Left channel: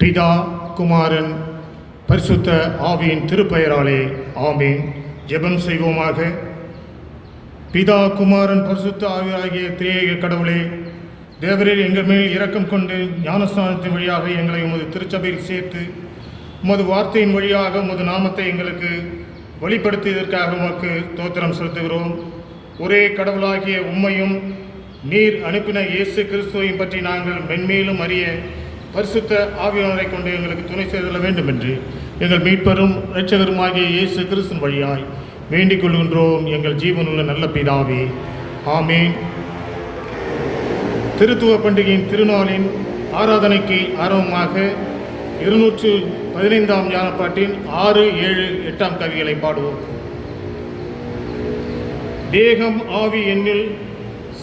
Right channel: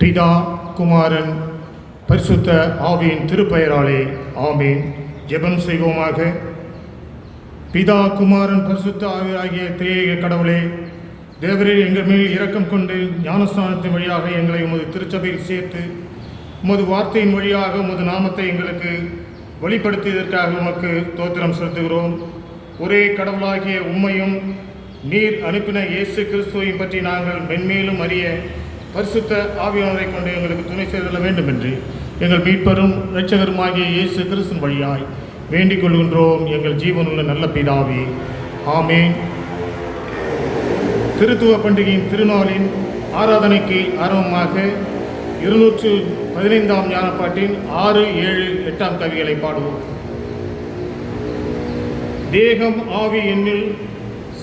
பிதா, குமாரன், பரிசுத்த ஆவியின் திருப்பெயராலே ஆமீன். ஜெபம் செய்வோமாக. பிதா, குமாரன், பரிசுத்த ஆவியாகிய திரியேக கடவுளே, தேவரே, எங்கள் மேல் இரக்கம் கொண்டு ஞானஸ்நானத்தின் வழியாக எங்களை உமது திருச்சபையில் சேர்த்து உமது வார்த்தையின் வழியாக உமது நாமத்தை எங்களுக்கு வெளிப்படுத்தியதற்காக உமக்கு ஸ்தோத்திரம் செலுத்துகிறோம். ஒரே கடவுளாகிய உம்மையும் நீர் அனுப்பின இயேசு கிறிஸ்துவையும் பற்றி நாங்கள் மென்மேலும் அறிய பரிசுத்த ஆவியானவரை கொண்டு எங்களுக்கு துணை செய்தல வேண்டும் என்று எங்கள் மீட்பரும் இரட்சகருமாகிய இயேசு கிறிஸ்துவின் வழியாய் வேண்டிக் கொள்கின்றோம். எங்கள் ஜீவனுள்ள நல்ல பிதாவே, ஆமேன். திருத்துவ பண்டிகையின் திருநாளின் ஆராதனைக்கு ஆரம்பமாக 215ஆம் ஞானப்பாட்டின் 6, 7, 8ஆம் கவிகளை பாடுவோம். தேகம் ஆவி என்னில்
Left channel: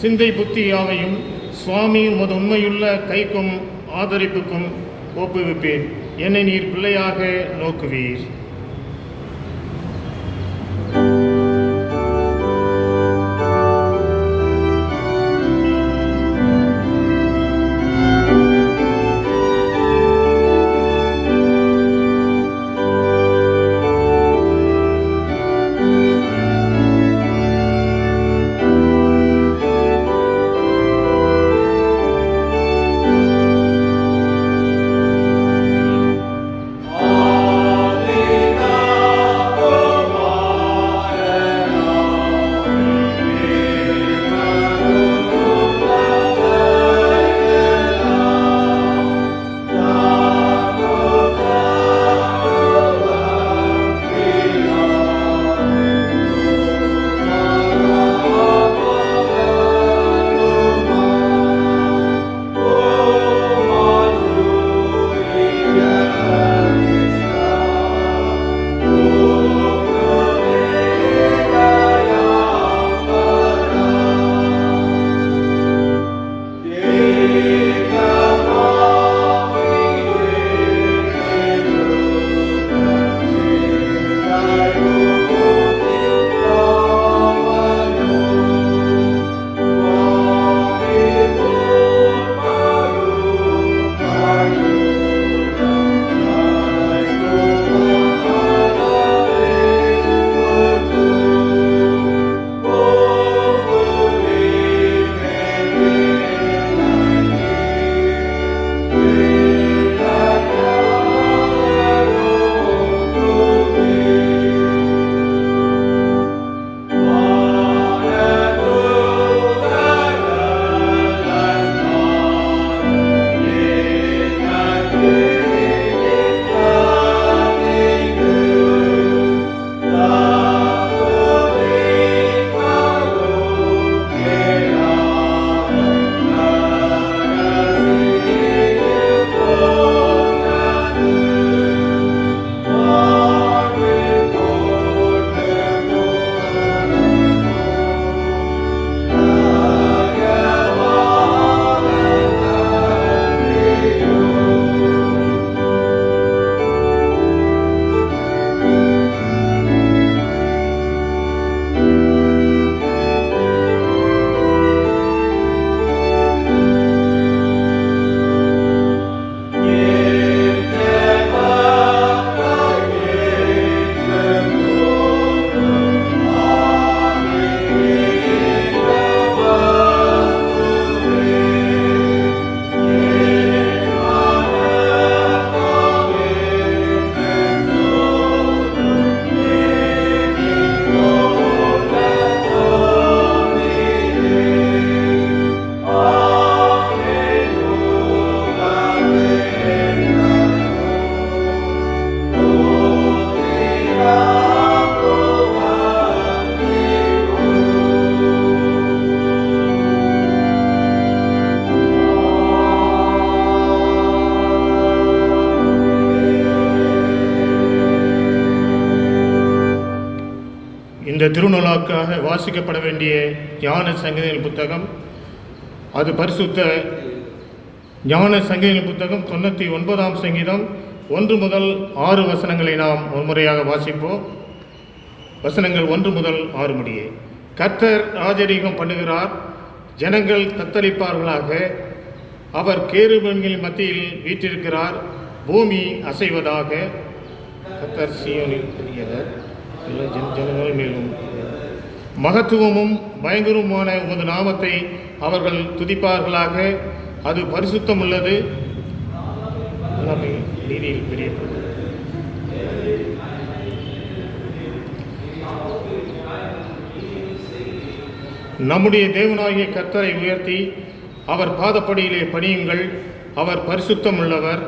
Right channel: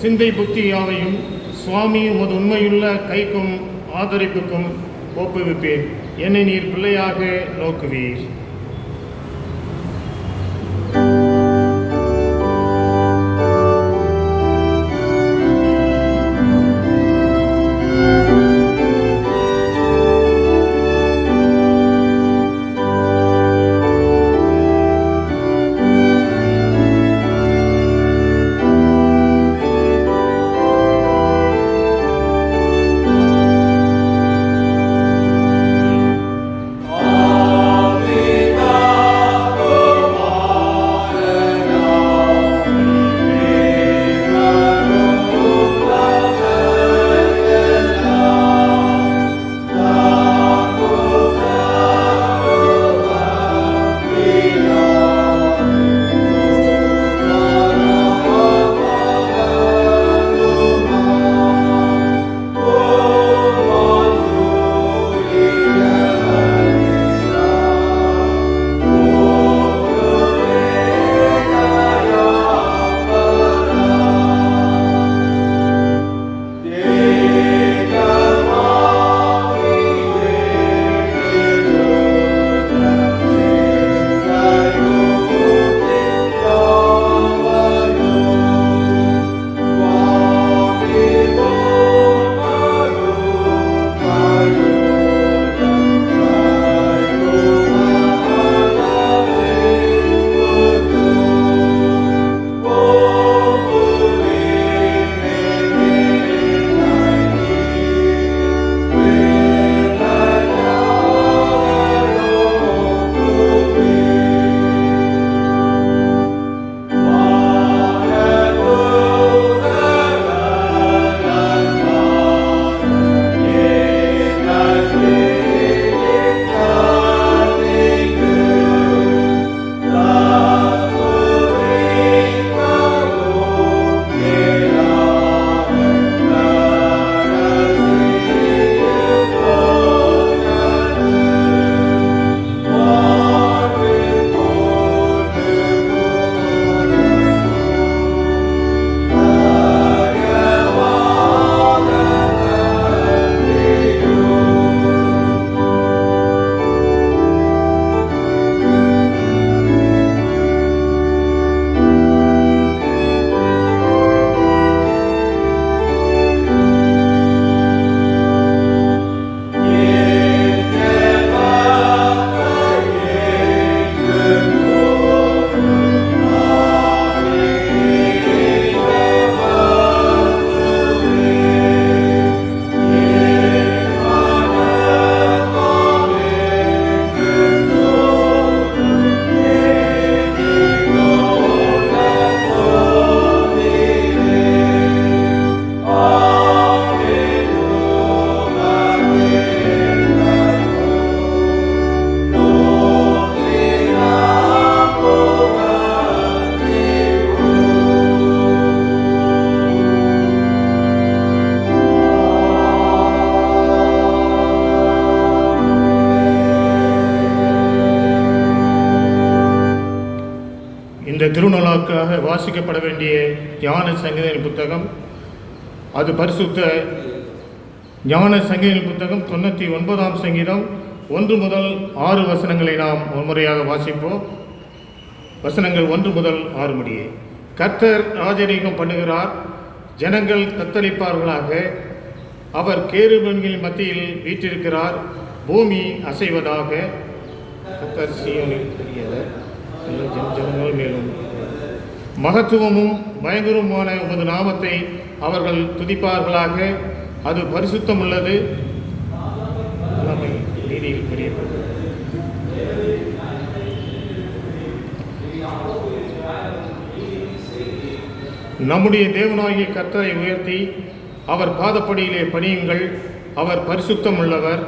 சிந்தை புத்தி யாவையும் சுவாமி உமது உண்மையுள்ள கைக்கும் ஆதரிப்புக்கும் ஒப்புவிப்பேன். என்னை நீர் பிள்ளையாக நோக்குவீர். இந்த திருநாளுக்காக வாசிக்கப்பட வேண்டிய ஞான சங்கீதங்கள் புத்தகம், அது பரிசுத்த ஞான சங்கீதங்கள் புத்தகம் 99ஆம் சங்கீதம் 1 முதல் 6 வசனங்களை நாம் முன்முறையாக வாசிப்போம். வசனங்கள் 1 முதல் 6 முடிய. கர்த்தர் ராஜரீகம் பண்ணுகிறார், ஜனங்கள் தத்தளிப்பார்களாக. அவர் கேருபீன்களின் மத்தியில் வீற்றிருக்கிறார், பூமி அசைவதாக. கர்த்தர் சீயோனில் பெரியவர், ஜனங்கள் மேலும் மகத்துவமும் பயங்கரமான உமது நாமத்தை அவர்கள் துதிப்பார்களாக. அது பரிசுத்தம் உள்ளது, நீதியில் பெரியவர். நம்முடைய தேவனாகிய கர்த்தரை உயர்த்தி அவர் பாதப்படியிலே பணியுங்கள். அவர் பரிசுத்தம் உள்ளவர்.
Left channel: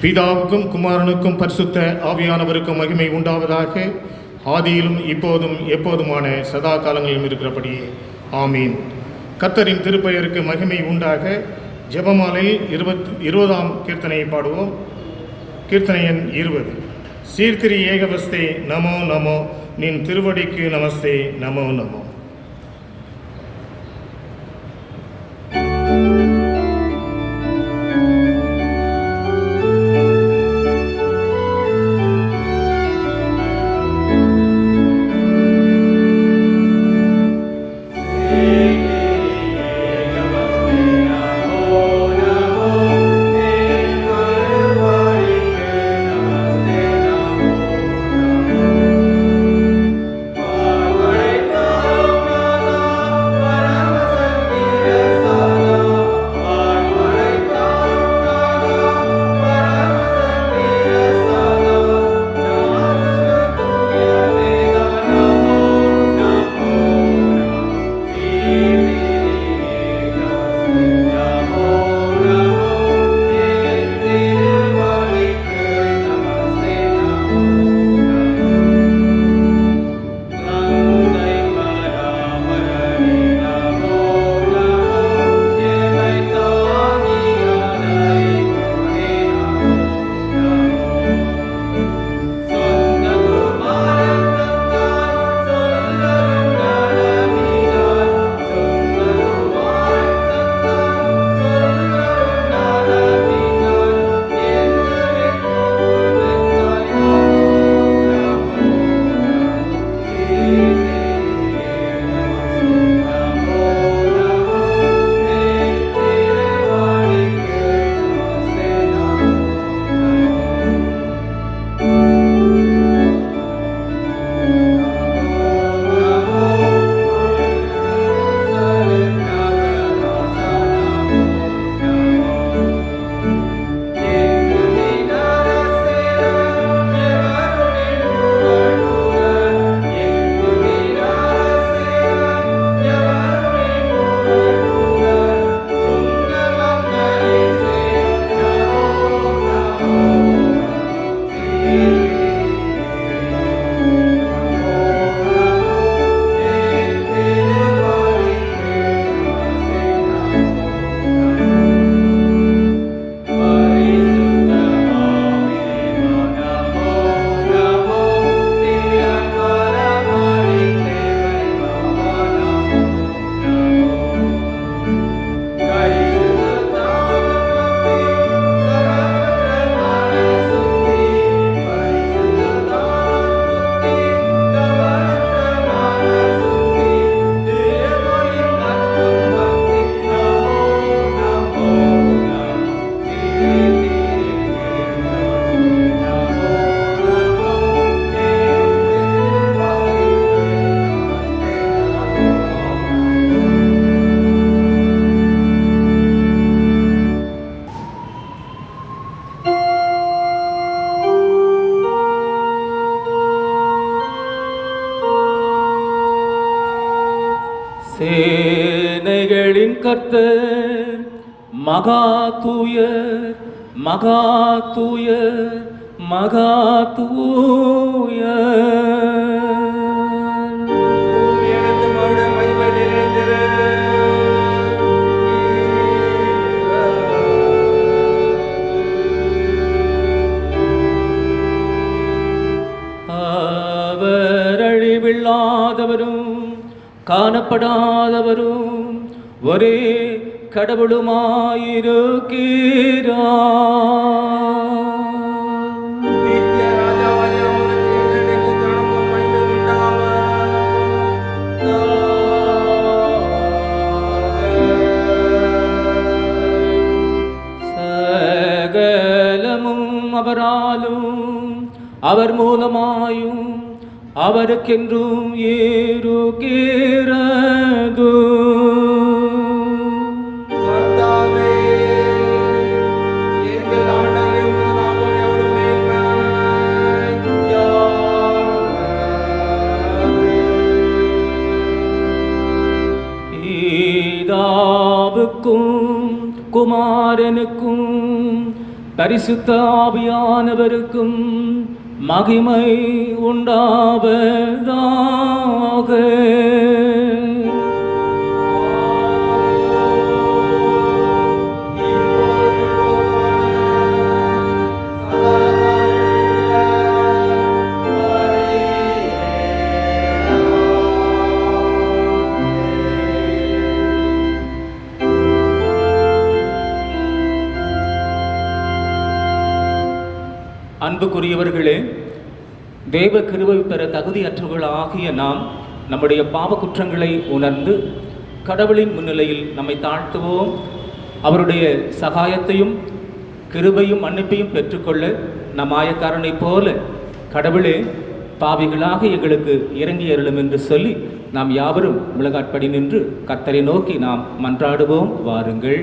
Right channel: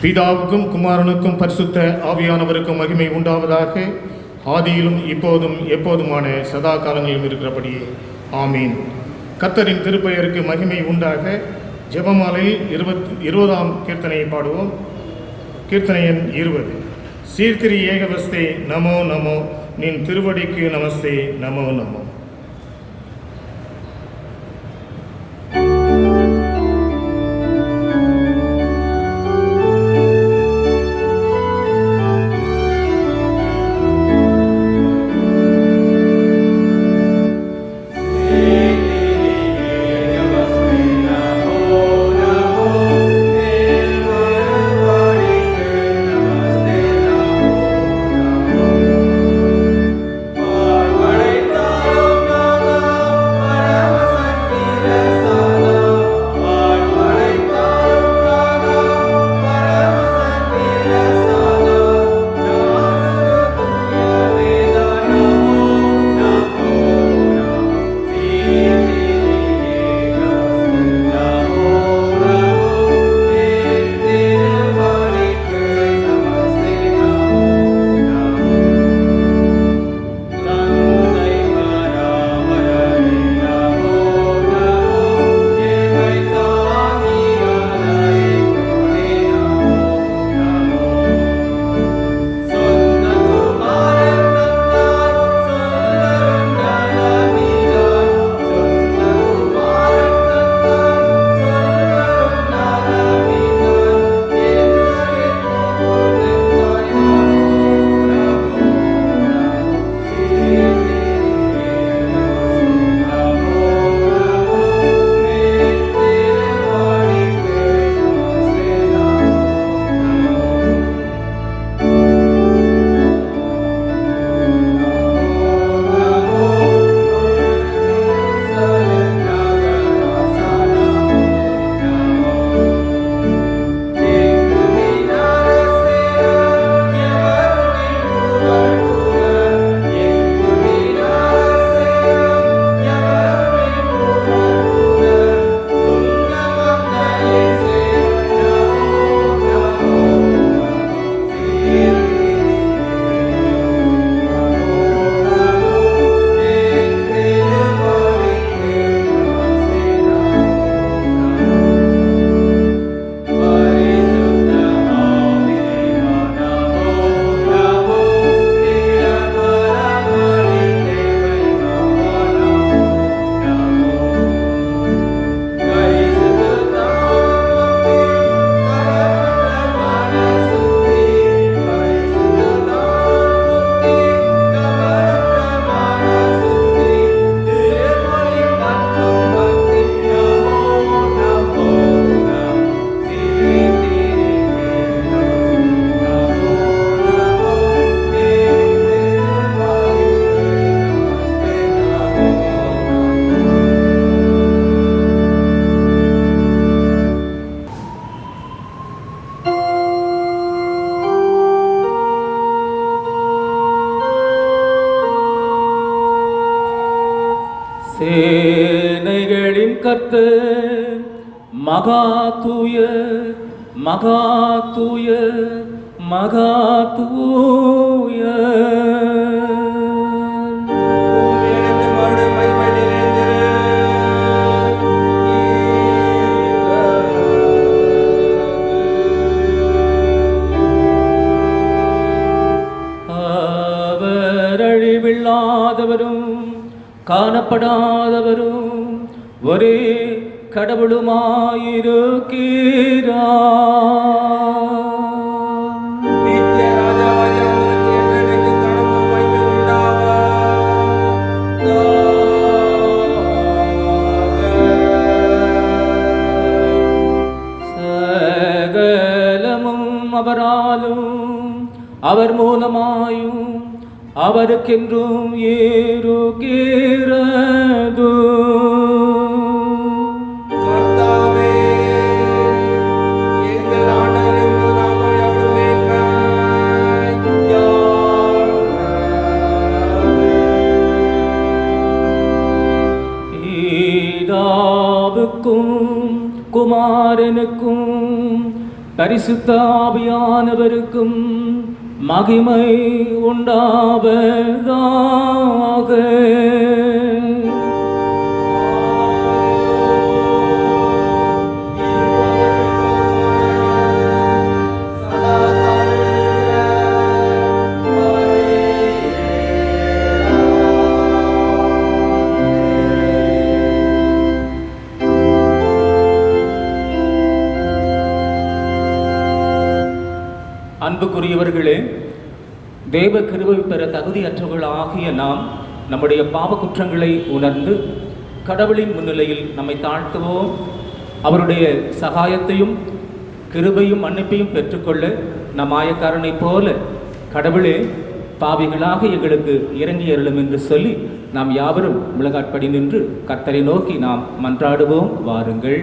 பிதாவுக்கும் குமாரனுக்கும் பரிசுத்த ஆவியானவருக்கும் மகிமை உண்டாவதாக. ஆதியிலும் இப்போதும் எப்போதுமான சதா காலங்களிலும் இருக்கிறபடியே ஆமீன். கர்த்தரின் திருப்பெயருக்கு மகிமை உண்டாக. ஜெபமாலையில் 20ஆம் கீர்த்தனையை பாடுவோம். கீர்த்தனை எண் 20. சீர்திரி ஏகவஸ்தே நமோ நமோ, நின் திருவடிக்கு நமஸ்தே நமோ நமோ. சேனைகளின் கர்த்தர் மகா தூயர், மகா தூயர், மகா தூயர். அவர் அழிவில்லாதவரும் காணப்படாதவரும் ஒரே கடவுளுமாயிருக்கிறார். நித்திய ராஜாவாகிய அவருக்கு என்றென்றைக்கு கனமும் வழியாலும் அவர் மூலமாயும் அவருக்கென்றும் ஏறுகிறது. கர்த்தாவே, எங்கள் ஆண்டவரே, உமது நாமம் எவ்வளவு பிதாவுக்கும் குமாரனுக்கும் பரிசுத்த ஆவியானவருக்கும் மகிமை உண்டாவதாக. அன்புக்குரியவர்களே, தேவ கிருபை பெற தகுதியற்றவர்களாகிய நாம் நம்முடைய பாவ குற்றங்களை உணர்ந்து கடவுளின் முன்னிலையில் நம்மை தாழ்த்துவோம். அவருடைய சகாயத்தையும் கிருபையும் மன்னிப்பையும் பெற்றுக்கொள்ள நம் ஆயக்காரனைப் போல கடவுளே, பாவிகளாக எங்களுக்கு இறங்கி அருளும் என்று சொல்லி நாம் யாவரும் முழங்காற்படி நின்று கர்த்தரை நோக்கி நாம் மன்றாடுவோம். வாருங்கள்.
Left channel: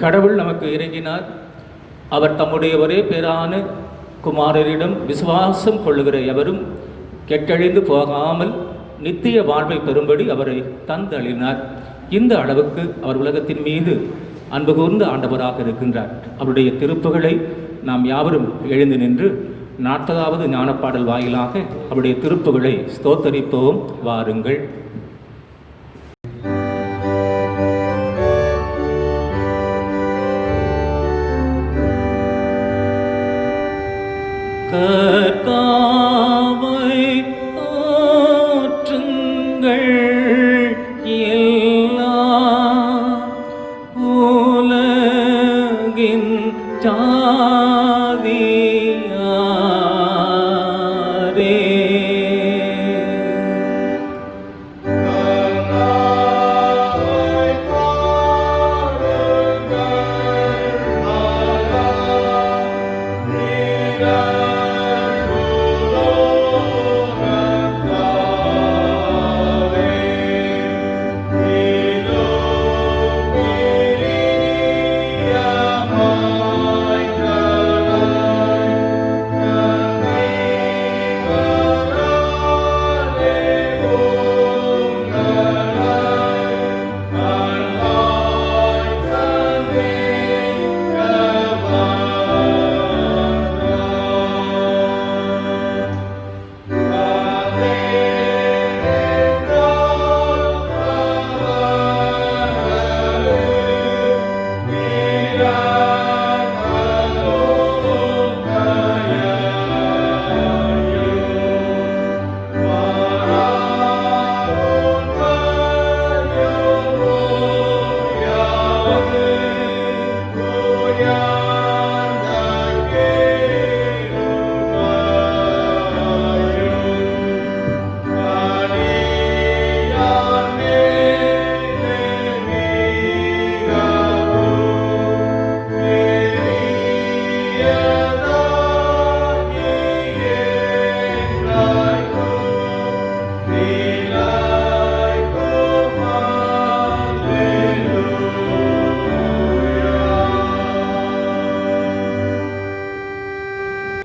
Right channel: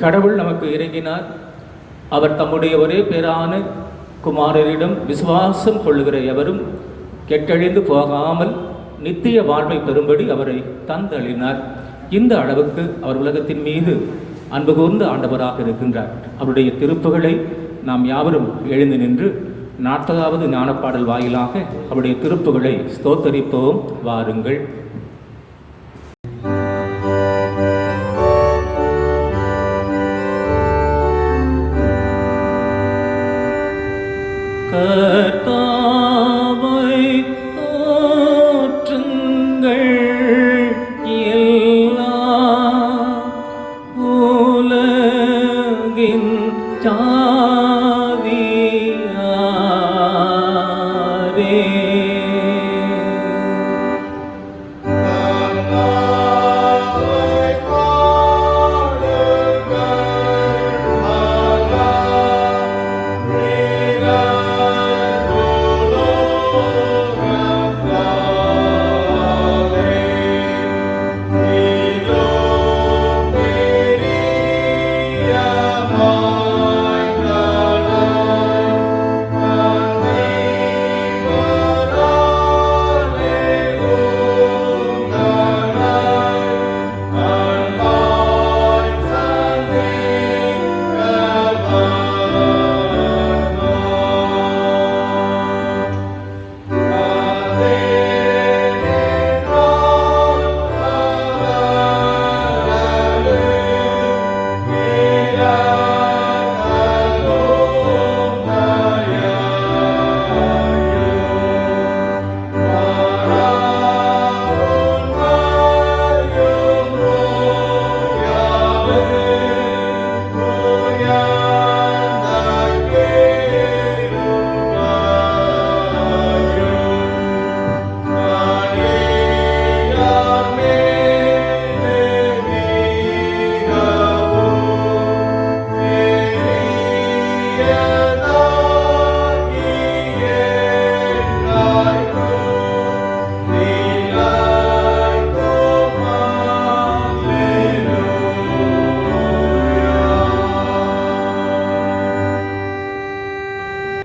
கடவுள் நமக்கு இறங்கினார். அவர் தம்முடைய ஒரே பேரான குமாரரிடம் விசுவாசம் கொள்ளுகிற எவரும் கெட்டழிந்து போகாமல் நித்திய வாழ்வை பெறும்படி அவரை தந்தளினார். இந்த அளவுக்கு அவர் உலகத்தின் மீது அன்பு கூர்ந்த ஆண்டவராக இருக்கின்றார். அவருடைய திருப்புகழை நாம் யாவரும் எழுந்து நின்று 40வது ஞானப்பாடல் வாயிலாக அவருடைய திருப்புகழை ஸ்தோத்தரிப்போம். வாருங்கள். கர்த்தாவை போற்றுங்கள் எல்லா உலகின் ஜாதியாரே. Oh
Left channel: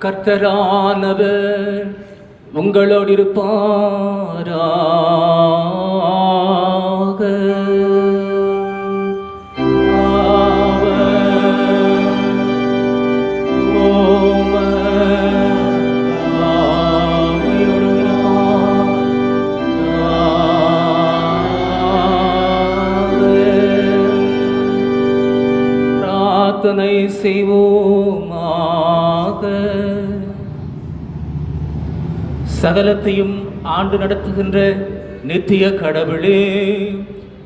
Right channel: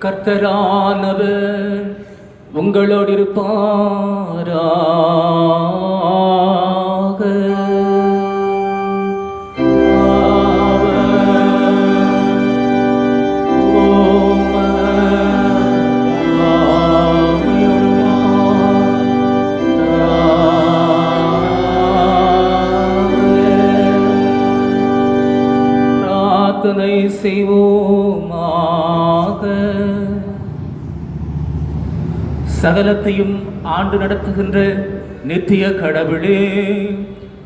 கர்த்தரானவர் உங்களோடு இருப்பாராக. பிரார்த்தனை செய்வோமாக. சகலத்தையும் ஆண்டு நடத்துகின்ற நித்திய கடவுளே,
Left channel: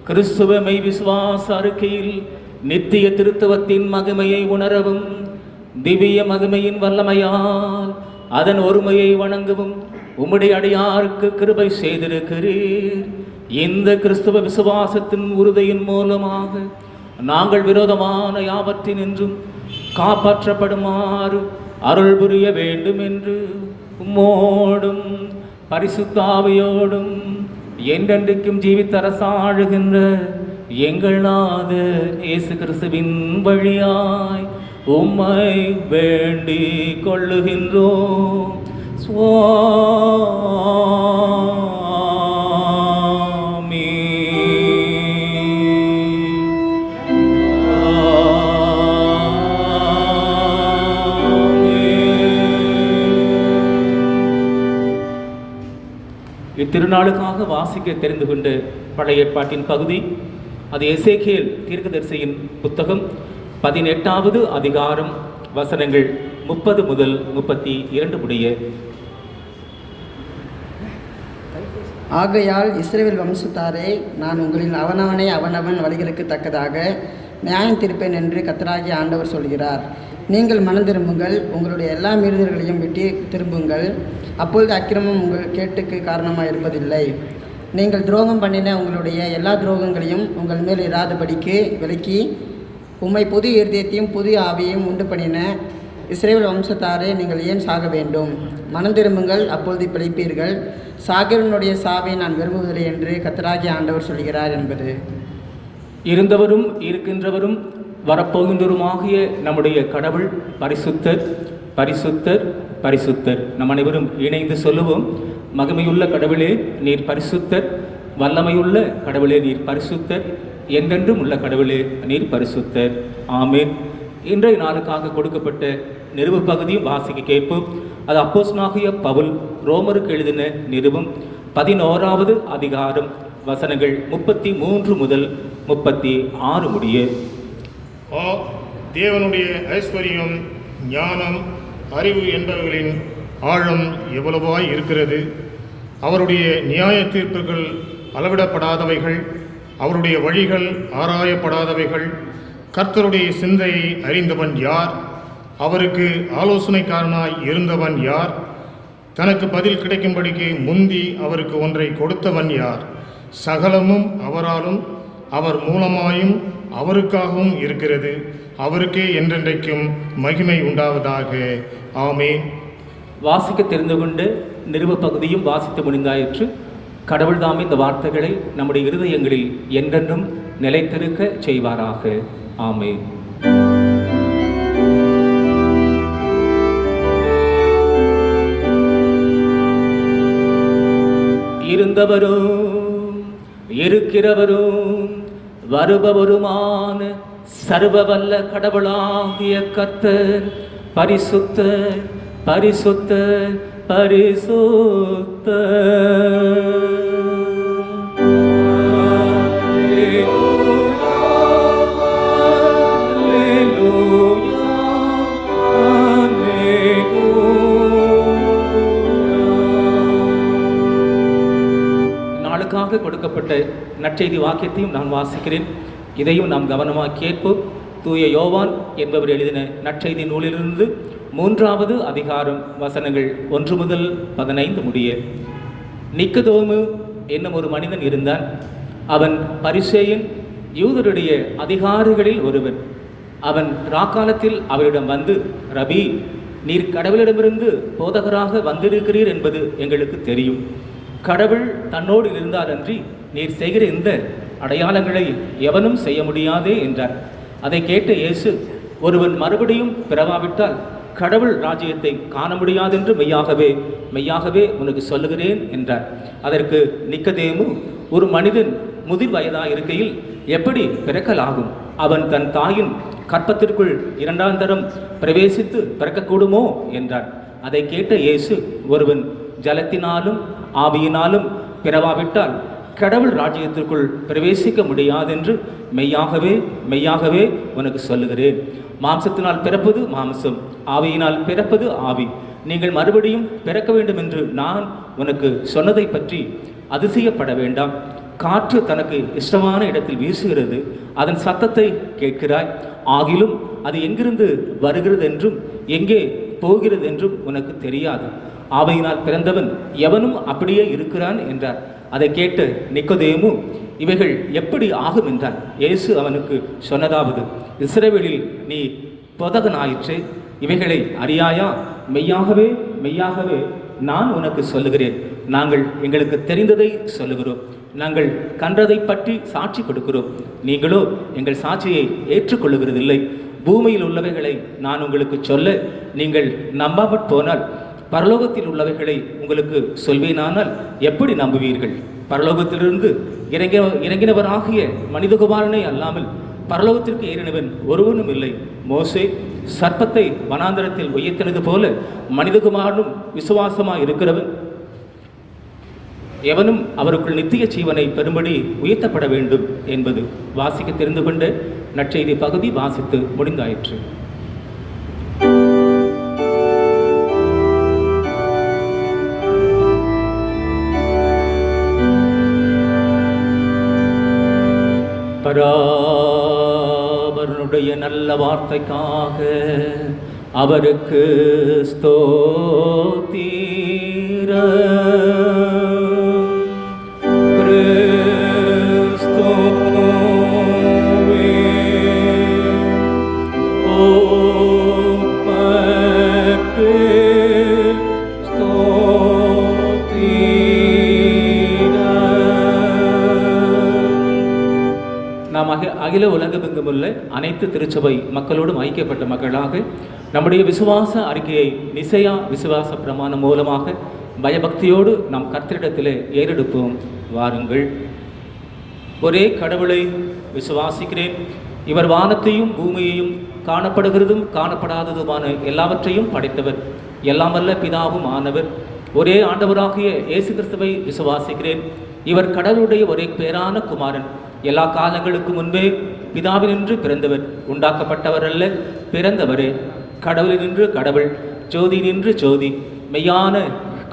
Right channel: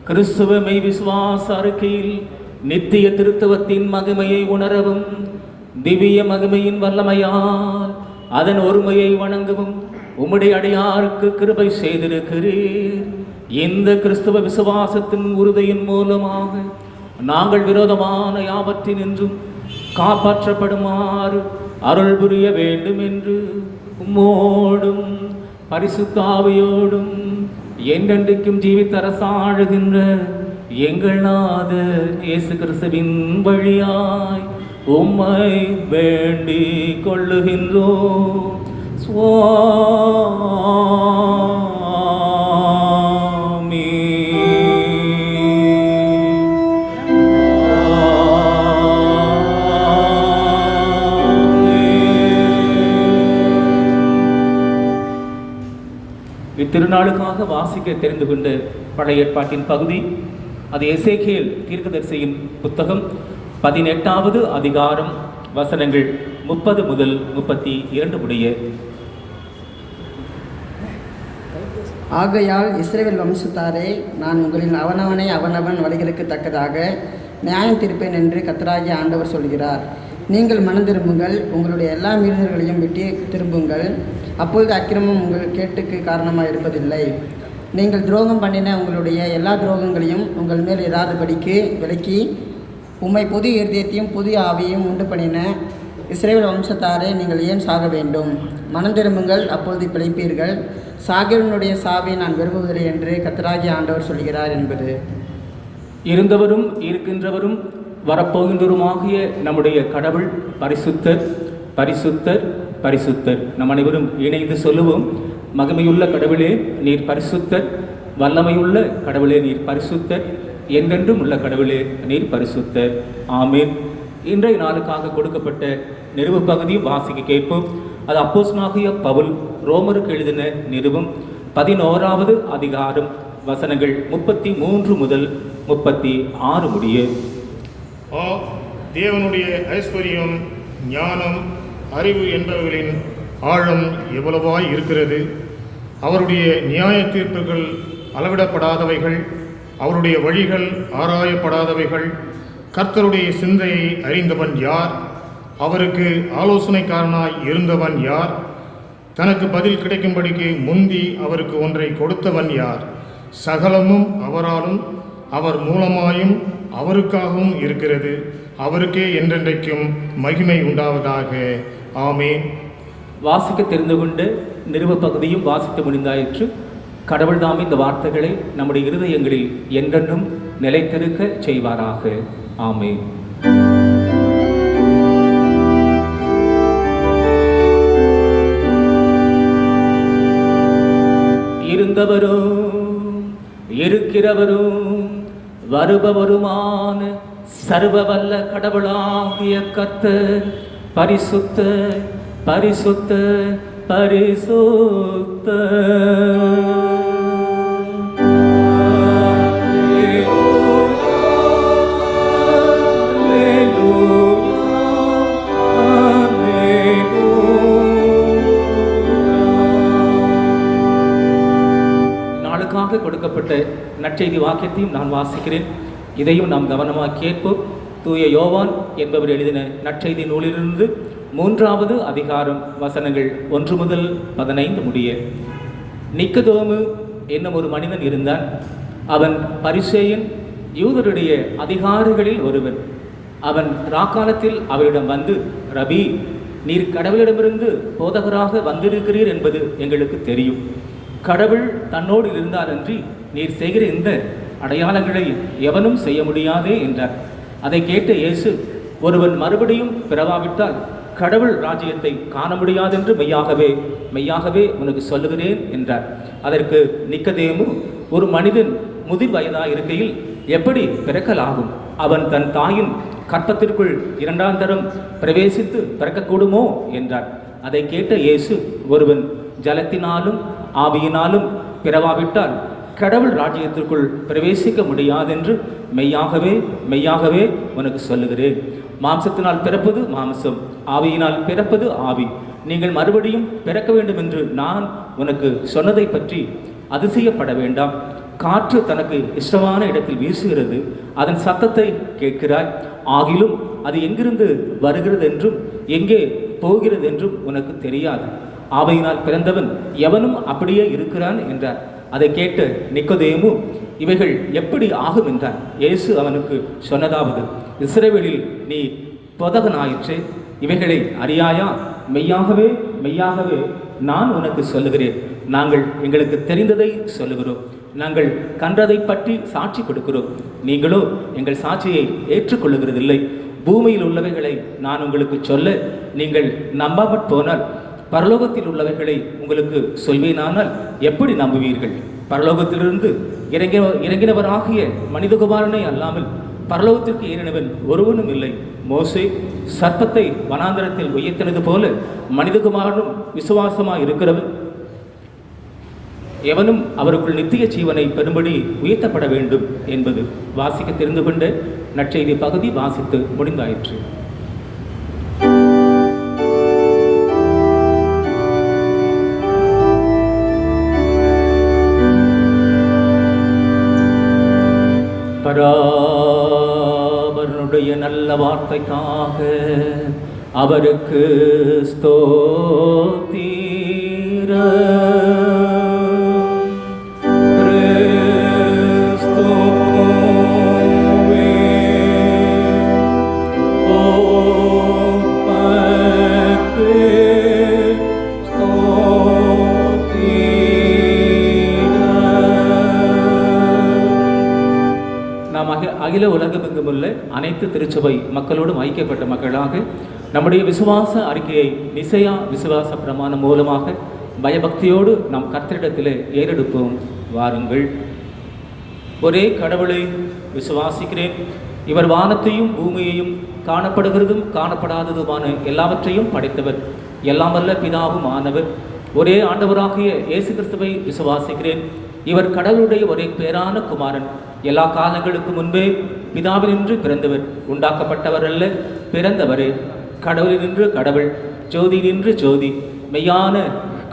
கிறிஸ்துவ மெய் விசுவாச அறிக்கையில் நித்திய திருத்துவத்தின் மகிமையை உணரவும் திவ்ய மகிமையின் வல்லமையால் அதன் ஒருமையை வணங்கவும் உம்முடைய அடியாருக்கு கிருபை செய்திருக்கிறீர். இந்த கிறிஸ்துவ விசுவாசத்தின் உறுதியின் மூலமாக நாங்கள் விரோதமான யாவற்றினின்றும் காப்பாற்றப்படுமாறு அருள் புரிய வேண்டும் என்று உம்மோடும் பரிசுத்த ஆவியோடும் என்றென்றைக்கும் ஜீவித்தரசாழுகின்ற எங்கள் நாதர் இயேசு கிறிஸ்துவின் வழியாய் உம்மை வேண்டிக் கொள்ளுகின்றோம். சுவாமி. இத்திருநாளுக்காக வாசிக்க தெரிந்து கொண்ட பழைய ஏற்பாட்டின் பகுதி அது எசேக்கியேல் தீர்க்கதரிசியின் புத்தகம் 18வது அதிகாரம் வசனங்கள் 30 முதல் 32 முடிய. ஆகையால் இஸ்ரவேல் வம்சத்தாரே, நான் உங்களின் அவனவனை அவனவன் வழிகளுக்கு தக்கதாக நியாயம் தீர்ப்பேன் என்று கர்த்தராகிய ஆண்டவர் சொல்கிறார். நீங்கள் மனம் திரும்புங்கள், உங்களுடைய எல்லா மீறுதல்களையும் விட்டு திரும்புங்கள். அப்பொழுது அக்கிரமம் உங்கள் கேட்டுக்கு காரணமாக இருப்பதில்லை. நீங்கள் துரோகம் பண்ணின உங்களுடைய எல்லா துரோகங்களையும் உங்கள் மேல் இராதபடிக்கு விலக்கி உம்மை புதிய இருதயத்தையும் புதிய ஆவியையும் உண்டு பண்ணின இஸ்ரவேல் வம்சத்தாரே, நீங்கள் ஏன் சாக வேண்டும்? மனம் திரும்புங்கள், அப்பொழுது பிழைப்பீர்கள். சாகிறவனுடைய சாவை நான் விரும்புவதில்லை என்று கர்த்தராகிய ஆண்டவர் சொல்கிறார் என்பது. இருந்தவரும் இருக்கின்றவரும் வரப்போகின்றவருமாகிய நம்முடைய கடவுள் பரிசுத்தர், பரிசுத்தர், பரிசுத்தர். நம் அனைவரும் இணைந்து சொல்லுவோம். மகிமையுள்ள கடவுளே நீர் பரிசுத்தர், வல்லமையுள்ள கடவுளே நீர் பரிசுத்தர், என்றென்றும் உள்ள கடவுளே நீர் பரிசுத்தர். ஆமீன். இன்றைய நாளுக்காக கொடுக்கப்பட்ட நிருப பகுதி வாசிக்க கேட்போம். அது அப்போஸ்தலனாகிய பவுல் ரோமருக்கு எழுதின நிருபம் 11வது அதிகாரம் வசனங்கள் 33 முதல் 36 முடிய. தேவனுடைய ஐஸ்வர்யம், ஞானம், அறிவு என்பவர்களின் ஆழம் எவ்வளவாய் இருக்கிறது! அவருடைய நியாய தீர்ப்புகள் அளவிடப்படாதவைகள், அவருடைய வழிகள் ஆராயப்படாதவைகள். கர்த்தருடைய சிந்தையை அறிந்தவன் யார்? அவருக்கு ஆலோசனைக்காரனாய் இருந்தவன் யார்? தனக்கு பதில் கிடைக்கும்படிக்கு முந்தி அவருக்கு ஒன்றை கொடுத்தவன் யார்? சகலமும் அவராலும் அவர் மூலமாயும் அவருக்காகவும் இருக்கிறது. அவருக்கே என்றென்றைக்கும் மகிமை உண்டாவதாக. ஆமென். வாசிக்க தெரிந்து கொண்டு நிருப பகுதியும் வாசித்து முடிந்தாயிற்று. கடவுள் தாம் இந்த வார்த்தைகளை நம்முடைய இருதயங்களில் என்றென்றும் நிலைத்திருக்க செய்வாராக. ஆமென். இருந்தவரும் இருக்கிறவரும் வருபவருமான சர்வவல்ல கடவுளாகிய கர்த்தர் பரிசுத்தர், பரிசுத்தர், பரிசுத்தர். நாளுக்காக கொடுக்கப்பட்ட நற்செய்தி வாக்கியத்தையும் நான் வாசிக்கிறேன். இதையும் நாம் கவனமாக கேட்போம். தூய யோவான் என்பவர் எழுதின நற்செய்தி நூலிலிருந்து 3வது அதிகாரம் வசனங்கள் 1 முதல் 15 முடிய. நிக்கதோமு என்னும் ஒரு மனிதன் இருந்தான். அவன் பரிசேயன், யூதருடைய அதிகாரிகளில் ஒருவன். அவன் ராக்காலத்தில் அவரிடம் வந்து, ரபி, நீர் கடவுளிடமிருந்து போதகராக வந்திருக்கிறீர் என்பது எங்களுக்கு தெரியும். கடவுள் தன்னோடு இருந்தாரன்றி நீர் செய்கிற இந்த அடையாளங்களை எவனும் செய்ய முடியாதே என்றார். அதை கேட்ட இயேசு, ஒருவன் மறுபடியும் பிறவாவிட்டால் கடவுள் ராஜ்யத்தை காண முடியாதென்று மெய்யாகவே மெய்யாகவே உனக்கு சொல்லுகிறேன் என்றார். அதற்கு நிக்கதேமு, ஒரு மனிதன் முதிர் வயதாய் இருக்கையில் எப்படி பிறக்கலாகும்? அவன் தன் தாயின் கற்பத்திற்குள் 2ஆம் தரம் பிரவேசித்து பிறக்கக்கூடுமோ என்றார். அதை கேட்ட இயேசு, ஒருவன் ஜலத்தினாலும் ஆவியினாலும் பிறவாவிட்டால் கடவுள் ராஜ்யத்திற்குள் பிரவேசிக்க முடியாதென்று மெய்யாகவே மெய்யாகவே உனக்கு சொல்லுகிறேன். மாம்சத்தினால் பிறப்பது மாம்சம், ஆவியினால் பிறப்பது ஆவி. நீங்கள் மறுபடியும் பிறக்க வேண்டும் என்று நான் உனக்கு சொன்னதை பற்றி அதிசயப்பட வேண்டாம். காற்று தனக்கு இஷ்டமான இடத்தில் வீசுகிறது, அதன் சத்தத்தை கேட்கிறாய், ஆகிலும் அது எங்கிருந்து வருகிறது என்றும் எங்கே போகிறது என்றும் உனக்கு தெரியாது. ஆவியினால் பிறந்தவன் எவனும் அப்படியே இருக்கிறான் என்றார். அதை கேட்டு நிக்கோதேமு, இவைகள் எப்படி ஆகும் என்றான். இயேசு அவனுக்கு சொன்னதாவது, இஸ்ரவேலில் நீ போதகனாயிற்றே, இவைகளை அறியாயா? மெய்யாகவே மெய்யாகவே நான் உனக்கு சொல்லுகிறேன், நாங்கள் எங்களுக்கு தெரிந்ததை சொல்லுகிறோம், நாங்கள் கண்டதை பற்றி சாட்சி கொடுக்கிறோம், நீங்களோ எங்கள் சாட்சியை ஏற்றுக்கொள்ளுகிறதில்லை. பூமியில் உள்ளவைகளை நான் உங்களுக்கு சொல்ல நீங்கள் நம்பாமற் போனால் பரலோகத்தில் உள்ளவைகளை உங்களுக்கு சொல்வேனானால் எப்படி நம்புவீர்கள்? பரலோகத்திலிருந்து இறங்கினவராகிய மனிதகுமாரனை அல்லாமல் பரலோகத்திற்கு ஏறினவன் ஒருவனும் இல்லை. மோசே சர்ப்பத்தை வனாந்தரத்தில் உயர்த்தினது போல மனிதகுமாரனும் விசுவாசமாக இருக்கிறவன் எவனும் அவருக்குள் நித்திய ஜீவனை பெறும்படி உயர்த்தப்பட வேண்டும் என்பது வாசிக்க தெரிந்து கொண்ட நற்செய்தி பகுதி வாசித்து முடிந்தாயிற்று. பராபரனுடைய நல்ல வார்த்தைக்காக அவருக்கு ஸ்தோத்திரம். அகில உலகமெங்கும் உள்ள அனைத்து திருச்சபை மக்களோடும் ஐக்கியப்பட்ட மக்களாக நம்முடைய விசுவாச அறிக்கையை நிசையா விசுவாச பிரமாணம் மூலமாக பயபக்தியோடு நம் கர்த்தரிடத்திலே ஏறெடுப்போம். வாருங்கள். ஒரே கடவுளை விசுவாசிக்கிறேன், இவர் வானத்தையும் பூமியையும் காணப்படுகிறதும் காணப்படாததுமான எல்லாவற்றையும் படைத்தவர், எல்லாம் வல்ல பிதாவும் ஆனவர். ஒரே ஆண்டவராகிய இயேசு கிறிஸ்துவை விசுவாசிக்கிறேன், இவர் கடவுளுடைய ஒரே பேரான குமாரன், எல்லா காலங்களுக்கு முன்பே பிதாவினின்று பிறந்தவர், உண்டாக்கப்பட்டவர் அல்ல, பிறந்தவரே. கடவுளினின்று கடவுள், ஜோதியினின்று ஜோதி, மெய்யான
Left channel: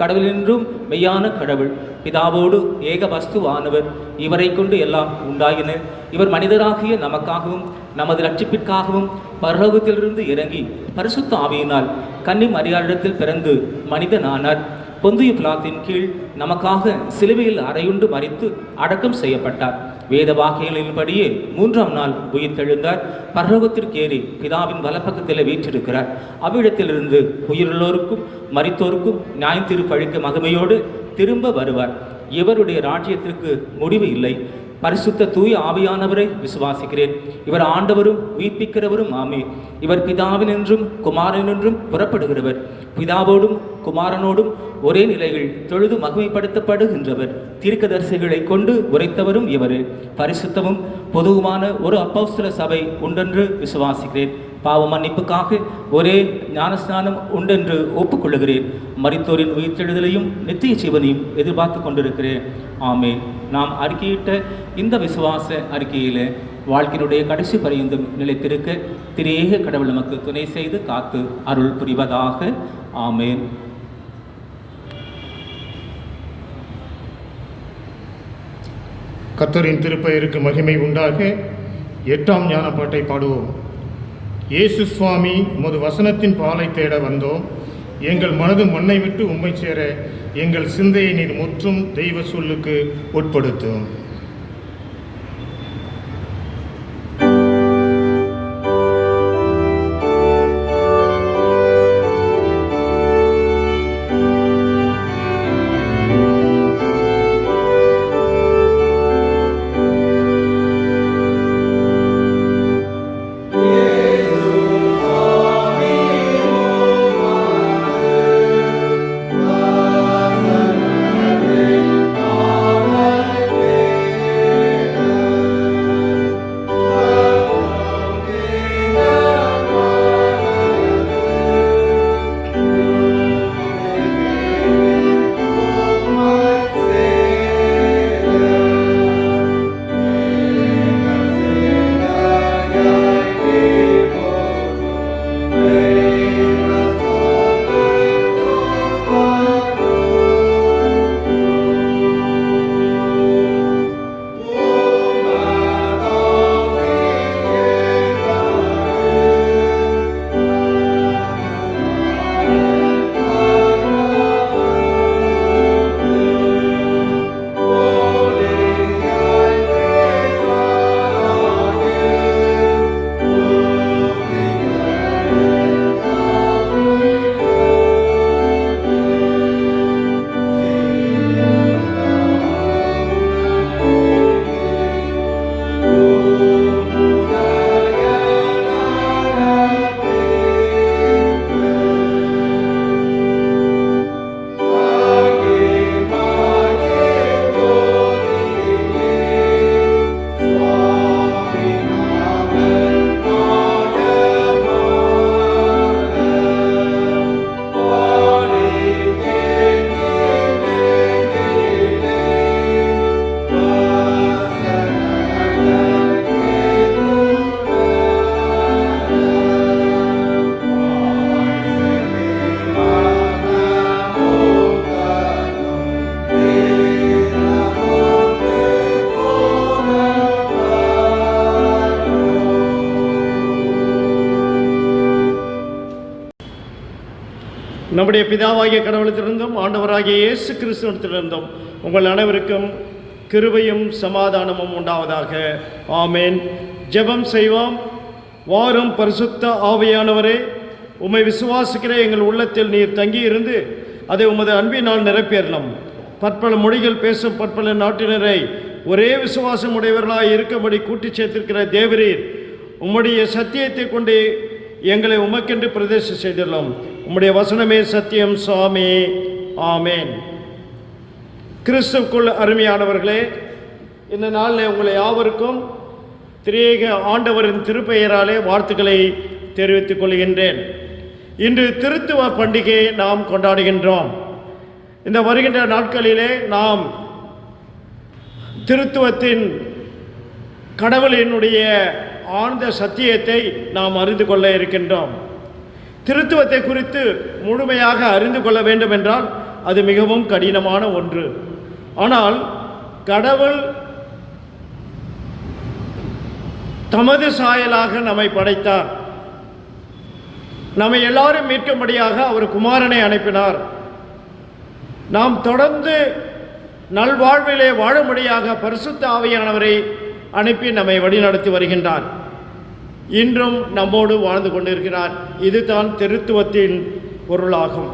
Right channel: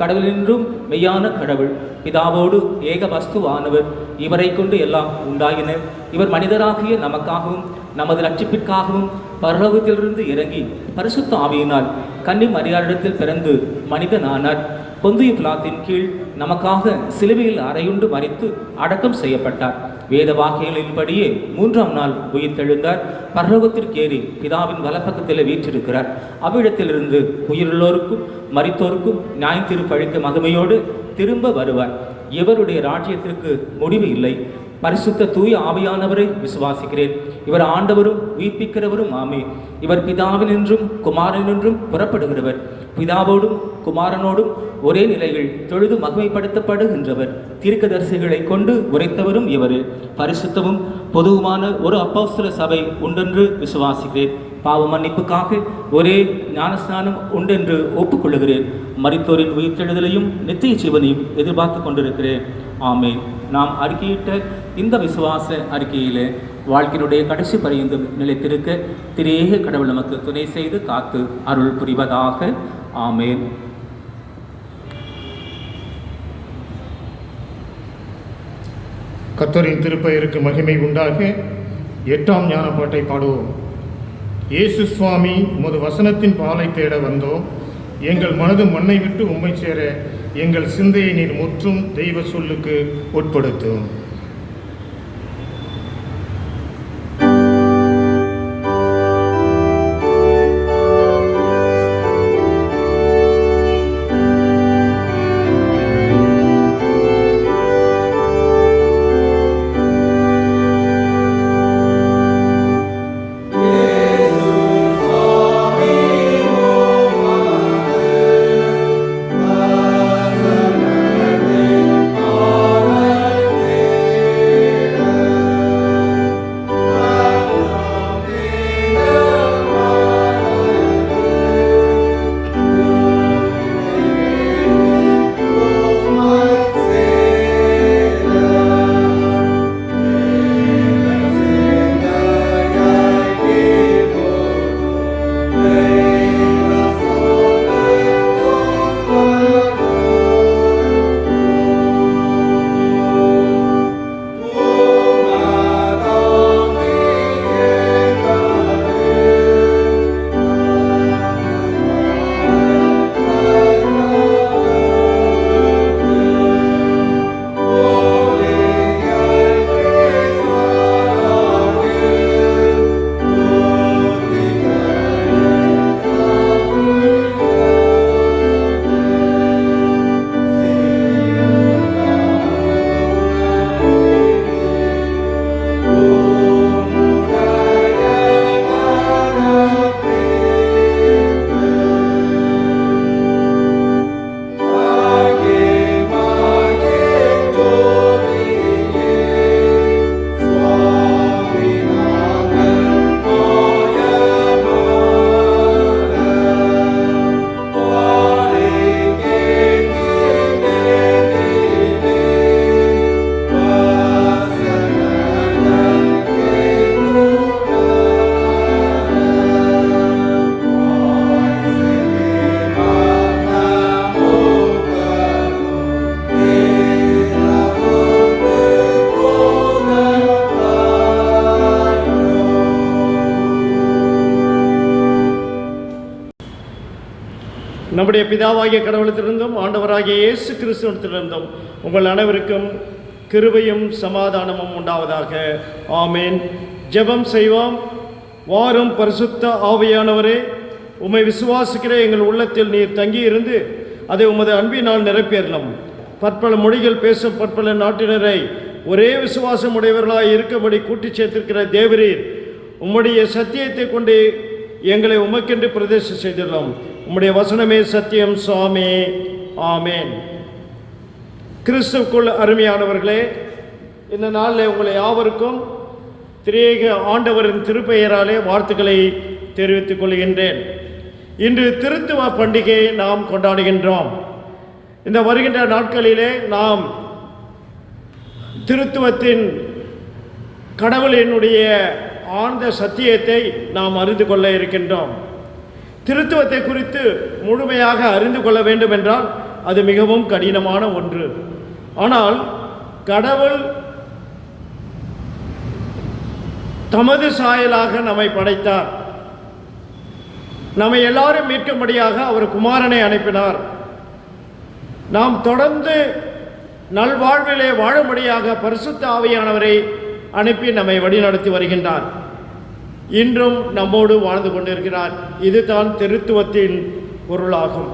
கடவுளினின்றும் மெய்யான கடவுள், பிதாவோடு ஏக வஸ்துவானவர். இவரை கொண்டு எல்லாம் உண்டாயின. இவர் மனிதராகிய நமக்காகவும் நமது ரட்சிப்பிற்காகவும் பரலோகத்திலிருந்து இறங்கி பரிசுத்த ஆவியினால் கன்னி மரியாளிடத்தில் பிறந்து மனிதனானார். பொந்திய பிலாத்தின் கீழ் நமக்காக சிலுவையில் அறையுண்டு மரித்து அடக்கம் செய்யப்பட்டார். வேத வாக்கியங்களின்படியே 3ஆம் நாள் உயிர்த்தெழுந்தார். பரலோகத்திற்கு ஏறி பிதாவின் வலப்பக்கத்தில் வீற்றிருக்கிறார். அவ்விடத்திலிருந்து உயிருள்ளோருக்கும் மரித்தோருக்கும் நியாயம் தீர்ப்பளிக்க மகிமையோடு திரும்ப வருவார். இவருடைய ராஜ்யத்திற்கு முடிவு இல்லை. பரிசுத்த தூய ஆவியானவரை விசுவாசிக்கிறேன், இவர் ஆண்டவரும் உயிர்ப்பிக்கிறவரும் ஆமே. இவர் பிதாவினின்றும் குமாரனின்றும் புறப்படுகிறவர், பிதாவோடும் குமாரனோடும் ஒரே நிலையில் தொழுது மகிமைப்படுத்தப்படுகின்றவர். தீர்க்கதரிசிகளை கொண்டு உரைத்தவரும் இவரே. பரிசுத்தமும் பொதுவுமான ஒரு அப்போஸ்தல சபை உண்டென்று விசுவாசிக்கிறேன். பாவ மன்னிப்புக்காக ஒரே ஞானஸ்நானம் உண்டென்று ஒப்புக்கொள்ளுகிறேன். மரித்தோரின் உயிர்த்தெழுதலையும் நித்திய ஜீவனையும் எதிர்பார்த்து கொண்டிருக்கிறேன். ஆமென். நாம் அறிக்கையிட்ட இந்த விசுவாச அறிக்கையிலே வாழ்க்கையினுடைய கடைசி பரியந்தம் நிலைத்திருக்க திரேக கடவுள் நமக்கு துணை செய்து காத்து அருள் புரிவதாக. ஆமென். கர்த்தரின் திருப்பெயருக்கு மகிமை உண்டாக 8ஆம் ஞானப்பாட்டை பாடுவோம். இயேசு சுவாமி உமது வசனத்தின் பாலை தேட வந்தோம், எங்கள் மனது மண்ணை விட்டு உம்மை சேர எங்கள் சிந்தையை நீர் முற்றும் தெய்வ சொல்லுக்கு உட்படுத்தும். Yesu, Swami, நம்முடைய பிதாவாகிய கடவுளத்திலிருந்தும் ஆண்டவராகிய இயேசு கிறிஸ்துவிடத்திலிருந்தும் உங்கள் அனைவருக்கும் கிருபையும் சமாதானமும் உண்டாவதாக. ஆமேன். ஜெபம் செய்வோம். வாரும் பரிசுத்த ஆவியானவரே, உம்மை விசுவாசிக்கிற எங்கள் உள்ளத்தில் நீர் தங்கியிருந்து அதை உமது அன்பினால் நிரப்பியறணும். பற்பல மொழிகள் பேசும் பற்பல நாட்டினரை ஒரே விசுவாசம் உடையவர்களாய் இருக்கும்படி கூட்டிச் சேர்த்திருக்கிற தேவரீர், உம்முடைய சத்தியத்தை கொண்டு எங்களை உமக்கென்று பிரதேசம் செய்துள்ளோம். உம்முடைய வசனமே சத்தியம் சுவாமி. ஆமேன். கிறிஸ்துவுக்குள் அருமையானவர்களே, இந்த நாளில் உங்களை யாவருக்கும் திரியேக ஆண்டவரின் திருப்பெயராலே வாழ்த்துக்களை தெரிவித்துக் கொள்கின்றேன். இன்று திருத்துவ பண்டிகையை நாம் கொண்டாடுகின்றோம். இந்த வருகின்ற நாட்களிலே நாம் திருத்துவத்தின் கடவுளினுடைய ஆழ்ந்த சத்தியத்தை நாம் அறிந்து கொள்ள இருக்கின்றோம். திருத்துவத்தை குறித்து முழுமையாக அறிந்து கொள்ள வேண்டும் என்றால் அது மிகவும் கடினமான ஒன்று. ஆனால் கடவுள் தமது சாயலாக நம்மை படைத்தார். நம்மை எல்லாரும் மீட்கும்படியாக அவர் குமாரனை அனுப்பினார். நாம் தொடர்ந்து நல்வாழ்விலே வாழும்படியாக பரிசுத்த ஆவியானவரை அனுப்பி நம்மை வழிநடத்தி வருகின்றார். இன்றும் நம்மோடு வாழ்ந்து கொண்டிருக்கிறார். இதுதான் திருத்துவத்தின் பொருளாகும்.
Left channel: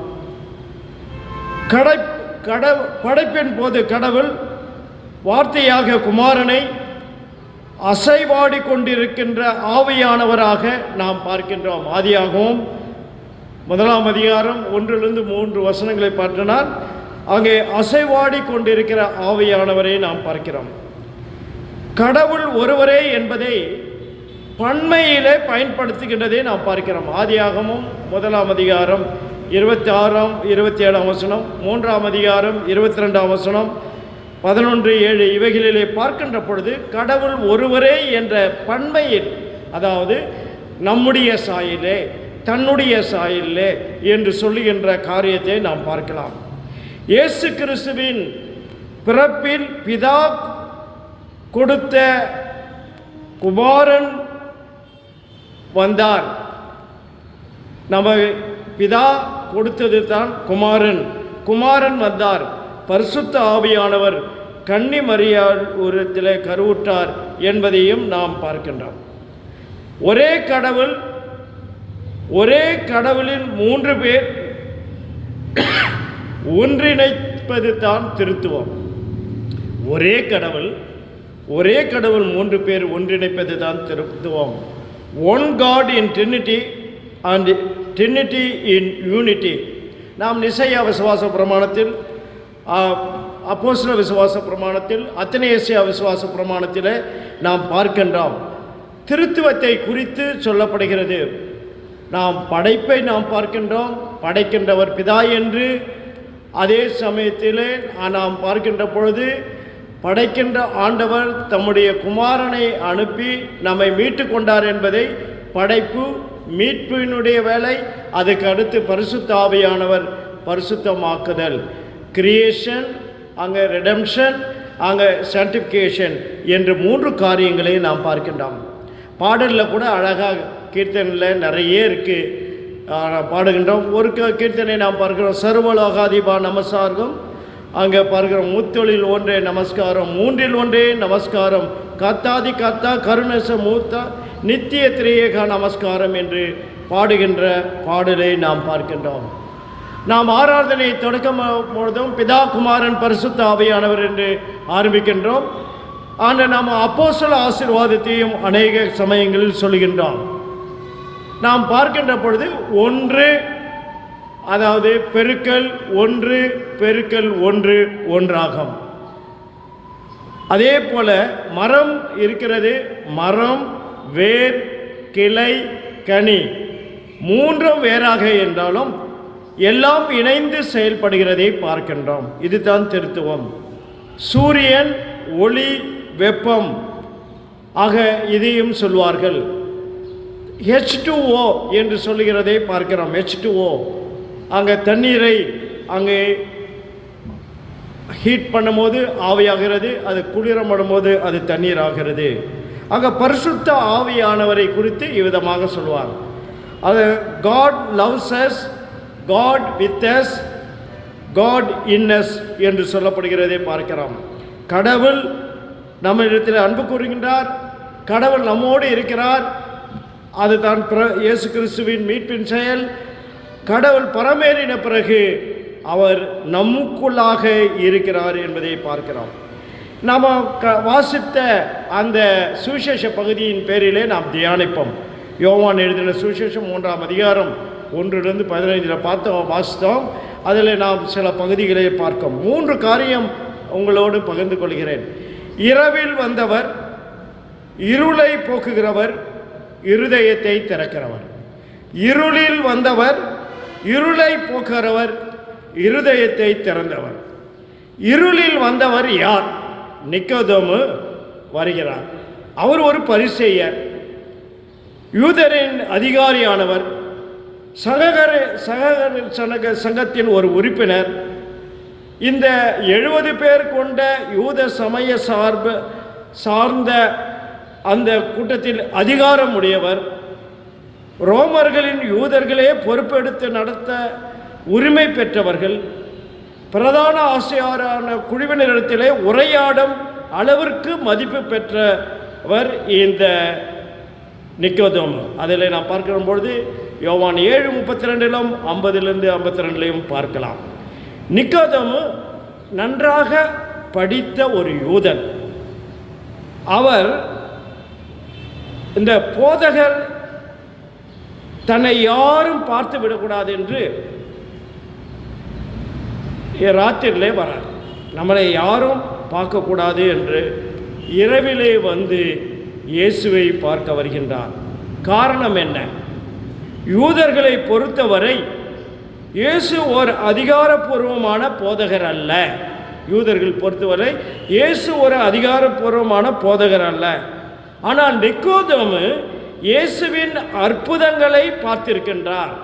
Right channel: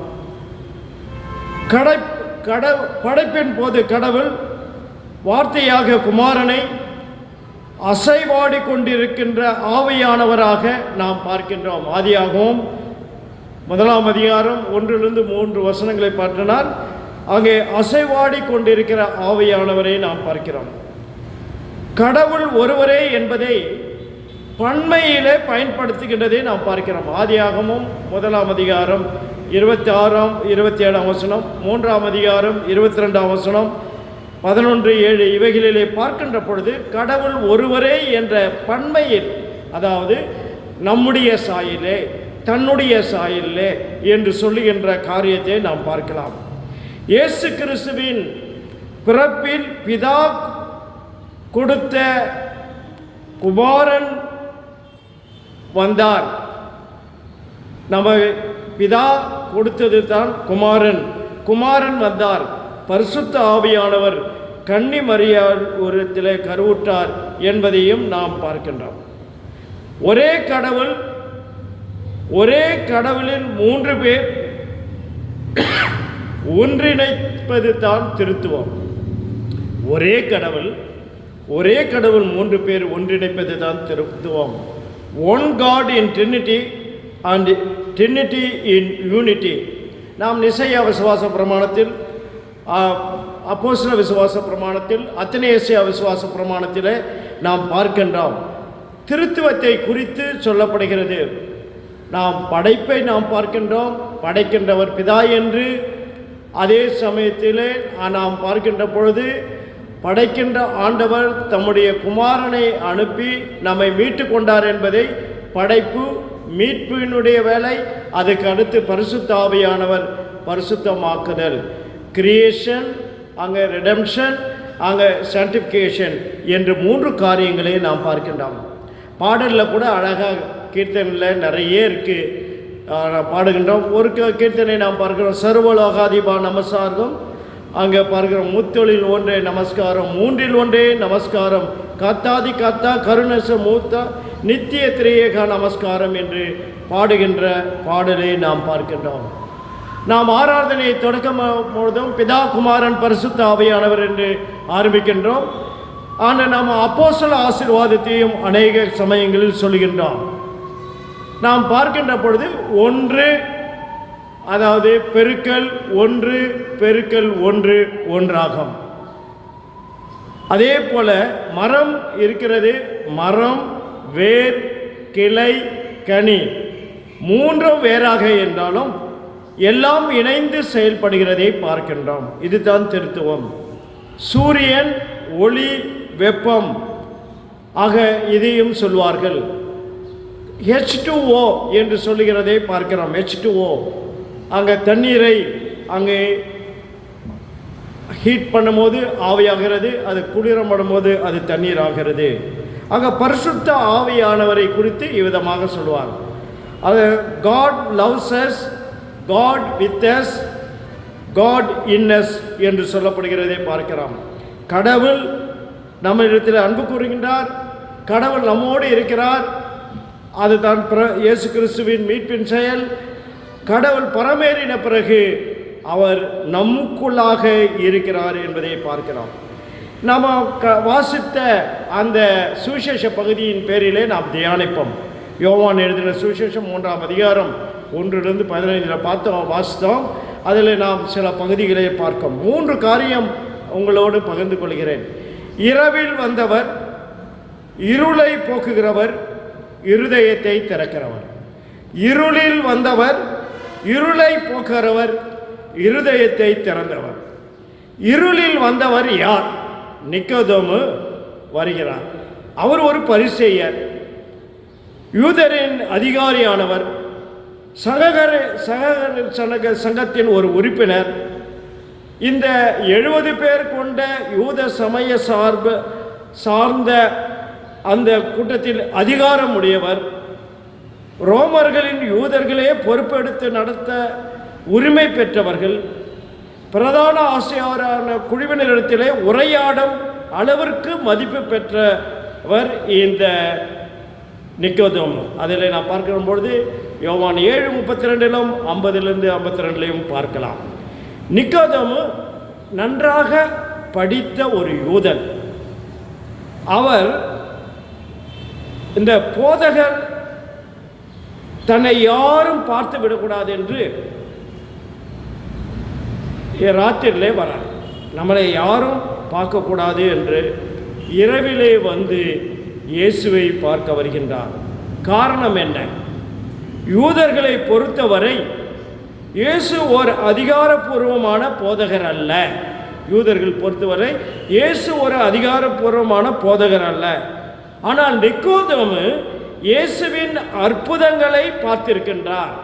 படைப்பின் போது கடவுள் வார்த்தையாக குமாரனை அசைவாடி கொண்டிருக்கின்ற ஆவியானவராக நாம் பார்க்கின்றோம். ஆதியாகவும் 1 அதிகாரம் 1-3 வசனங்களை பார்த்தினால் அங்கே அசைவாடி கொண்டிருக்கிற ஆவியானவரை நாம் பார்க்கிறோம். கடவுள் ஒருவரே என்பதை பன்மையிலே பயன்படுத்துகின்றதை நாம் பார்க்கிறோம். ஆதியாகமும் 1 அதிகாரம் 26, 27 வசனம், 3 அதிகாரம் 22 வசனம், 11:7 இவைகளிலே பார்க்கின்ற பொழுது கடவுள் ஒருவரே என்ற பன்மையில், அதாவது நம்முடைய சாயிலே, தன்னுடைய சாயிலே என்று சொல்லுகின்ற காரியத்தை நாம் பார்க்கலாம். இயேசு கிறிஸ்துவின் பிறப்பில் பிதா கொடுத்த குமாரன் வந்தார். நம்ம பிதா கொடுத்தது தான் குமாரன் வந்தார். பரிசுத்த ஆவியானவர் கன்னி மரியாள் உருவத்திலே கருவுற்றார் என்பதையும் நாம் பார்க்கின்றோம். ஒரே கடவுளின் 3 பேர் ஒன்றிணைப்பது தான் திருத்துவம். ஒரே கடவுள் 3 பேர் ஒன்றிணைப்பது தான் திருத்துவம். One God in Trinity and Trinity in Unity. நாம் நிசையா விசுவாச பிரமாணத்தில், அப்போஸ்தல விசுவாச பிரமாணத்தில், அத்தனேசியா விசுவாச பிரமாணத்தில் நாம் பார்க்கின்றோம். திருத்துவத்தை குறித்து சொல்லப்படுகிறது. நாம் படைப்பை நாம் பார்க்கின்றோம். படைக்கின்றவர் பிதா என்று. அதே சமயத்தில் நாம் பார்க்கின்ற பொழுது படைக்கின்ற ஆண்டவர் தம்முடைய குமாரனை அனுப்பி நம்மை மீட்டு கொண்டார் என்பதை படைப்பு மீட்பினுடைய வேலை. அதுக்கு அடுத்து பரிசுத்த ஆவியானவர் பரிசுத்தமாக்குதல், கிரியேஷன், அங்கே ரெடம்ஷன், அங்கே சான்டிஃபிகேஷன் என்று 3 காரியங்களை நாம் பார்க்கின்றோம். பாடலில் கூட அழகாக கீர்த்தனையில் நிறைய இருக்குது பாடுகின்றோம். ஒரு கீர்த்தனை நாம் பார்க்கிறோம், சர்வலோகாதிபா நமஸ்காரம். அங்கே பார்க்கிறோம், முத்தொழில் ஒன்றே நமஸ்காரம், 3இல் ஒன்றே நமஸ்காரம், கத்தாதி கத்தா கருணச மூத்தா நித்திய திரியேக நமஸ்காரம் என்று பாடுகின்ற பாடலை நாம் பார்க்கின்றோம். நாம் ஆராதனையை தொடக்கும் பொழுதும் பிதா குமாரன் பரிசுத்த ஆவியானவர் என்று ஆரம்பிக்கின்றோம். ஆனால் நாம் அப்போஸ்தல ஆசீர்வாதத்தையும் அநேக சமயங்களில் சொல்கின்றோம். நாம் பார்க்கின்ற பொழுது 1, அதாவது பெருக்கல் 1 பெருக்கல் 1 ஒன்றாகும். அதே போல மரம் இருக்கிறது. மரம், வேர், கிளை, கனி 3 வேறாக என்றாலும் எல்லாம் இணைந்து செயல்படுகிறதை பார்க்கின்றோம். இதுதான் திருத்துவம். சூரியன், ஒளி, வெப்பம் ஆக இதையும் சொல்வார்கள். H2O என்று சொல்லுகிறதை பார்க்கிறோம். H2O அங்கே தண்ணீரை அங்கே ஹீட் பண்ணும்போது ஆவியாகிறது, அது குளிரப்படும் போது அது தண்ணீர் ஆகிறது. அங்கே பரிசுத்த ஆவியானவரை குறித்து இவ்விதமாக சொல்லுவார். அது God loves us God with us, God in us என்று சொல்லப்படுகிறதை பார்க்கிறோம். கடவுள் நம்மிடத்தில் அன்பு கூறுகின்றார், கடவுள் நம்மோடு இருக்கிறார். அதுதான் இயேசு கிறிஸ்துவின் மீட்பின் செயல். கடவுள் பரமேறின பிறகு அவர் நமக்குள்ளாக இருக்கிறார் என்பதை பார்க்கிறோம். நாம் வாசித்த அந்த சுவிசேஷ பகுதியின் பேரிலே நாம் தியானிப்போம். யோவான் எழுதின சுவிசேஷம் 3ஆம் அதிகாரம் 1-15 வாசித்தோம். அதில் நாம் சில பகுதிகளை பார்க்கிறோம். 3 காரியம் உங்களோடு பகிர்ந்து கொள்கிறேன். இரவில் வந்தவர், இருளை போக்குகிறவர், இருதயத்தை திறக்கிறவர். இருளில் வந்தவர், இருளை போக்குகிறவர், இருதயத்தை திறந்தவர். இருளில் வந்தவர் யார்? நிக்கோதேமு வருகிறார். அவர் ஒரு பரிசேயர், யூதரின் அதிகாரியானவர், சங்கத்தின் ஒரு உறுப்பினர். இந்த 70 பேர் கொண்ட யூத சமய சார்ந்த அந்த கூட்டத்தில் அதிகாரம் உடையவர். ரோமர்களின் யூதர்களே பொறுப்பெடுத்து நடத்த உரிமை பெற்றவர்கள். பிரதான ஆசிரியரான குழுவினரிடத்திலே உரையாடும் அளவிற்கு மதிப்பு பெற்றவர் இந்த நிக்கோதேமு. அதில் நாம் பார்க்கிற பொழுது யோவான் 7:32 50-52 பார்க்கலாம். நிக்கோதேமு நன்றாக படித்த ஒரு யூதன். அவர் இந்த போதகர் தன்னை யாரும் பார்த்து விடக்கூடாது என்று ராத்திரிலே வரார். நம்மளை யாரும் பார்க்கக்கூடாது என்று இரவிலே வந்து இயேசுவை பார்க்க வருகின்றார். காரணம் என்ன? யூதர்களை பொறுத்தவரை இயேசு ஒரு அதிகாரப்பூர்வமான போதகர் அல்ல. யூதர்கள் பொறுத்தவரை இயேசு ஒரு அதிகாரப்பூர்வமான போதகர் அல்ல. ஆனால் நிக்கோதேமு இயேசுவின் அற்புதங்களை பார்த்திருக்கின்றார்.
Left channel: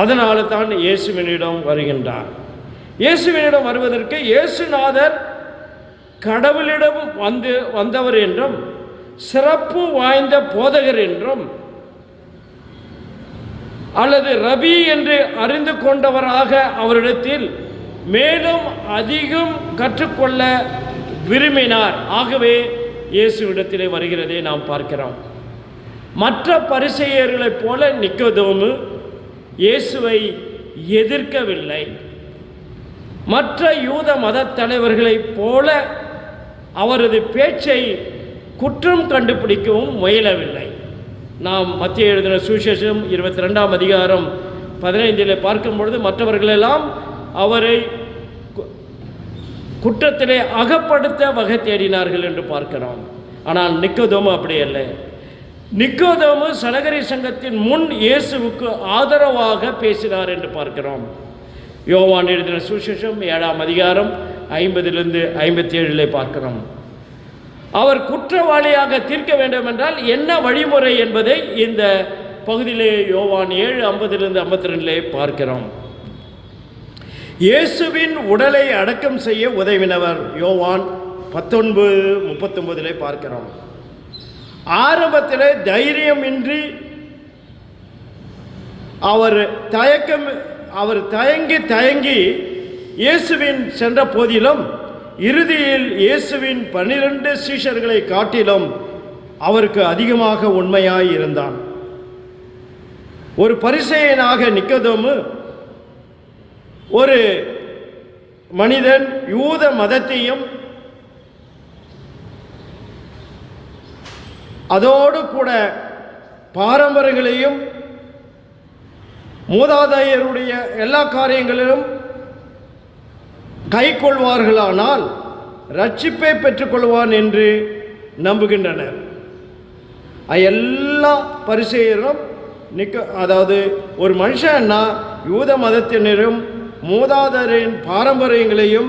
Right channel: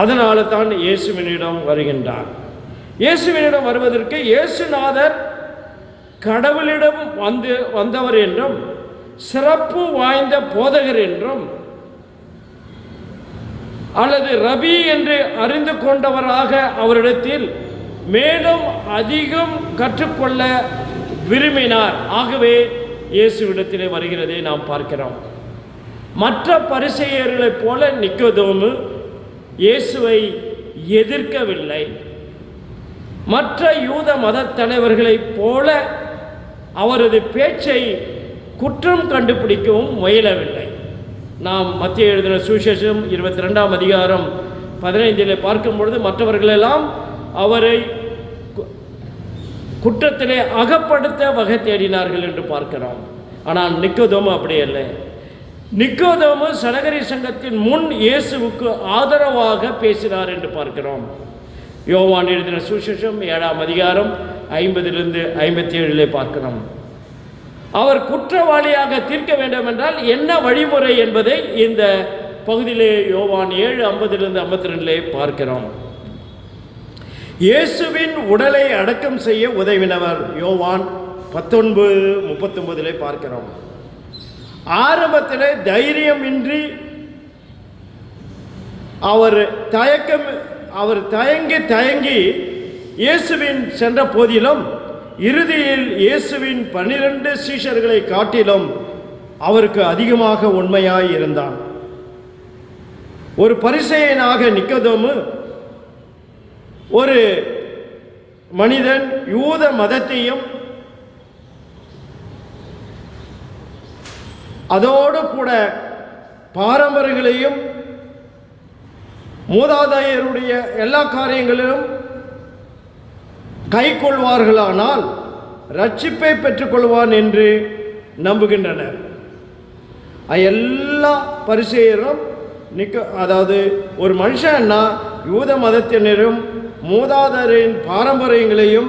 அதனால தான் இயேசுவினிடம் வருகின்றார். இயேசுவினிடம் வருவதற்கு இயேசுநாதர் கடவுளிடம் வந்தவர் என்றும் சிறப்பு வாய்ந்த போதகர் என்றும் அல்லது ரபி என்று அறிந்து கொண்டவராக அவரிடத்தில் மேலும் அதிகம் கற்றுக்கொள்ள விரும்பினார். ஆகவே இயேசுவிடத்திலே வருகிறதை நாம் பார்க்கிறோம். மற்ற பரிசேயர்களைப் போல நிக்கோதேமு இயேசுவை எதிர்க்கவில்லை. மற்ற யூத மத தலைவர்களைப் போல அவரது பேச்சை குற்றம் கண்டுபிடிக்கவும் முயலவில்லை. நாம் மத்திய எழுதின சுவிசேஷம் 22ஆம் அதிகாரம் 15 பார்க்கும் பொழுது மற்றவர்களெல்லாம் அவரை குற்றத்திலே அகப்படுத்த வகை தேடினார்கள் என்று பார்க்கிறோம். ஆனால் நிக்கோதேமு அப்படி அல்ல. நிக்கோதேமு சனகரி சங்கத்தின் முன் இயேசுவுக்கு ஆதரவாக பேசினார் என்று பார்க்கிறோம். யோவான் எழுதின சுவிசேஷம் 7ஆம் அதிகாரம் 50-57 பார்க்கிறோம். அவர் குற்றவாளியாக தீர்க்க வேண்டும் என்றால் என்ன வழிமுறை என்பதை இந்த பகுதியிலே யோவான் 7:50-52 பார்க்கிறோம். இயேசுவின் உடலை அடக்கம் செய்ய உதவினவர் யோவான் 19:39 பார்க்கிறோம். ஆரம்பத்தில் தைரியமின்றி அவர் தயங்கி இயேசுவின் சென்ற போதிலும் இறுதியில் இயேசுவின் 12 சீஷர்களை காட்டிலும் அவருக்கு அதிகமாக உண்மையாய் இருந்தான். ஒரு பரிசேயனாக நிக்கோதேமு ஒரு மனிதன் யூத மதத்தையும் அதோடு கூட பாரம்பரியங்களையும் மூதாதையருடைய எல்லா காரியங்களிலும் கை கொள்வார்களானால் ரட்சிப்பை பெற்றுக்கொள்வான் என்று நம்புகின்றனர். எல்லா பரிசேயரும் அதாவது ஒரு மனுஷன்னா யூத மதத்தினரும் மூதாதையரின் பாரம்பரியங்களையும்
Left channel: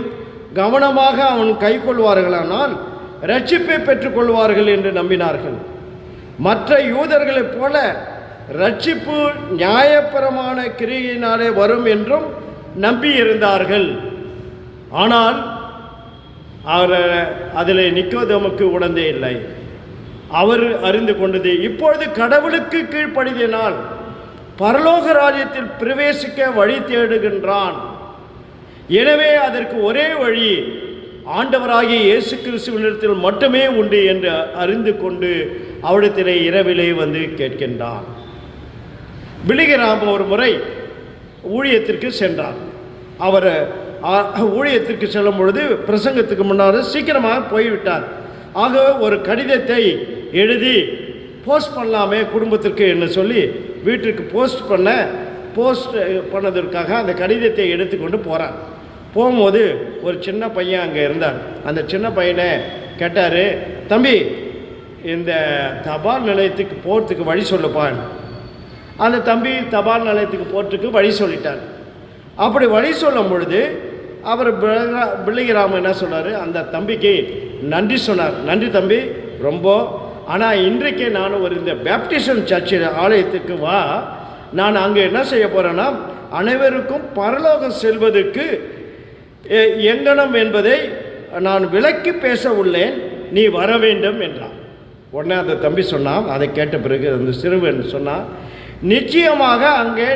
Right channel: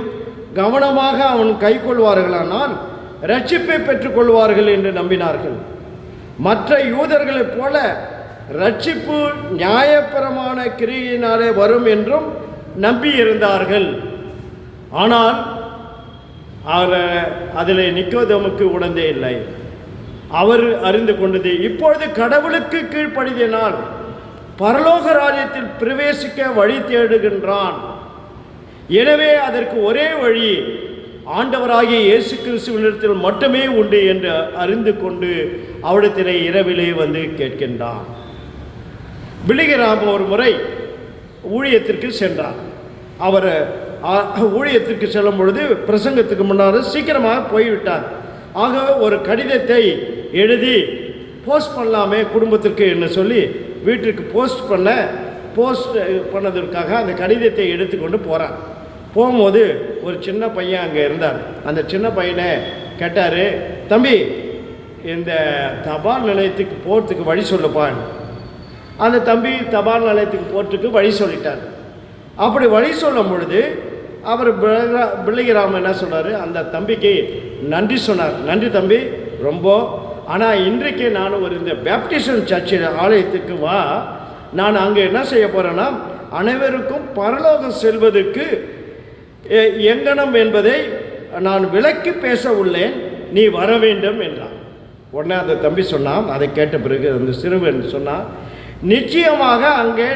கவனமாக அவன் கை கொள்வார்களானால் ரட்சிப்பை பெற்றுக்கொள்வார்கள் என்று நம்பினார்கள். மற்ற யூதர்களைப் போல ரட்சிப்பு நியாயபரமான கிரியினாலே வரும் என்றும் நம்பியிருந்தார்கள். ஆனால் அதில் நிக்கோதேமுக்கு உணர்ந்தே இல்லை. அவர் அறிந்து கொண்டது இப்பொழுது கடவுளுக்கு கீழ்ப்படிதினால் பரலோக ராஜ்யத்தில் பிரவேசிக்க வழி தேடுகின்றான். எனவே அதற்கு ஒரே வழி ஆண்டவராகிய இயேசு கிறிஸ்துவினிடத்தில் மட்டுமே உண்டு என்று அறிந்து கொண்டு அவரிடத்திலே இரவிலே வந்து கேட்கின்றான். பிலிகிராம் ஒரு முறை ஊழியத்திற்கு சென்றார். அவர் ஊழியத்திற்கு செல்லும் பொழுது பிரசங்கத்துக்கு முன்னால் சீக்கிரமாக போய்விட்டார். ஆக ஒரு கடிதத்தை எழுதி போஸ்ட் பண்ணலாமே குடும்பத்திற்கு என்று சொல்லி வீட்டிற்கு போஸ்ட் பண்ணதற்காக அந்த கடிதத்தை எடுத்துக்கொண்டு போகிறார். போகும்போது ஒரு சின்ன பையன் அங்கே இருந்தார். அந்த சின்ன பையனை கேட்டார், தம்பி இந்த தபால் நிலையத்துக்கு போகிறதுக்கு வழி சொல்லுப்பான். அந்த தம்பி தபால் நிலையத்துக்கு போகிறதுக்கு வழி சொல்லிட்டார். அப்படி வழி சொல்லும் பொழுது அவர் பிள்ளைகிராம என்ன சொன்னார், அந்த தம்பிக்கு நன்றி சொன்னார். நன்றி தம்பி ரொம்ப, ஆனால் இன்றைக்கு நான் ஒரு இந்த பேப்டிசம் சர்ச்சில் ஆலயத்துக்கு வா, நான் அங்கே என்ன செய்ய போகிறேன்னா அனைவருக்கும் பரலோகம் செல்வதற்கு எங்கனம் என்பதை நான் விளக்கி பேச உள்ளேன், நீ வர வேண்டும் என்றான். உடனே அந்த தம்பி சொன்னான். அதை கேட்ட பிறகு அந்த சிறுவன் சொன்னான், நிச்சயமாக அங்கே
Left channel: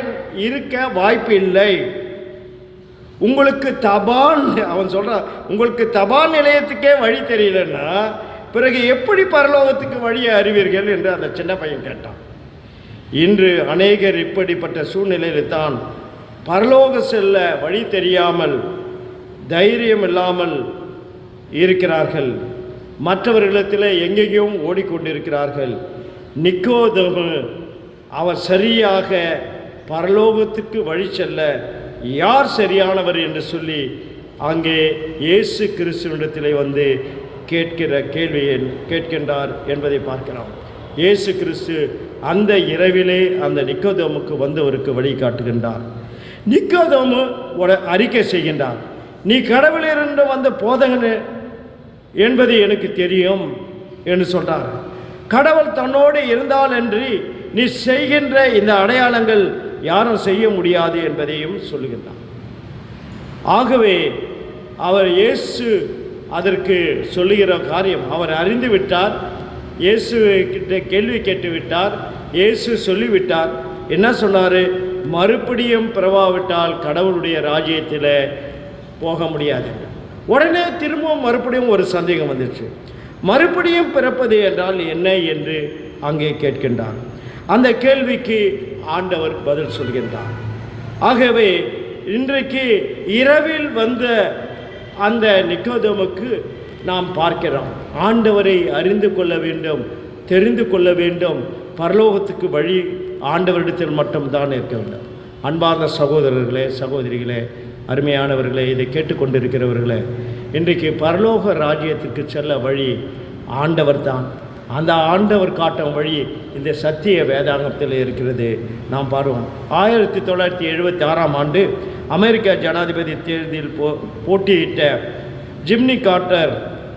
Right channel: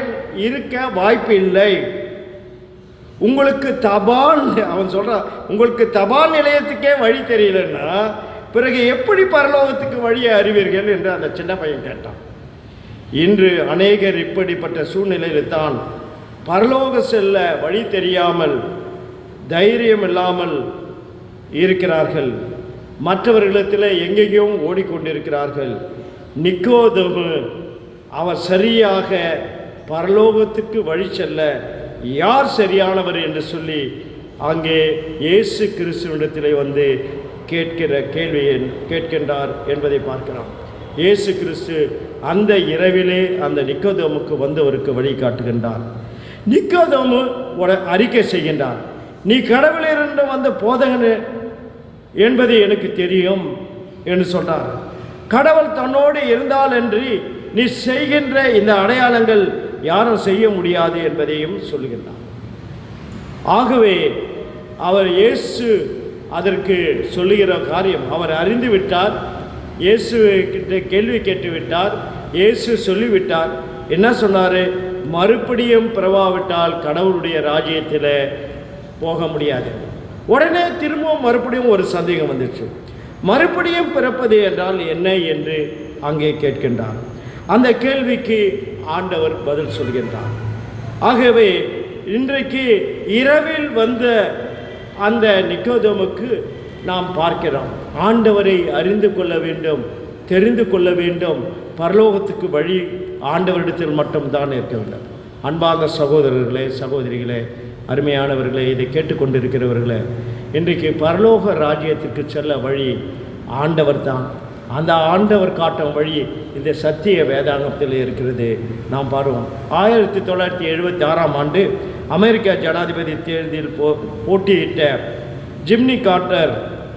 இருக்க வாய்ப்பு இல்லை. உங்களுக்கு தபால், அவன் சொல்கிறான், உங்களுக்கு தபால் நிலையத்துக்கே வழி தெரியலன்னா பிறகு எப்படி பரலோகத்துக்கு வழியை அறிவீர்கள் என்று அந்த சின்ன பையன் கேட்டான். இன்று அநேகர் இப்படிப்பட்ட சூழ்நிலையில் தான் பரலோக செல்ல வழி தெரியாமல் தைரியம் இல்லாமல் இருக்கிறார்கள். மற்றவர்களிடத்தில் எங்கெங்கேயும் ஓடிக்கொண்டிருக்கிறார்கள். நிக்கோதேமு அவர் சரியாக பரலோகத்துக்கு வழி செல்ல யார் சரியானவர் என்று சொல்லி அங்கே இயேசு கிறிஸ்துவிடத்திலே வந்து கேட்கிற கேள்வியை கேட்கின்றார் என்பதை பார்க்கிறோம். இயேசு கிறிஸ்து அந்த இரவிலே அந்த நிக்கோதேமுக்கு வந்தவருக்கு வழிகாட்டுகின்றார். நிக்கோதேமு ஒரு அறிக்கை செய்கின்றார், நீ கடவுளிலிருந்து வந்த போதகன் என்பது எனக்கு தெரியும் என்று சொன்னார். கடவுள் தன்னோடு இருந்தால் என்று நீ செய்கின்ற இந்த அடையாளங்கள் யாரும் செய்ய முடியாது என்பதையும் சொல்லுகின்றார். ஆகவே அவர் இயேசு அதற்கு சொல்லுகிற காரியம் அவர் அறிந்து விட்டார். இயேசு கிட்ட கேள்வி கேட்டு விட்டார். இயேசு சொல்லிவிட்டார். என்ன சொன்னார், மறுபடியும் பிறவாவிட்டால் கடவுளுடைய ராஜ்யத்தில் போக முடியாது. உடனே திரும்பவும் மறுபடியும் ஒரு சந்தேகம் வந்துச்சு. மறுபடியும் பிறப்பது என்றால் என்ன என்று அங்கே கேட்கின்றார். அந்த கேள்விக்கு ஆண்டவர் பதில் சொல்கின்றார். ஆகவே இன்றைக்கு இரவில் வந்த அந்த நிக்கோதேமுக்கு நாம் பார்க்கிறோம், ஆண்டவரை அறிந்து கொள்ள வேண்டும், தெரிந்து கொள்ள வேண்டும். பரலோகத்துக்கு வழி ஆண்டவரிடத்தில் மட்டும்தான் இருக்க வேண்டும். அன்பார்ந்த சகோதரர்களே, சகோதரிகளே, அருமையானவர்களே, இதை கேட்டுக்கொண்டிருக்கிறவர்களே, இன்றைக்கு பரலோக ராஜ்யத்துக்கு செல்ல வழி ஆண்டவர் தான். அந்த ஆண்டவர் காட்டும் வழி இந்த சத்திய வேதாகத்தில் இருக்கிறது. நாம் பாருவோம். 1976ஆம் ஆண்டு அமெரிக்க ஜனாதிபதி தேர்தலில் போட்டியிட்ட ஜிம்னி கார்ட்டர்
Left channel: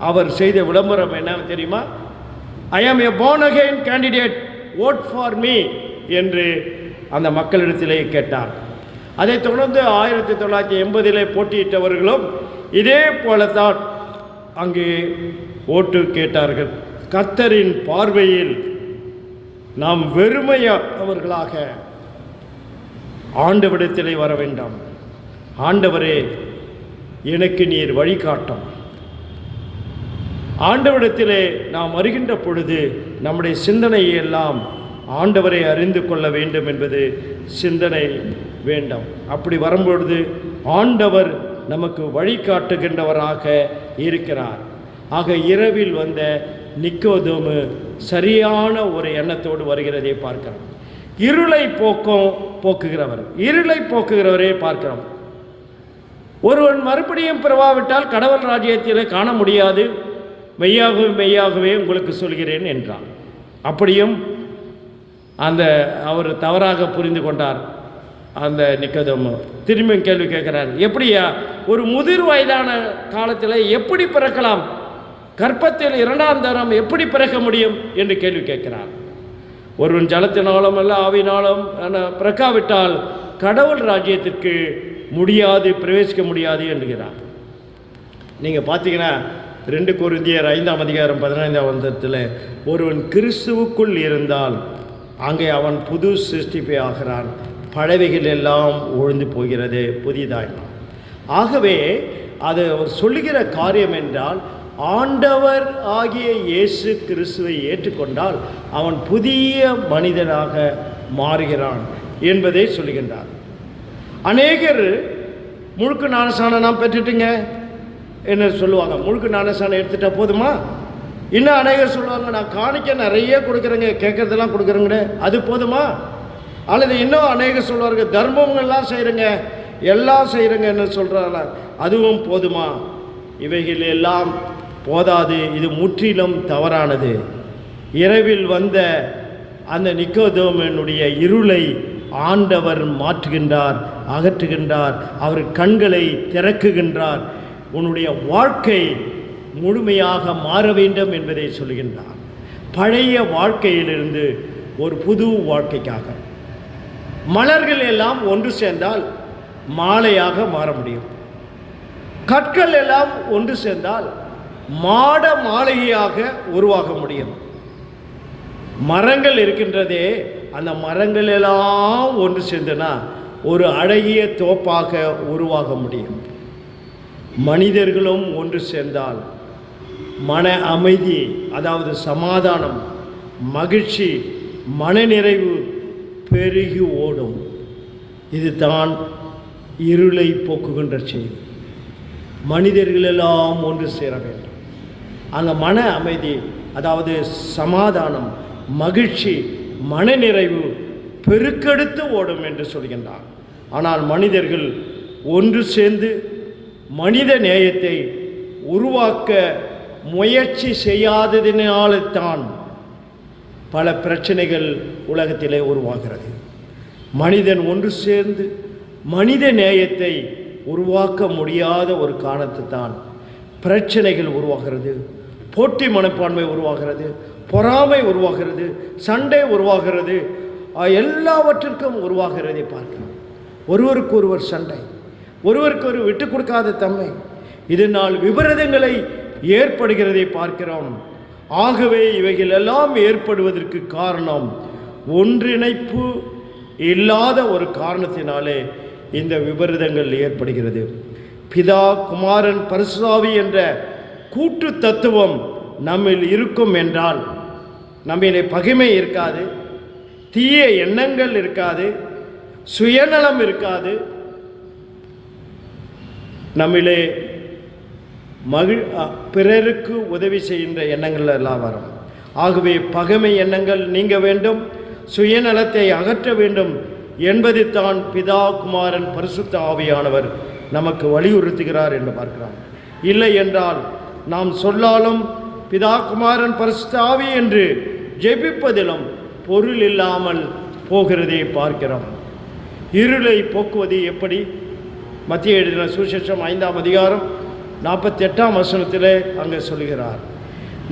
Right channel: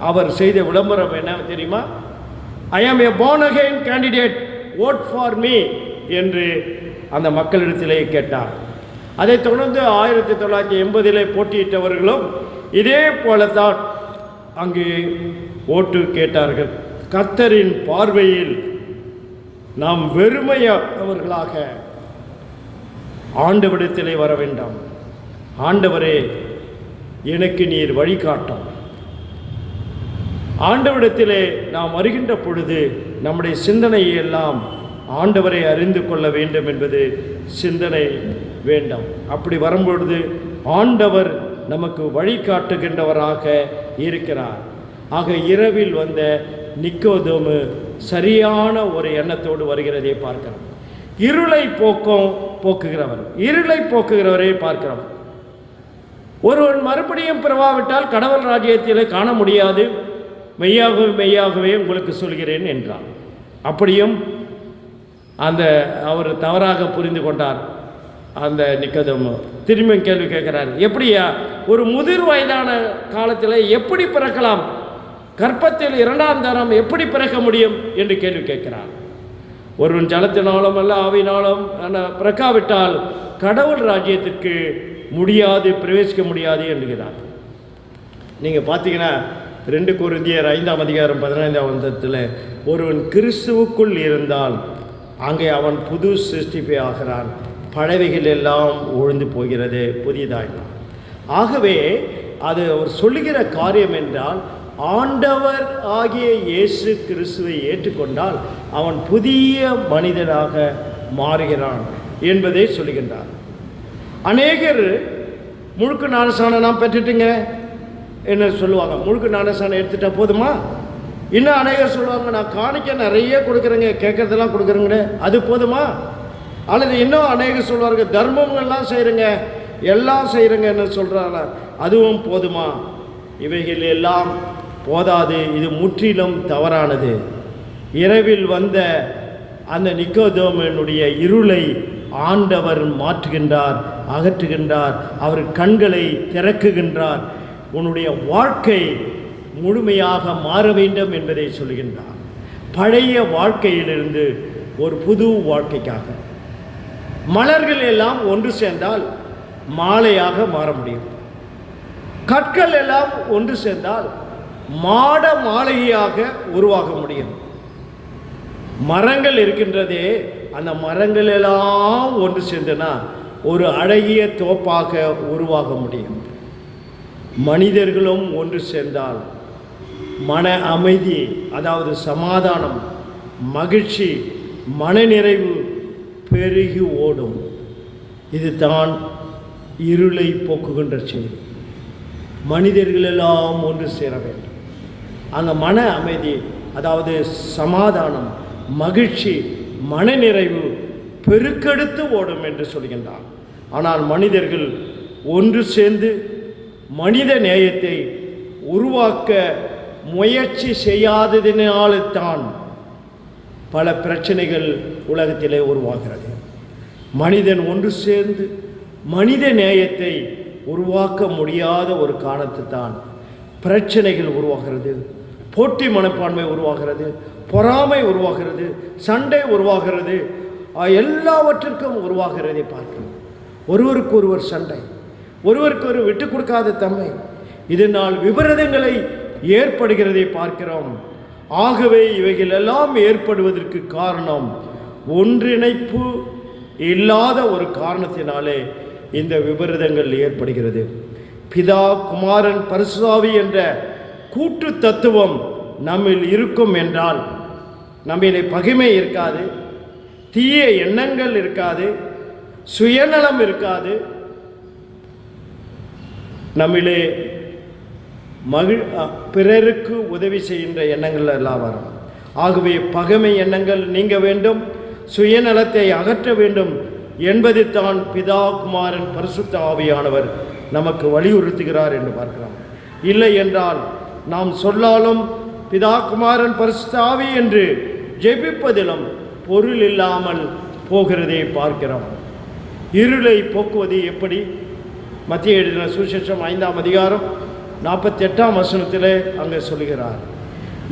அவர் செய்த விளம்பரம் என்ன தெரியுமா? ஐ ஆம் ஏ born again candidate, vote for me என்று அந்த மக்களிடத்திலே கேட்டார். அதைத் தொடர்ந்து 1980 போட்டியிட்டவர்களும் இதே போலத்தான் அங்கு ஓட்டு கேட்டார்கள். கர்த்தரின் பார்வையில் நாம் வெறுமையானவர்களாக ஆண்டவரிடத்திலே வர வேண்டாம். ஆண்டவரே எனக்கு நீர் வழிகாட்டும். ஆண்டவரிடத்திலே நாம் வருகின்ற பொழுது நம்முடைய சிந்தனையை எல்லாம் ஆண்டவரை அறிந்து கொள்ள வேண்டும் என்பது சிந்தனை வேண்டும். அப்படி வரும்பொழுது ஆண்டவர் நமக்கு வழிகாட்டுகின்றவராக இருக்கிறார். ஆக இரவில் வந்த நிக்கோதேமு சரியான ஒரு எண்ணத்தோடு வருகிறதை பார்க்கிறோம். இருளை போக்குகிறவர், இருளை போக்குகிறவரை பார்க்கிறோம். ஒருவன் மறுபடியும் பிறவாவிட்டால் கடவுள் ராஜ்யத்திலே காண முடியாது, மெய்யாகவே உங்களுக்கு சொல்கிறேன் என்றார். அப்படியும் அவர் தவறாக புரிந்து கொண்டார். அந்த நிக்கோதேமு திரும்பி கேள்வி கேட்கிறார், எப்படியா ஒரு முதிர் வயதான காலத்தில் எப்படி பிறக்கலாம், கற்பத்தில் 2ஆம் தரம் எப்படி பிறக்க முடியும் என்று கேள்வி கேட்கிறார். ஒருவன் ஜலத்தினாலும் அல்ல ஆவினாலும் பிறக்காவிட்டால் கடவுள் ராஜ்யத்திற்கு முடியாது, பிரவேசிக்க முடியாது என்கிறார். நீங்கள் பார்த்தீங்கன்னா 2 கொரிந்தியர் 5ஆம் அதிகாரம் 15ஆம் வசனத்தில் ஒருவன் கிறிஸ்துவுக்குள் இருந்தால் அங்கே அவன் புது சிருஷ்டிப்பை ஆகிறான். பழைவைகள் எல்லாம் ஒழிந்து போகிறது, புதியதாய். ஆகவே அது அவர் சொல்லுகிற காரியம் என்றால், ஆண்டவர் ஆகிய இயேசு கிறிஸ்துவை ஏற்றுக்கொண்டால் அவன் புதிய மனிதனாக மாறுகிறான் என்பதை சொல்லுகின்றார். அநேகர் முழுக்க ஞானஸ்நானம் நான் பெற்றுட்டுங்க என்ன சொல்லுவாங்க, முழுக்க ஞானஸ்நானம் எடுத்துட்டா போதுமா? இன்னும் அநேகர் சொல்லுவாங்க, நான் காணிக்க நிறைய கொடுக்குறேங்க, கேட்கறதெல்லாம் கொடுக்குறேங்க, அது போதுமா? அல்லது இன்னும் அநேகர் சொல்லுவார்கள், தர்மங்கள்லாம் செய்கிறேங்க, எல்லாம் செய்கிறேங்கன்னு சொல்கிறாங்க, அதுவும் போதுமா? இவைகள் எல்லாம் போதாது. இது முற்றிலும் தவறானது. இரவில் வந்த அந்த நிக்கோதேமனுடைய இருளை ஆண்டவர் மாற்றுகின்றார், அகற்றுகின்றார், அவர் கண்களை திறக்குகின்றார். உன்னுடைய வாழ்க்கை முழுமையாக மாற வேண்டும் என்பதை சொல்கின்றார். பழைய வாழ்க்கையிலிருந்து ஒரு புது வாழ்க்கைக்காக மலர்கள் எல்லாம் ஒன்று சேர்ந்தால் மாலையாக மாற முடியும். கற்கள் எல்லாம் ஒன்று சேர்ந்தால் மாட மாளிகையாக உருவாக முடியும். மரங்கள் இருக்கின்றதே, அந்த மரங்கள் எல்லாம் ஒன்று சேர்ந்தனா ஒரு அழகிய தோப்பாக உருவாக முடியும். மனிதர்களும் ஒன்று சேர்ந்தால் மன அமைதி, அதாவது சமாதானம், மகிழ்ச்சி, மனநிறைவு பெருகி ஓடும். இதுதான் இருளை போக்குகின்ற செய்தி. மனிதர்களெல்லாம் ஒன்று சேர வேண்டும். அந்த மன அமைதி, அதாவது சமாதானம், மகிழ்ச்சி, மனநிறைவு பெருக்கெடுத்து ஓடும் என்று சொல்கின்றார். ஆனால் மனிதர்கள் ஒன்று சேர்ந்து மனித நேயத்தை உருவாக்க முயற்சி செய்யாததினால்தான் பல பிரச்சனைகள் உலகத்திலே உருவாகிறது. மனிதன் ஒன்று சேர்ந்து மனித நேயத்தை உருவாக்க முடியாத ஒரு காரணத்தை தான் பிரச்சனைகள் உருவாகிறது, போட்டி மனப்பான்மை உருவாகிறது, பொறாமை உருவாகிறது, சண்டை உருவாகிறது, எல்லாவற்றிற்கும் உருவாகிறதை பார்க்கிறோம். ஒருவருக்கு ஒருவர் சண்டை, ஒருவருக்கு ஒரு விட்டு கொடுக்காத தன்மை, இதனால் விபரீதங்களை ஏற்படுகிறதை பார்க்கிறோம். ஆகவே இவைகள் எல்லாம் ஏற்படுவதற்கு காரணம் ஒன்றிணைப்பு இல்லாத ஒரு காரணத்தினாலே இந்த விபரீதங்கள் ஏற்படுகிறது. பிதா, குமாரன், பரிசுத்த ஆவி என்ற கூட்டு தத்துவம் நம்மில் இருக்கும் என்றால் நம்மிலே பகைமை இருக்காது, தீய எண்ணங்கள் இருக்காது, சுயநலம் இருக்காது, நம்மிலே பிறருக்கு உதவி செய்கின்ற எண்ணங்கள் எல்லாம் வரும். ஆகவே பகைமை எண்ணங்கள் நீங்க வேண்டும், சுயநலத்தை அகற்ற வேண்டும் என்பதை தான் பிதா, குமாரன், பரிசுத்த ஆவியானவர் நமக்கு வலியுறுத்துகிறார் என்று பார்க்கிறோம். இல்லை என்றால் நாம் சொல்லாலும் பிதா, குமாரன், பரிசுத்த ஆவி என்று ஜெபிப்பதிலும் பொருள் இல்லாமல் போகிறதை பார்க்கிறோம். இருளை போக்குவது எப்படி? மத்திய எழுதின சுவிசேஷம் 5ஆம் அதிகாரம் 48ஆம் வசனத்திலே அங்கே சொல்கிறார்.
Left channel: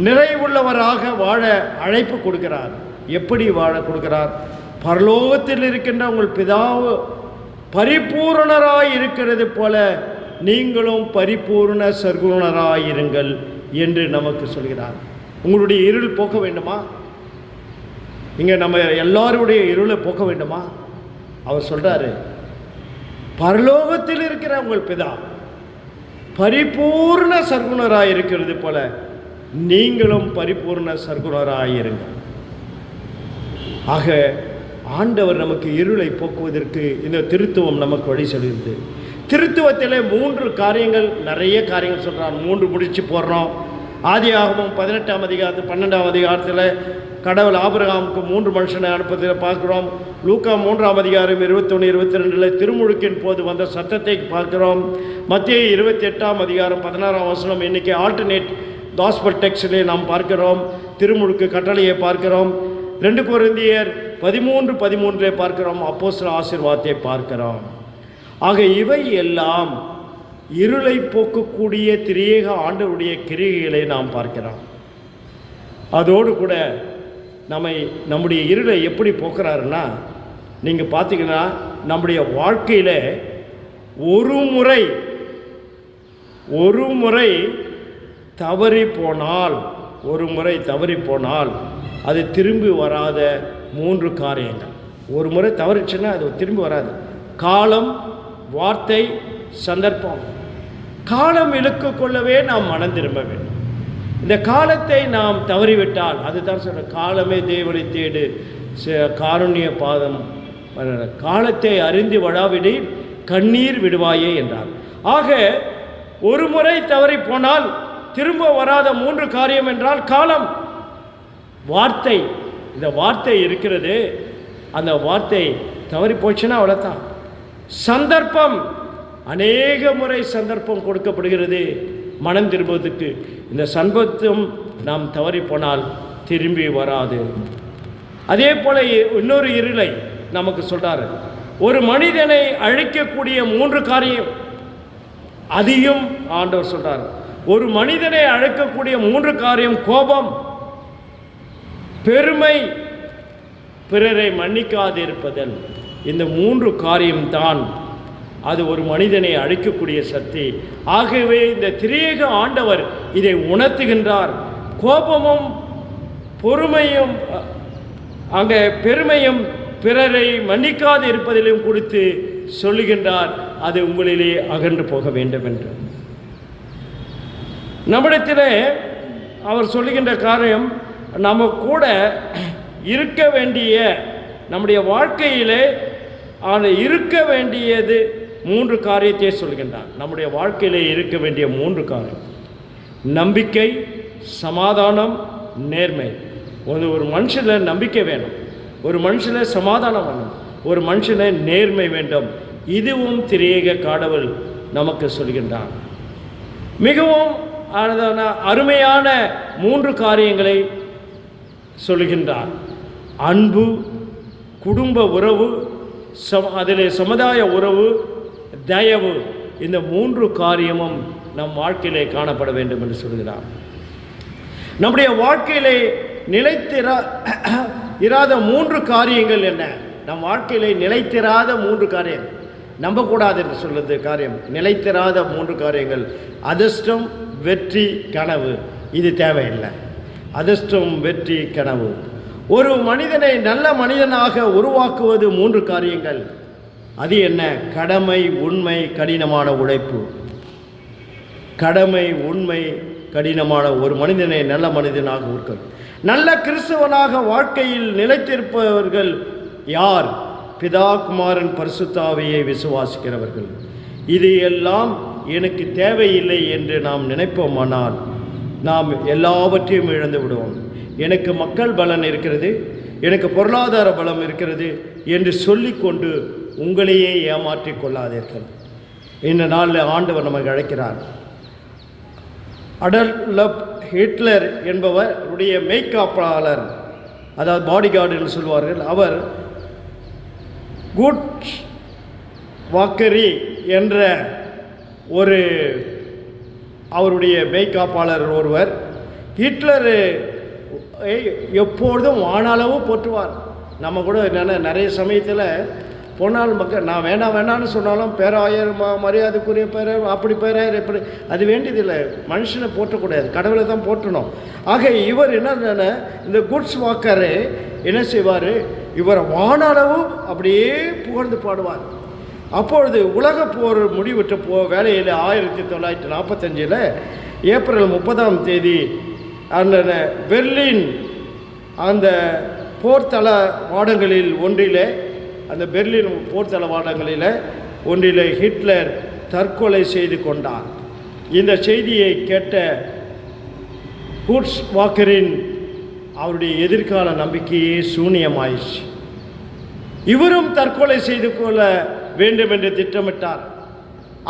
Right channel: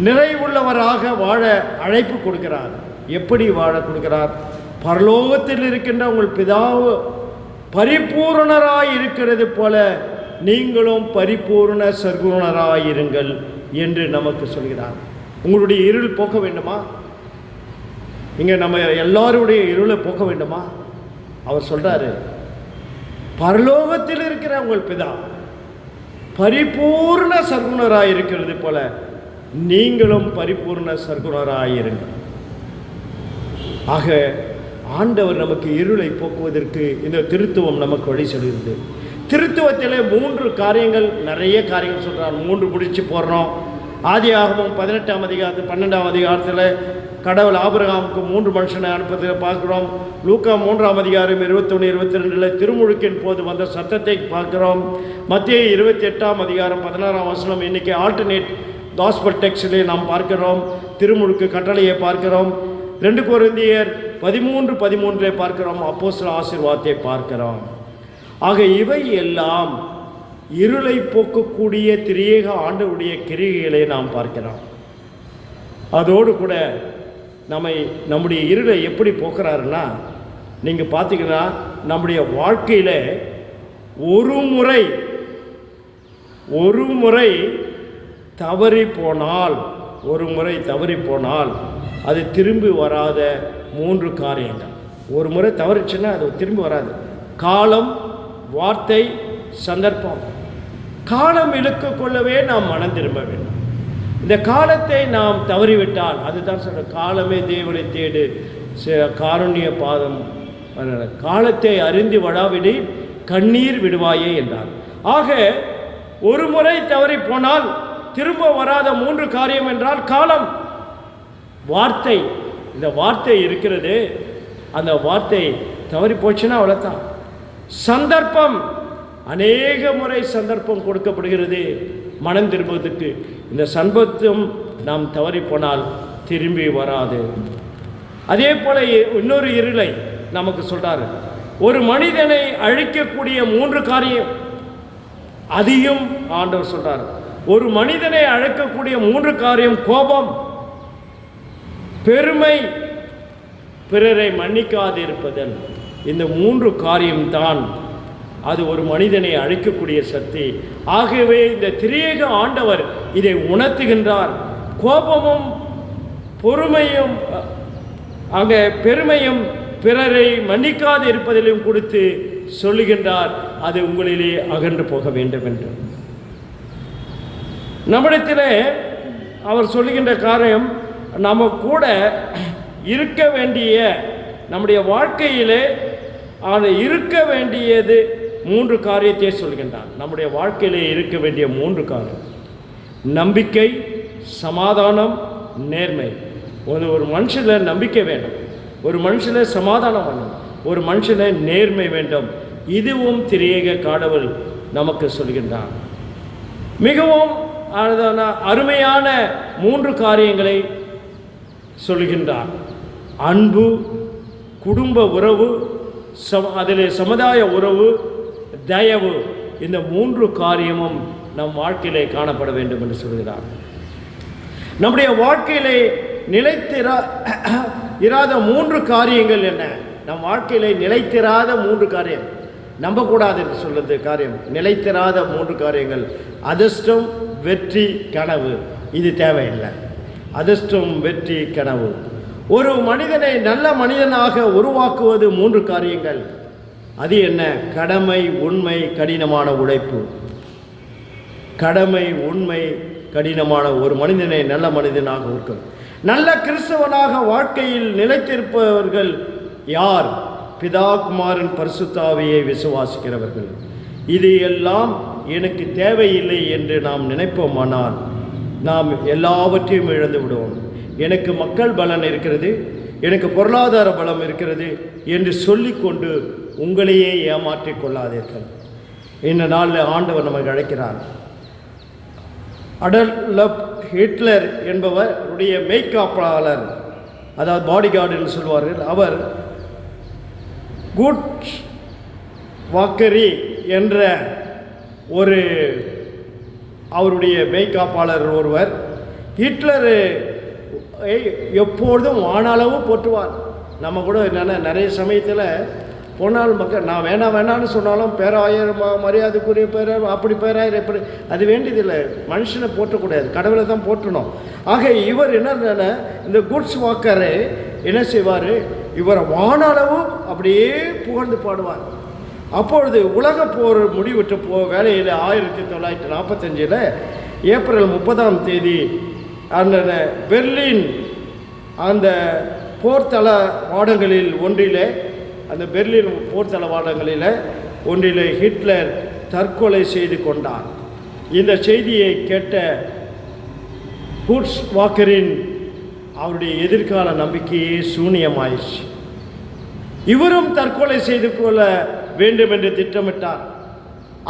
நிறைவுள்ளவராக வாழ அழைப்பு கொடுக்கிறார். எப்படி வாழ கொடுக்கிறார்? பரலோகத்தில் இருக்கின்ற உங்கள் பிதாவு பரிபூரணராய் இருக்கிறது போல நீங்களும் பரிபூர்ண சர்க்குணராயிருங்கள் என்று நமக்கு சொல்கிறார். உங்களுடைய இருள் போக்க வேண்டுமா? இங்கே நம்ம எல்லாருடைய இருளை போக்க வேண்டுமா? அவர் சொல்றாரு, பரலோகத்தில் இருக்கிற உங்கள் பிதா பரிபூர்ண சர்க்குணராயிருக்கிறது போல நீங்களும் பரிபூர்ண சர்க்குணராயிருங்கள். ஆக ஆண்டவர் நமக்கு இருளை போக்குவதற்கு இந்த திருத்துவம் நமக்கு வழி சொல்கிறது. திருத்துவத்தில் 3 காரியங்கள், நிறைய காரியங்கள் சொல்கிறார். 3 முடிச்சு போடுறோம். ஆதியாகமம் 18ஆம் அதிகாரத்தில் 12ஆம் அதிகாரத்தில் கடவுள் ஆபிரகாமுக்கு 3 மனுஷனை அனுப்பத்தில் பார்க்குறோம். லூக்கா 3ஆம் அதிகாரம் 21, 22 திருமுழுக்கின் போது வந்த சத்தத்தை பார்க்கிறோம். மத்திய 28ஆம் அதிகாரம் 16ஆம் வசனம் இன்னைக்கு ஆல்டர்னேட் காஸ்பல் டெக்ஸ்டிலே நாம் பார்க்கிறோம். திருமுழுக்கு கட்டளையை பார்க்கிறோம். 2 கொரிந்தியர் 13:13 பார்க்கிறோம். அப்போஸ்தலர் ஆசீர்வாதத்தை பார்க்கிறோம். ஆக இவை எல்லாம் இருளை போக்கக்கூடிய திரியேக ஆண்டவருடைய கிரியைகளை நாம் பார்க்கிறோம். அதோடு கூட நம்முடைய இருளை எப்படி போக்குறாருன்னா, நீங்கள் பார்த்தீங்கன்னா நம்முடைய வாழ்க்கையில் ஒரு முறை தவறி போனால் அது திரும்பி வராத 3 காரியங்கள். ஒரு முறை தவறுச்சுன்னா அது திரும்பி வராது. காலம், வார்த்தை, சந்தர்ப்பம். காலம் இழுக்கு கொள்ளவே நாம் மனம் திரும்ப வேண்டும். இந்த காலத்தை நாம் தவறிவிட்டால், அதுதான் சொல்ற, காலமே தேவனை தேடு, காருண்ய பாதம், காலத்தை அறிந்து வழாவிடி கண்ணீர் விடுவாயே என்றார். ஆக ஒரு முறை தவறி போனால் திரும்ப வராத 3 காரியம் என்றால் காலம், வார்த்தை. இந்த வார்த்தை இருக்கிறது, அந்த வார்த்தை தவறி போச்சுன்னா அவ்வளோதான். சந்தர்ப்பம், அநேக முறை சந்தர்ப்பம் கொடுக்கப்படுகிறது மனம் திரும்புவதற்கு. இந்த சந்தர்ப்பம் நாம் தவறி போனால் திரும்பி வராது. அதே போல இன்னொரு இருளை நமக்கு சொல்றாரு. ஒரு மனிதனை அழிக்கக்கூடிய 3 காரியம், அதையும் ஆண்டவர் சொல்றார். ஒரு மனிதனை அழைக்கக்கூடிய 3 காரியம்: கோபம், பெருமை, பிறரை மன்னிக்காதிருப்பதன். இந்த 3 காரியம்தான் அது ஒரு மனிதனை அழிக்கக்கூடிய சக்தி. ஆகவே இந்த திரியேக ஆண்டவர் இதை உணர்த்துகின்றார். கோபமும் பொறுமையும் அங்கே பெருமையும் பிறரை மன்னிக்காது இருப்பதிலும் கொடுத்து சொல்லுகின்றார், அது உங்களிலே அகன்று போக வேண்டும் என்று. நம்மிடத்திலே அவர் சொல்லுகின்ற காரியம், நம்ம கூட இருக்க வேண்டிய, நம்முடைய வாழ்க்கையிலே இருக்க வேண்டியது 3 காரியத்தை சொல்கின்றார். நம்முடைய வாழ்க்கையிலே இருக்க வேண்டிய 3 காரியம்: நம்பிக்கை, சமாதானம், நேர்மை. ஒரு மனுஷனில் நம்பிக்கை வேணும், ஒரு மனுஷனில் சமாதானம் வேணும், ஒரு மனுஷனில் நேர்மை வேண்டும். இதுவும் திரியேக கடவுள் நமக்கு சொல்கின்றார். மிகவும் அருமையான 3 காரியங்களை சொல்கின்றார். அன்பு, குடும்ப உறவு, அதில் சமுதாய உறவு, தயவு. இந்த 3 காரியமும் நம் வாழ்க்கையிலே காணப்பட வேண்டும் என்று சொல்கிறார். நம்முடைய வாழ்க்கையிலே நிலைத்திராத 3 காரியங்கள் என்ன? நம் வாழ்க்கையிலே நிலைத்திராத 3 காரியம், நம்பக்கூடாது என்று சொல்லுறது காரியம். நிலைத்திராத 3 காரியங்கள்: அதிர்ஷ்டம், வெற்றி, கனவு. இது தேவையில்லை. அதிர்ஷ்டம், வெற்றி, கனவு. ஒரு மனிதனை நல்ல மனிதனாக உருவாக்குவது 3 காரியங்கள். அது என்ன? கடமை, உண்மை, கடினமான உழைப்பு. கடமை, உண்மை, கடினமான ஒரு மனிதனை நல்ல மனிதனாக இருக்கிறது. நல்ல கிறிஸ்தவனாக வாழ்க்கையில் நிலைத்திருப்பவர்கள் யார்? பிதா, குமாரன், பரிசுத்த ஆவியை விசுவாசிக்கிறவர்கள். இது எல்லாம் எனக்கு தேவையில்லை என்று நாம் நினைப்போமானால் நாம் எல்லாவற்றையும் இழந்து விடுவோம். எனக்கு மக்கள் பலன் இருக்கிறது, எனக்கு பொருளாதார பலம் இருக்கிறது என்று சொல்லிக்கொண்டு உங்களையே ஏமாற்றிக் கொள்ளாதீர்கள். இந்த நாளில் ஆண்டவர் நமக்கு அழைக்கிறார். அடல்ஃப் ஹிட்லர் என்பவருடைய மெய்காப்பாளர், அதாவது பாடிகார்டு என்று சொல்வார்கள், அவர் குட் வாக்கரி என்ற ஒரு அவருடைய மெய்காப்பாளர் ஒருவர் ஹிட்லர் எப்பொழுதும் வானளவு போற்றுவார். நம்ம கூட நிறைய சமயத்தில் போனால் மக்கள் நான் வேணான்னு சொன்னாலும் பேராயர், மரியாதைக்குரிய பேராயர், அப்படி பேராயர், எப்படி, அது வேண்டியதில்லை. மனுஷனை போற்றக்கூடாது, கடவுளை தான் போற்றணும். ஆக இவர் என்ன, இந்த குட்ஸ் வாக்கரை என்ன செய்வார்? இவர் வானளவு அப்படியே புகழ்ந்து பாடுவார். அப்பொழுது உலக போர் முடிவிட்டு வேலையில் 1945 ஏப்ரல் 30ஆம் தேதி அந்த பெர்லின் அந்த போர்த்தளவாடங்களில் ஒன்றிலே, அந்த பெர்லின் போர்த்தளவாடங்களில் ஒன்றிலே ஹிட்லர் தற்கொலை செய்து கொண்டார். இந்த செய்தியை கேட்ட குட்ஸ் வாக்கரின் அவருடைய எதிர்கால நம்பிக்கையே சூனியமாயிடுச்சு. இவரும் தற்கொலை செய்து கொள்ள வேண்டும் என்று திட்டமிட்டார்.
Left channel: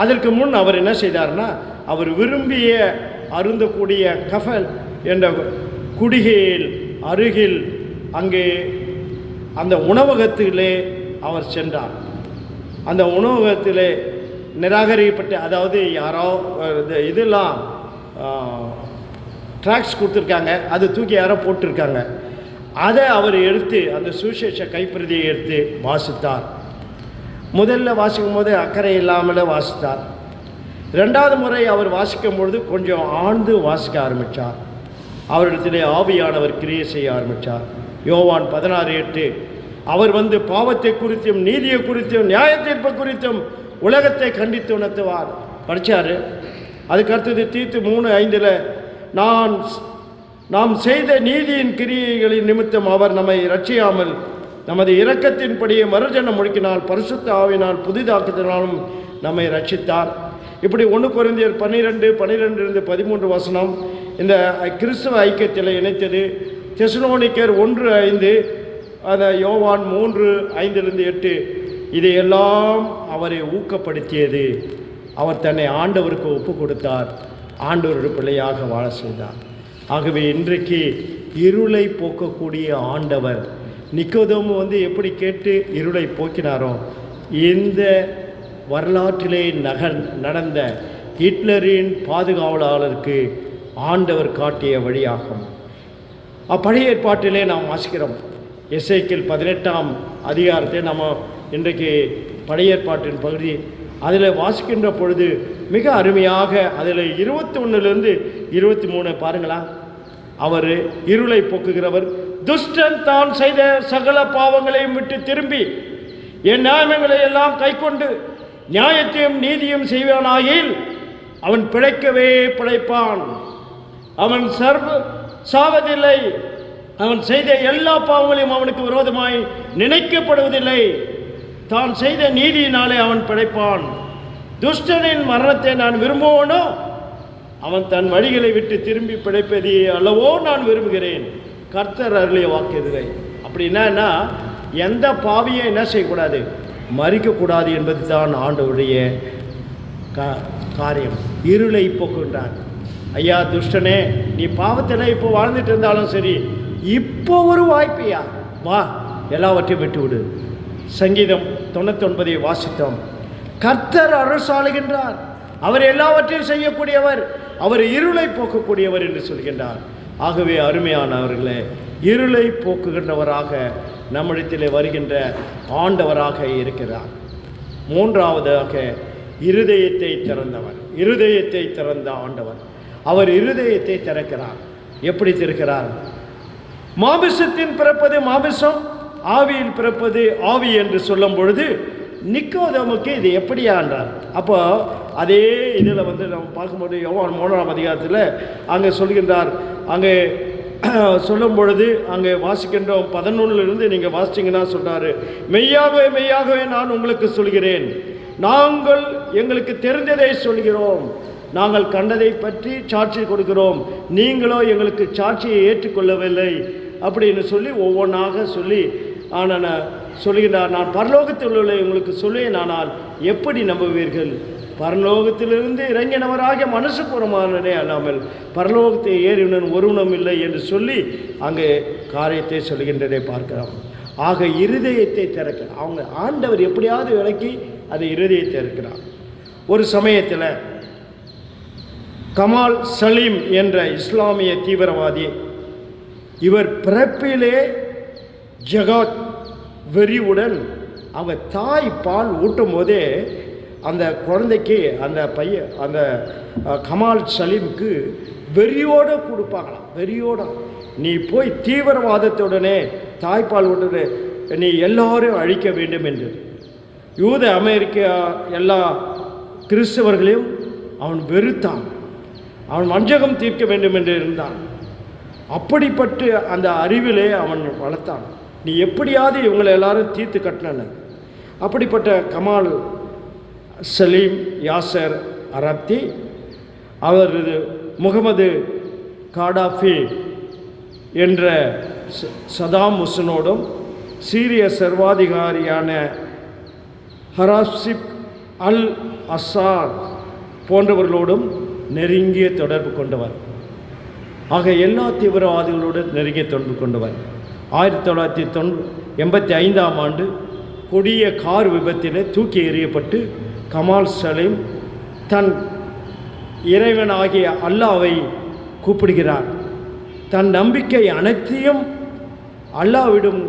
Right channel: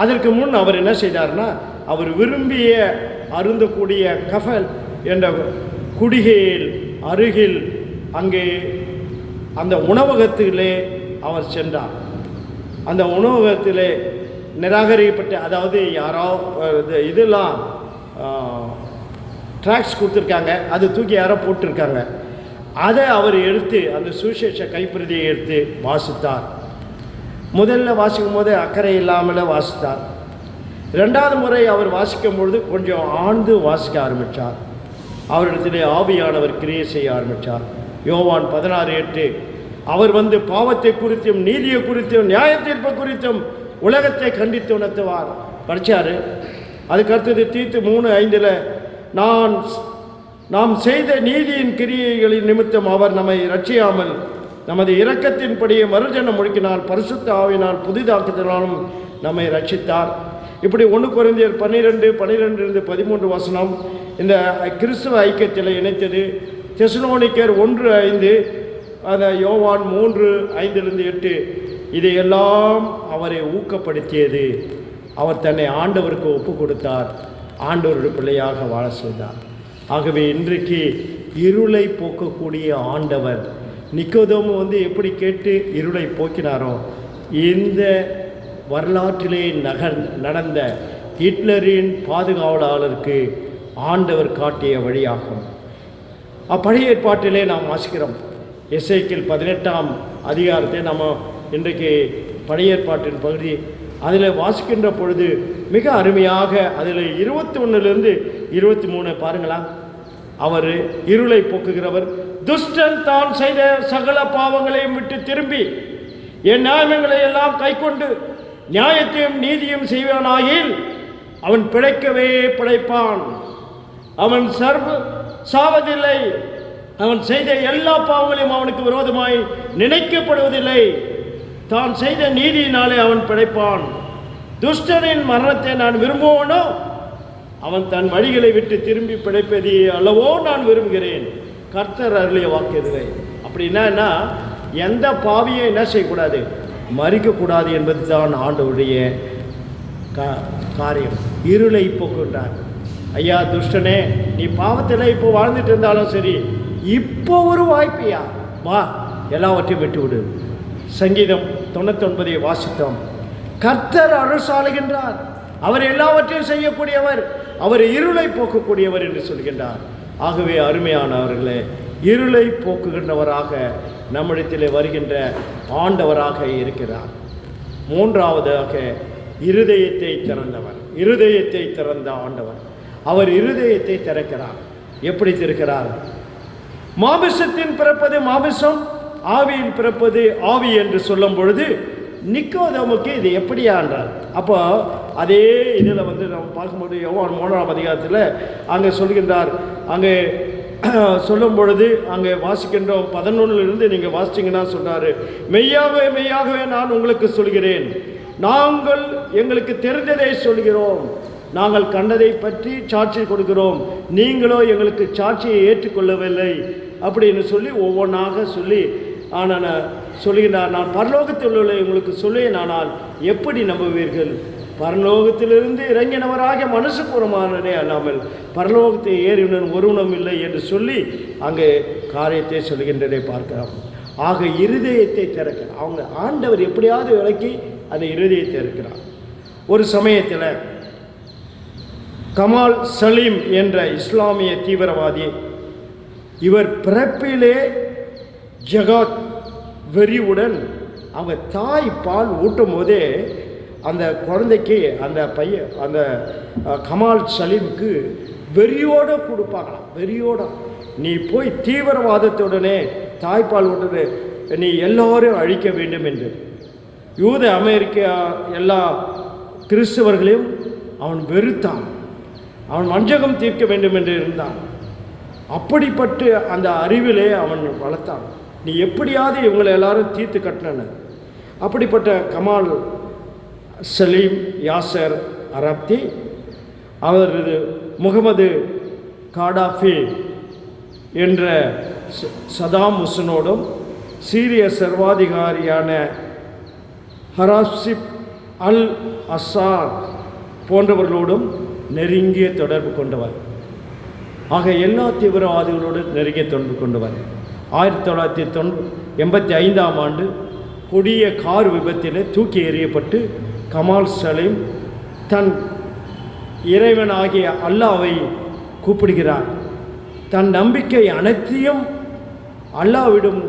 அதற்கு முன் அவர் என்ன செய்தார்னா, அவர் விரும்பிய அருந்தக்கூடிய கஃபன் என்ற குடிகையில் அருகில் அங்கே அந்த உணவகத்திலே அவர் சென்றார். அந்த உணவகத்திலே நிராகரிக்கப்பட்ட, அதாவது யாராவது இதெல்லாம் ட்ராக்ஸ் கொடுத்துருக்காங்க, அதை தூக்கி யாரோ போட்டிருக்காங்க. அதை அவர் எடுத்து அந்த சுவிசேஷ கைப்பிரதியை எடுத்து வாசித்தார். முதல்ல வாசிக்கும் போது அக்கறை இல்லாமல் வாசித்தார். 2வது முறை அவர் வாசிக்கும் பொழுது கொஞ்சம் ஆழ்ந்து வாசிக்க ஆரம்பித்தார். அவரிடத்திலே ஆவியானவர் கிரியை செய்ய ஆரம்பித்தார். யோவான் 16:8 அவர் வந்து பாவத்தை குறித்தும் நீதியை குறித்தும் நியாய தீர்ப்பை குறித்தும் உலகத்தை கண்டித்து உணர்த்துவார். படித்தார். அதுக்கு அடுத்தது தீத்து 3:5 நாம் செய்த நீதியின் கிரியைகளின் நிமித்தம் அவர் நம்மை ரட்சியாமல் நமது இரக்கத்தின்படியே மறுஜன்மம் முழுக்கினால் பரிசுத்த ஆவியினால் புதிதாக்குதலாலும் நம்மை ரட்சித்தார். இப்படி 1 கொரிந்தியர் 12:13 வசனம் இந்த கிறிஸ்தவ ஐக்கியத்தில் இணைத்தது. தெசலோனிக்கர் 1:5, அந்த யோவான் 3:5-8 இதையெல்லாம் அவரை ஊக்கப்படுத்தியது. அவர் தன்னை ஆண்டவருக்கு ஒப்பு கொடுத்தார், ஆண்டவருடைய பிள்ளையாக வாழ செய்தார். ஆகவே இன்றைக்கு இருளை போக்கக்கூடிய ஆண்டவர் நிக்கோதேமு வந்து எப்படி கேட்டு இருளை போக்கினாரோ, இந்த வரலாற்றிலே நடந்த ஹிட்லரின் பாதுகாவலருக்கு ஆண்டவர் காட்டிய வழியாகும். பழைய ஏற்பாட்டிலே நாம் வாசிக்கிறோம். எசேக்கியேல் 18ஆம் அதிகாரத்தை நம்ம இன்றைக்கு பழைய ஏற்பாட்டின் பகுதி அதில் வாசிக்கின்ற பொழுது மிக அருமையாக அதில் 21 23 பாருங்களா. அவர் இருளை போக்குகிறவர், துஷ்டன் தான் செய்த சகல பாவங்களையும் விட்டு திரும்பி என் நியாயங்களை எல்லாம் கைக்கொண்டு நியாயத்தையும் நீதியும் செய்வனாயில் அவன் பிழைக்கவே பிழைப்பான், அவன் சாவதில்லை, அவன் செய்த எல்லா பாவங்களையும் அவனுக்கு விரோதமாய் நினைக்கப்படுவதில்லை, தான் செய்த நீதியினாலே அவன் பிழைப்பான். துஷ்டனின் மரணத்தை நான் விரும்புவனோ, அவன் தன் வழிகளை விட்டு திரும்பி பிழைப்பதை அல்லவோ நான் விரும்புகிறேன். கர்த்தர் அருளிய வாக்குறுதியை. அப்படின்னா எந்த பாவியை என்ன செய்யக்கூடாது, மறிக்கக்கூடாது என்பது தான் ஆண்டவருடைய காரியம். இருளை போக்குகின்றார். ஐயா துஷ்டனே, நீ பாவத்தில் இப்போ வாழ்ந்துட்டு இருந்தாலும் சரி, இப்போ ஒரு வாய்ப்பையா வா, எல்லாவற்றையும் விட்டு விடு. சங்கீதம் 99 வாசித்தோம். கர்த்தர் அரசாளுகின்றார், அவர் எல்லாவற்றையும் செய்யக்கூடியவர், அவர் இருளை போக்கக்கூடியவர் என்று சொல்கின்றார். ஆகவே அருமையானவர்களே, இருளை போக்குகின்றவராக நம்மிடத்திலே வருகின்ற ஆண்டவராக இருக்கிறார். மூன்றாவதாக இருதயத்தை திறந்தவர், இருதயத்தை திறந்த ஆண்டவர். அவர் இருதயத்தை திறக்கிறார். எப்படி திறக்கிறார்? மாமிசத்தின் பிறப்பது மாமிசம், ஆவியில் பிறப்பது ஆவி என்று சொல்லும் பொழுது நிக்கோதேமுக்கு இது எப்படியா என்றார். அப்போ அதே இதில் வந்து நம்ம பார்க்கும்போது யோவான் 3ஆம் அதிகாரத்தில் அங்கே சொல்கின்றார். அங்கே சொல்லும் பொழுது அங்கே வாசிக்கின்றோம் 11 நீங்கள் வாசிச்சிங்கன்னா சொல்கிறாரு, மெய்யாகவே மெய்யாகவே நான் உங்களுக்கு சொல்கிறேன், நாங்கள் எங்களுக்கு தெரிந்ததை சொல்கிறோம், நாங்கள் கண்டதை பற்றி சாட்சி கொடுக்கிறோம், நீங்களோ எங்களுக்கு சாட்சியை ஏற்றுக்கொள்ளவில்லை அப்படின்னு சொல்லி ஒவ்வொன்றாக சொல்லி ஆனால் சொல்லுகிறார். நான் பரலோகத்தில் உள்ள உங்களுக்கு சொல்லேன், ஆனால் எப்படி நம்புவீர்கள்? பரலோகத்திலிருந்து இறங்கினவராக மனுஷபூர்வமானதே அல்லாமல் பரலோகத்தை ஏறினன் ஒருவனும் இல்லை என்று சொல்லி அங்கே காரியத்தை சொல்கின்றதை பார்க்கலாம். ஆக இருதயத்தை திறக்கிறார். அவங்க ஆண்டவர் எப்படியாவது விளக்கி அந்த இருதயத்தை இருக்கிறார். ஒரு சமயத்தில் கமால் சலீம் என்ற இஸ்லாமிய தீவிரவாதி, இவர் பிறப்பிலே ஜகாத் வெறியுடன் அவங்க தாய் பால் ஊட்டும் போதே அந்த குழந்தைக்கு அந்த பையன் அந்த கமால் சலீமுக்கு வெறியோடு கொடுப்பாங்களாம். வெறியோட நீ போய் தீவிரவாதத்துடனே தாய்ப்பால் ஊட்டுறது நீ எல்லோரும் அழிக்க வேண்டும் என்று யூத அமெரிக்க எல்லா கிறிஸ்தவர்களையும் அவன் வெறுத்தான். அவன் வஞ்சகம் தீர்க்க வேண்டும் என்று இருந்தான். அப்படிப்பட்டு அந்த அறிவிலே அவன் வளர்த்தான். நீ எப்படியாவது இவங்களை எல்லாரும் தீர்த்து கட்டின. அப்படிப்பட்ட கமால் சலீம் யாசர் அரப்தி அவர் முகமது காடாஃபி என்ற சதாம் ஹுசனோடும் சீரிய சர்வாதிகாரியான ஹராசிப் அல் அசார் போன்றவர்களோடும் நெருங்கிய தொடர்பு கொண்டவர். ஆக எல்லா தீவிரவாதிகளோடு நெருங்கிய தொடர்பு கொண்டவர். 1985ஆம் ஆண்டு கொடிய கார் விபத்தில் தூக்கி எறியப்பட்டு கமால் சலீம் தன் இறைவனாகிய அல்லாவை கூப்பிடுகிறார். தன் நம்பிக்கை அனைத்தையும் அல்லாவிடம்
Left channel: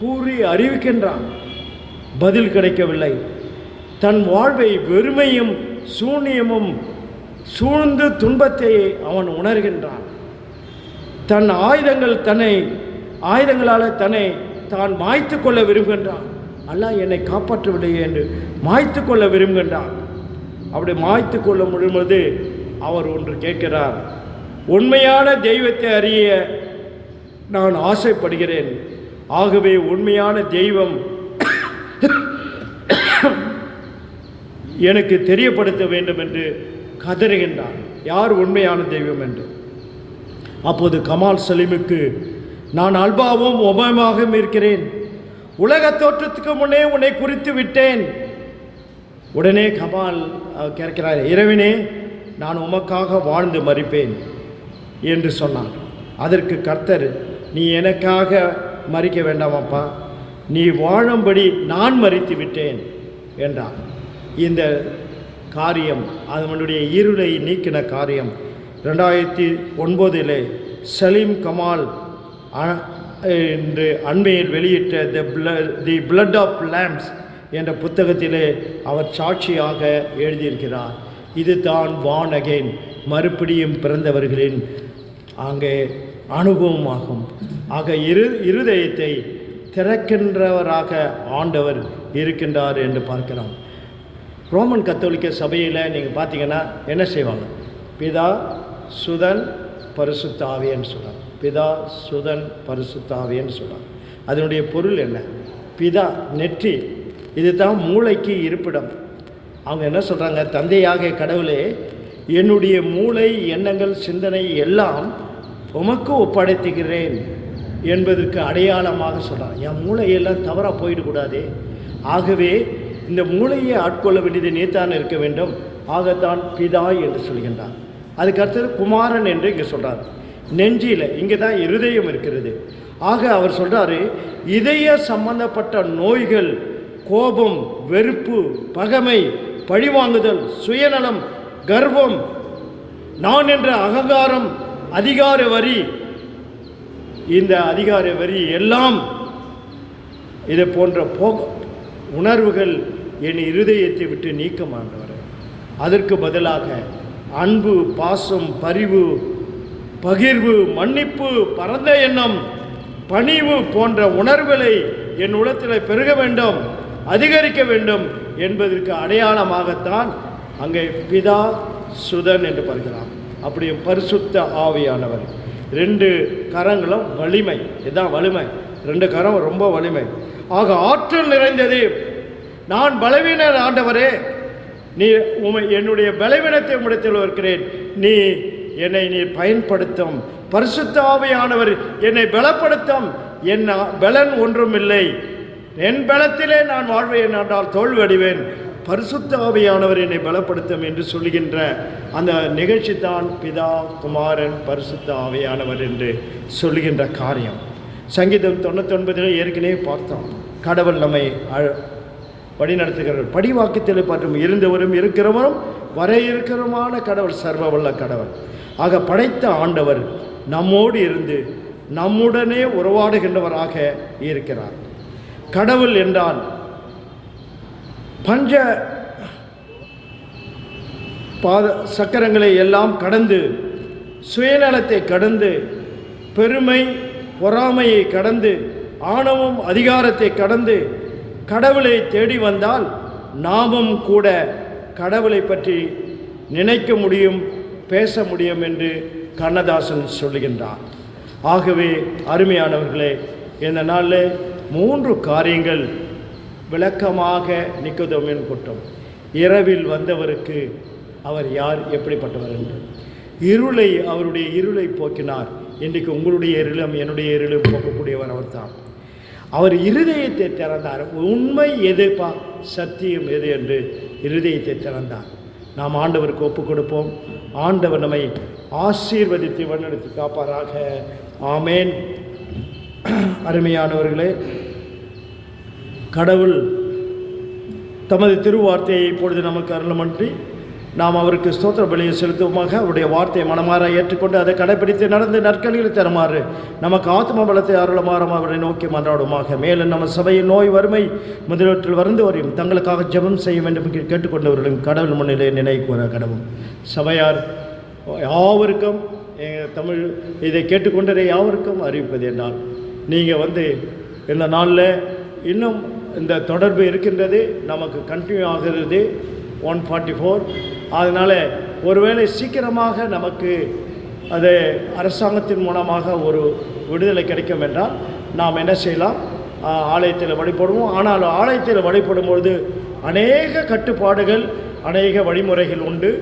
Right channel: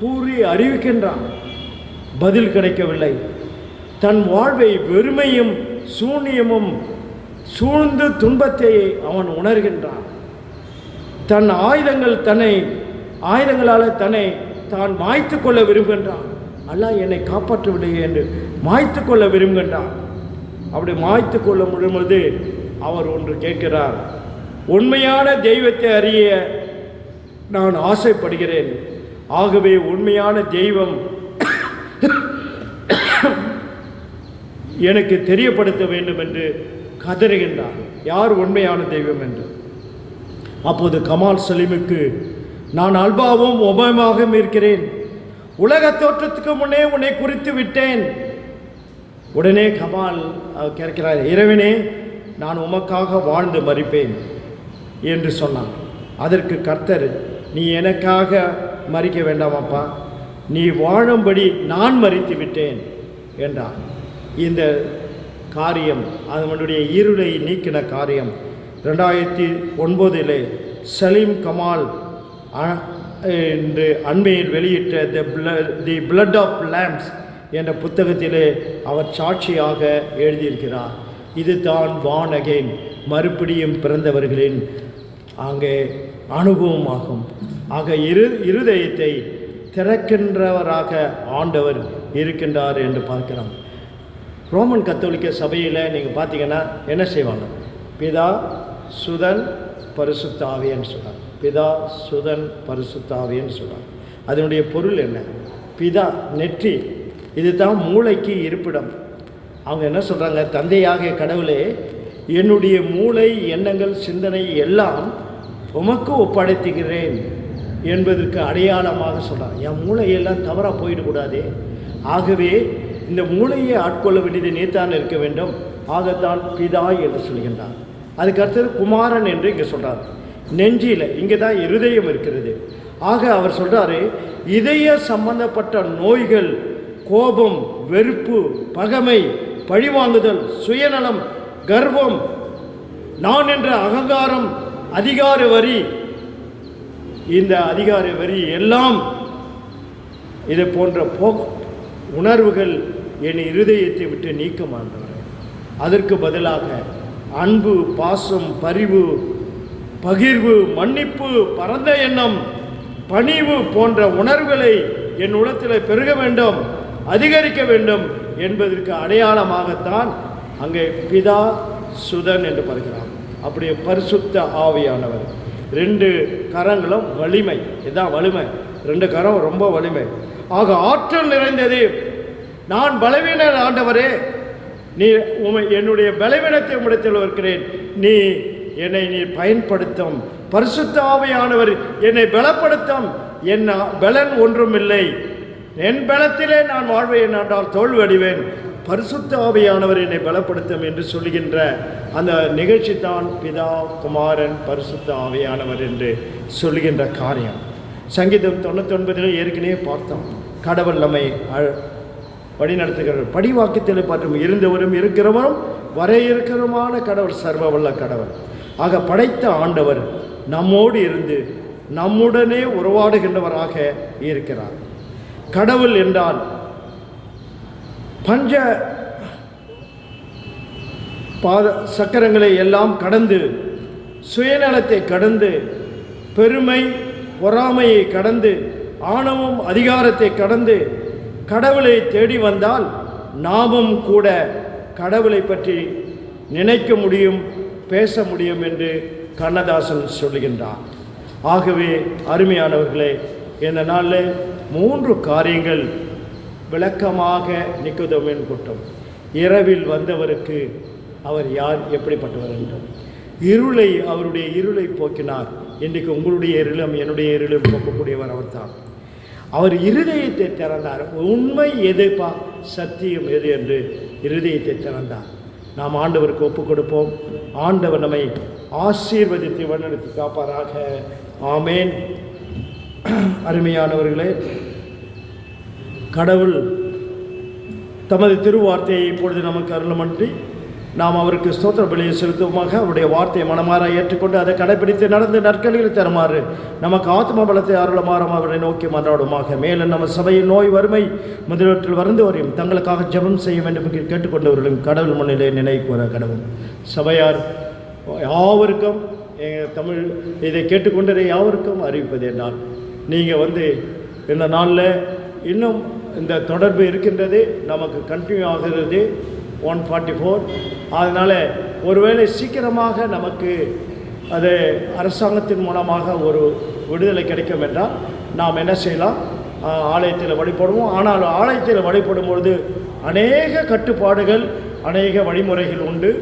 கூறி அறிவிக்கின்றான். பதில் கிடைக்கவில்லை. தன் வாழ்வை வெறுமையும் சூன்யமும் சூழ்ந்து துன்பத்தை அவன் உணர்கின்றான். தன் ஆயுதங்களால் தன்னை தான் மாய்த்து கொள்ள விரும்புகின்றான். அல்லாஹ் என்னை காப்பாற்றவில்லையே என்று மாய்த்து கொள்ள விரும்புகின்றான். அப்படி மாய்த்து கொள்ள முடியும்போது அவர் ஒன்று கேட்கிறார், உண்மையான தெய்வத்தை அறிய நான் ஆசைப்படுகிறேன். ஆகவே உண்மையான தெய்வம் எனக்கு தெரியப்படுத்த வேண்டும் என்று கதறுகின்றார். யார் உண்மையான தெய்வம் என்று. அப்போது கமால் சலீமுக்கு, நான் அல்பாவும் ஒபாமாகவும் இருக்கிறேன், உலக தோற்றத்துக்கு முன்னே உன்னை குறித்து விட்டேன். உடனே கமால் கேட்கிறார், இறைவனே, நான் உமக்காக வாழ்ந்து மரிப்பேன் என்று சொன்னான். அதற்கு கர்த்தர், நீ எனக்காக மரிக்க வேண்டாமப்பா, நீ வாழும்படி நான் மரித்து விட்டேன் என்றான். இந்த காரியம், அதனுடைய இருளை நீக்கின காரியம் 2009 சலீம் கமால் என்று அண்மையில் வெளியிட்ட தி பிளட் ஆஃப் லேம்ப்ஸ் என்ற புத்தகத்திலே அவர் சாட்சியாக எழுதியிருக்கிறார். இது தான் வான் அகெயின், மறுபடியும் பிறந்தவர்களின் அங்கே அனுபவமாகும். ஆக இருதயத்தை திறக்கின்றவராக ஆண்டவர் இருக்கின்றார் என்று பார்க்கலாம். ரோமன் கத்தோலிக்க சபையில் நீங்கள் பார்த்தீங்கன்னா என்ன செய்வாங்க? பிதா சுதன் பரிசுத்த ஆவியன்னு சொல்கிறார். பிதா சுதன் பரிசுத்த ஆவியன்னு சொல்கிறார். அதனுடைய பொருள் என்ன? பிதா நெற்றி, இது தான் மூளைக்கு இருப்பிடம். அவங்க என்ன சொல்கிறாங்க? தந்தையாக கடவுளே, என்னுடைய மூளை, எண்ணங்கள், சிந்தனை எல்லாம் உமக்கு ஒப்படைத்துகிறேன் என்பதற்கு அடையாளமாக சொல்கிறார். என் மூளையெல்லாம் தவறாக போயிடக்கூடாது. ஆகவே இந்த மூளையை ஆட்கொள்ள வேண்டியது நீத்தான் இருக்க வேண்டும். ஆகத்தான் பிதா என்று சொல்கின்றார். அதுக்கு அடுத்தது குமாரன் என்று இங்கே சொல்கிறார். நெஞ்சில் இங்கே தான் இருதயம் இருக்கிறது. ஆக அவர் சொல்கிறாரு, இதய சம்பந்தப்பட்ட நோய்கள், கோபம், வெறுப்பு, பகைமை, பழிவாங்குதல், சுயநலம், கர்வம், நான் என்ற அகங்காரம், அதிகார வரி, இந்த அதிகார வரி எல்லாம் இதை போன்ற உணர்வுகள் என் இருதயத்தை விட்டு நீக்க மாட்டார். அதற்கு பதிலாக அன்பு, பாசம், பரிவு, பகிர்வு, மன்னிப்பு, பரந்த எண்ணம், பணிவு போன்ற உணர்வுகளை என் உள்ளத்தில் பெருக வேண்டும், அதிகரிக்க வேண்டும் என்பதற்கு அடையாளமாகத்தான் அங்கே பிதா சுதன் என்று பார்க்கிறார். அப்படி பரிசுத்த ஆவியானவர். 2 கரங்களும் வலிமை. இதுதான் வலிமை. 2 கரம் ரொம்ப வலிமை. ஆக ஆற்றல் நிறைந்தது. நான் பலவீனன் ஆண்டவரே, நீ என்னுடைய பலவீனத்தை உம்மிடத்தில் இருக்கிறேன், நீ என்னை பயன்படுத்தும். பரிசுத்த ஆவியானவர் என்னை பலப்படுத்தும். என் பலன் ஒன்றுமில்லை, என் பலத்திலே நான் வாழ்வேன் என்றால் தோல்வி அடைவேன். பரிசுத்த ஆவியானவர் என்னை பலப்படுத்தும் என்று சொல்கின்ற அந்த நிகழ்ச்சி தான் பிதா, குமாரன், பரிசுத்த ஆவியானவர் என்று சொல்கின்ற காரியம். சங்கீதம் 99 ஏற்கனவே பார்த்தோம். கடவுள் நம்மை வழிநடத்துகிறார். படிவாக்கத்தில் பார்த்தும் இருந்தவரும் இருக்கிறவரும் வரையிருக்கிறமான கடவுள், சர்வ வல்ல கடவுள். ஆக படைத்த ஆண்டவர் நம்மோடு இருந்து நம்முடனே உறவாடுகின்றவராக இருக்கிறார். கடவுள் என்றால் பஞ்ச சக்கரங்களை எல்லாம் கடந்து, சுயநலத்தை கடந்து, பெருமை பொறாமையை கடந்து, ஆணவம் அதிகாரத்தை கடந்து கடவுளை தேடி வந்தால் நாமும் கூட கடவுளை பற்றி நினைக்க முடியும், பேச முடியும் என்று கண்ணதாசன் சொல்லுகின்றார். ஆகவே அருமையானவர்களே, இந்த நாளில் 3 காரியங்கள் விளக்கமாக நிக்கோதேமின் கூட்டம். இரவில் வந்தவருக்கு அவர் யார், எப்படிப்பட்டவர் என்றும் இருளை, அவருடைய இருளை போக்கினார். இன்றைக்கு உங்களுடைய இருளும் என்னுடைய இருளும் போக்கக்கூடியவர் அவர்தான். அவர் இருதயத்தை திறந்தார். உண்மை எதுப்பா, சத்தியம் எது என்று இருதயத்தை திறந்தார். நாம் ஆண்டவருக்கு ஒப்புக் கொடுப்போம். ஆண்டவர் நம்மை ஆசீர்வதித்து வழிநடத்தி காப்பாராக. ஆமேன். அருமையானவர்களே, கடவுள் தமது திருவார்த்தையை இப்பொழுது நமக்கு அருளுமன்றி நாம் அவருக்கு ஸ்தோத்திர பலியை செலுத்துவோமாக. அவருடைய வார்த்தையை மனமாற ஏற்றுக்கொண்டு அதை கடைபிடித்து நடந்து நற்கழிகளை தருமாறு நமக்கு ஆத்ம பலத்தை அருளமாறும் அவரை நோக்கி மன்றாடுமாக. மேலும் நம்ம சபையில் நோய், வறுமை முதலீட்டில் வருந்தவரையும் தங்களுக்காக ஜெபம் செய்ய வேண்டும் என்று கேட்டுக்கொண்டவர்களும் கடவுள் முன்னிலை நினைக்கூற கடவுள். சபையார் யாவருக்கும் தமிழ் இதை கேட்டுக்கொண்டதை யாவருக்கும் அறிவிப்பது என்றால், நீங்கள் இந்த நாளில் இன்னும் இந்த தொடர்பு இருக்கின்றது, நமக்கு கண்டினியூ ஆகிறது 144. அதனால் ஒருவேளை சீக்கிரமாக நமக்கு அது அரசாங்கத்தின் மூலமாக ஒரு விடுதலை கிடைக்கும் என்றால் நாம் என்ன செய்யலாம், ஆலயத்தில் வழிபடுவோம். ஆனால் ஆலயத்தில் வழிபடும்பொழுது அநேக கட்டுப்பாடுகள், அநேக வழிமுறைகள் உண்டு.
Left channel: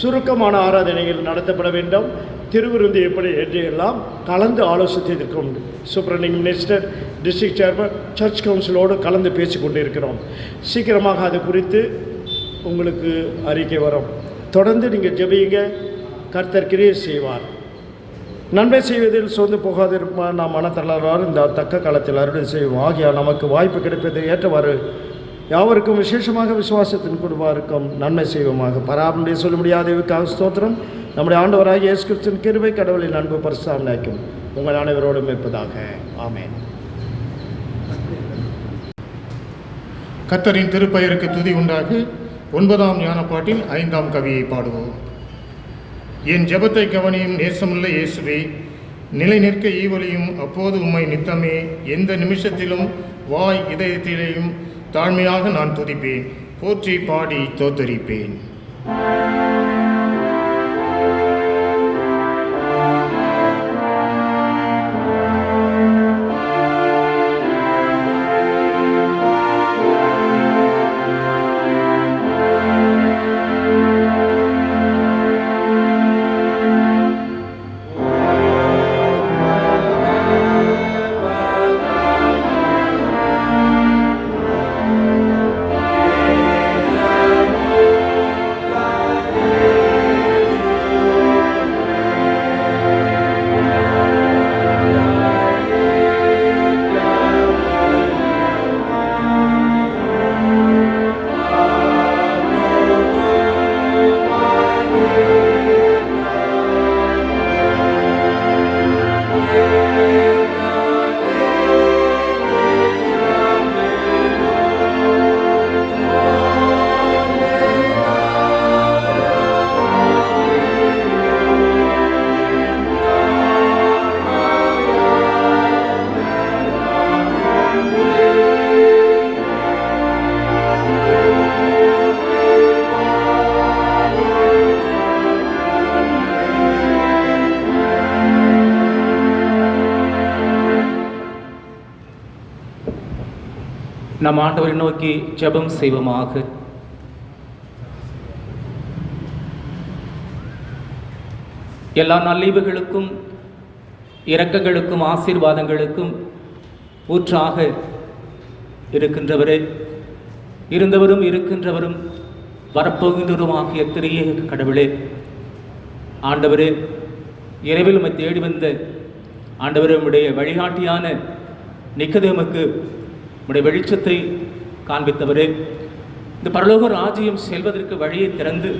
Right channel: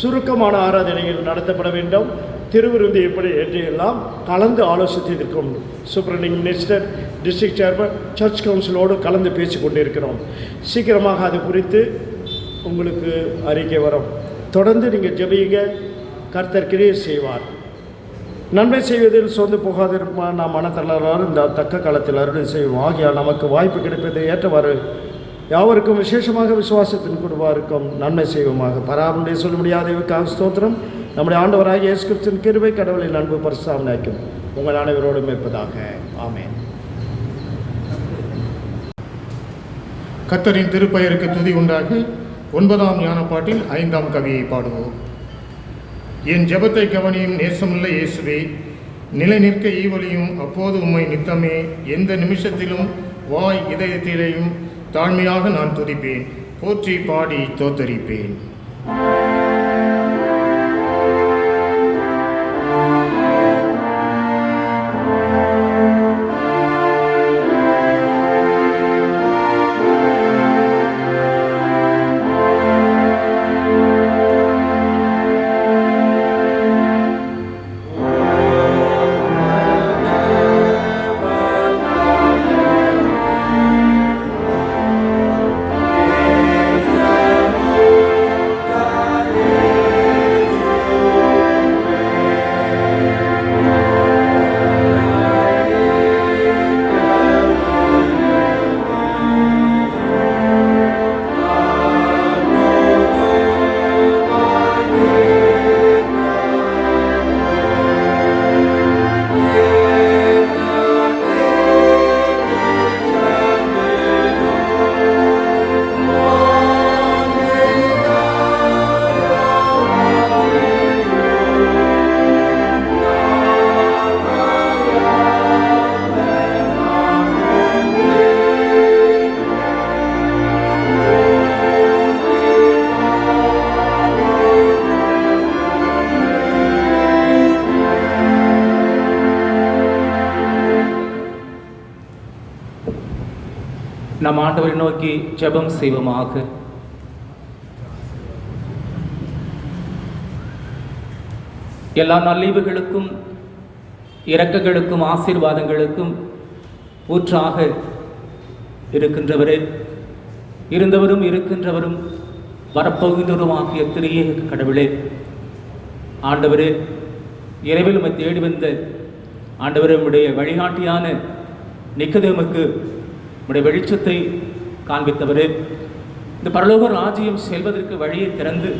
சுருக்கமான ஆராதனைகள் நடத்தப்பட வேண்டும். திருவிருந்து எப்படி என்று எல்லாம் கலந்து ஆலோசித்திருக்கும். Superintending minister, district chairman, church கவுன்சிலோடு கலந்து பேசிக்கொண்டு இருக்கிறோம். சீக்கிரமாக அது குறித்து உங்களுக்கு அறிக்கை வரும். தொடர்ந்து நீங்கள் ஜெபியுங்க, கர்த்தர் கிரியை செய்வார். நன்மை செய்வதில் சோர்ந்து போகாதிருப்பார். நாம் மனத்தளர்வார் இந்த தக்க காலத்தில் அருளை செய்வோம். ஆகியால் நமக்கு வாய்ப்பு கிடைப்பதை ஏற்றவாறு யாவருக்கும் விசேஷமாக விசுவாசத்தின் குடும்பருக்கும் நன்மை செய்வோமாக. பராமரியை சொல்ல முடியாதவருக்காக ஸ்தோத்திரம். நம்முடைய ஆண்டவராகிய இயேசு கிறிஸ்துவின் கிருபை, கடவுளின் அன்பு பரிசுத்தம் உங்கள் அனைவரோடும் இருப்பதாக. ஆமென். கர்த்தரின் திருப்பெயருக்கு துதி உண்டாக 9ஆம் ஞானப்பாட்டின் 5ஆம் கவியை பாடுவோம். என் ஜெபத்தை கவனியும் நேசமுள்ள இயேசுவே, நிலை நிற்க ஈவலியும் அப்போது உம்மை நித்தமே எந்த நிமிஷத்திலும் வாய் இதயத்திலேயும் தாழ்மையாக நான் துதிப்பேன், போற்றி பாடி தோத்தரிப்பேன். நம் ஆண்டவரை நோக்கி ஜெபம் செய்வோமாக. எல்லா நல்லீவுகளுக்கும் இரக்கங்களுக்கும் ஆசீர்வாதங்களுக்கும் ஊற்றாக இருக்கின்றவரே, இருந்தவரும் இருக்கின்றவரும் வரப்போகின்றவரும் ஆகிய திரியேக கடவுளே, ஆண்டவரே, இரவில் உம்மை தேடி வந்த ஆண்டவரே, உம்முடைய வழிகாட்டியான நிக்கதேமுக்கு உம்முடைய வெளிச்சத்தை காண்பித்தவரே, இந்த பரலோக ராஜ்யம் செல்வதற்கு வழியை திறந்து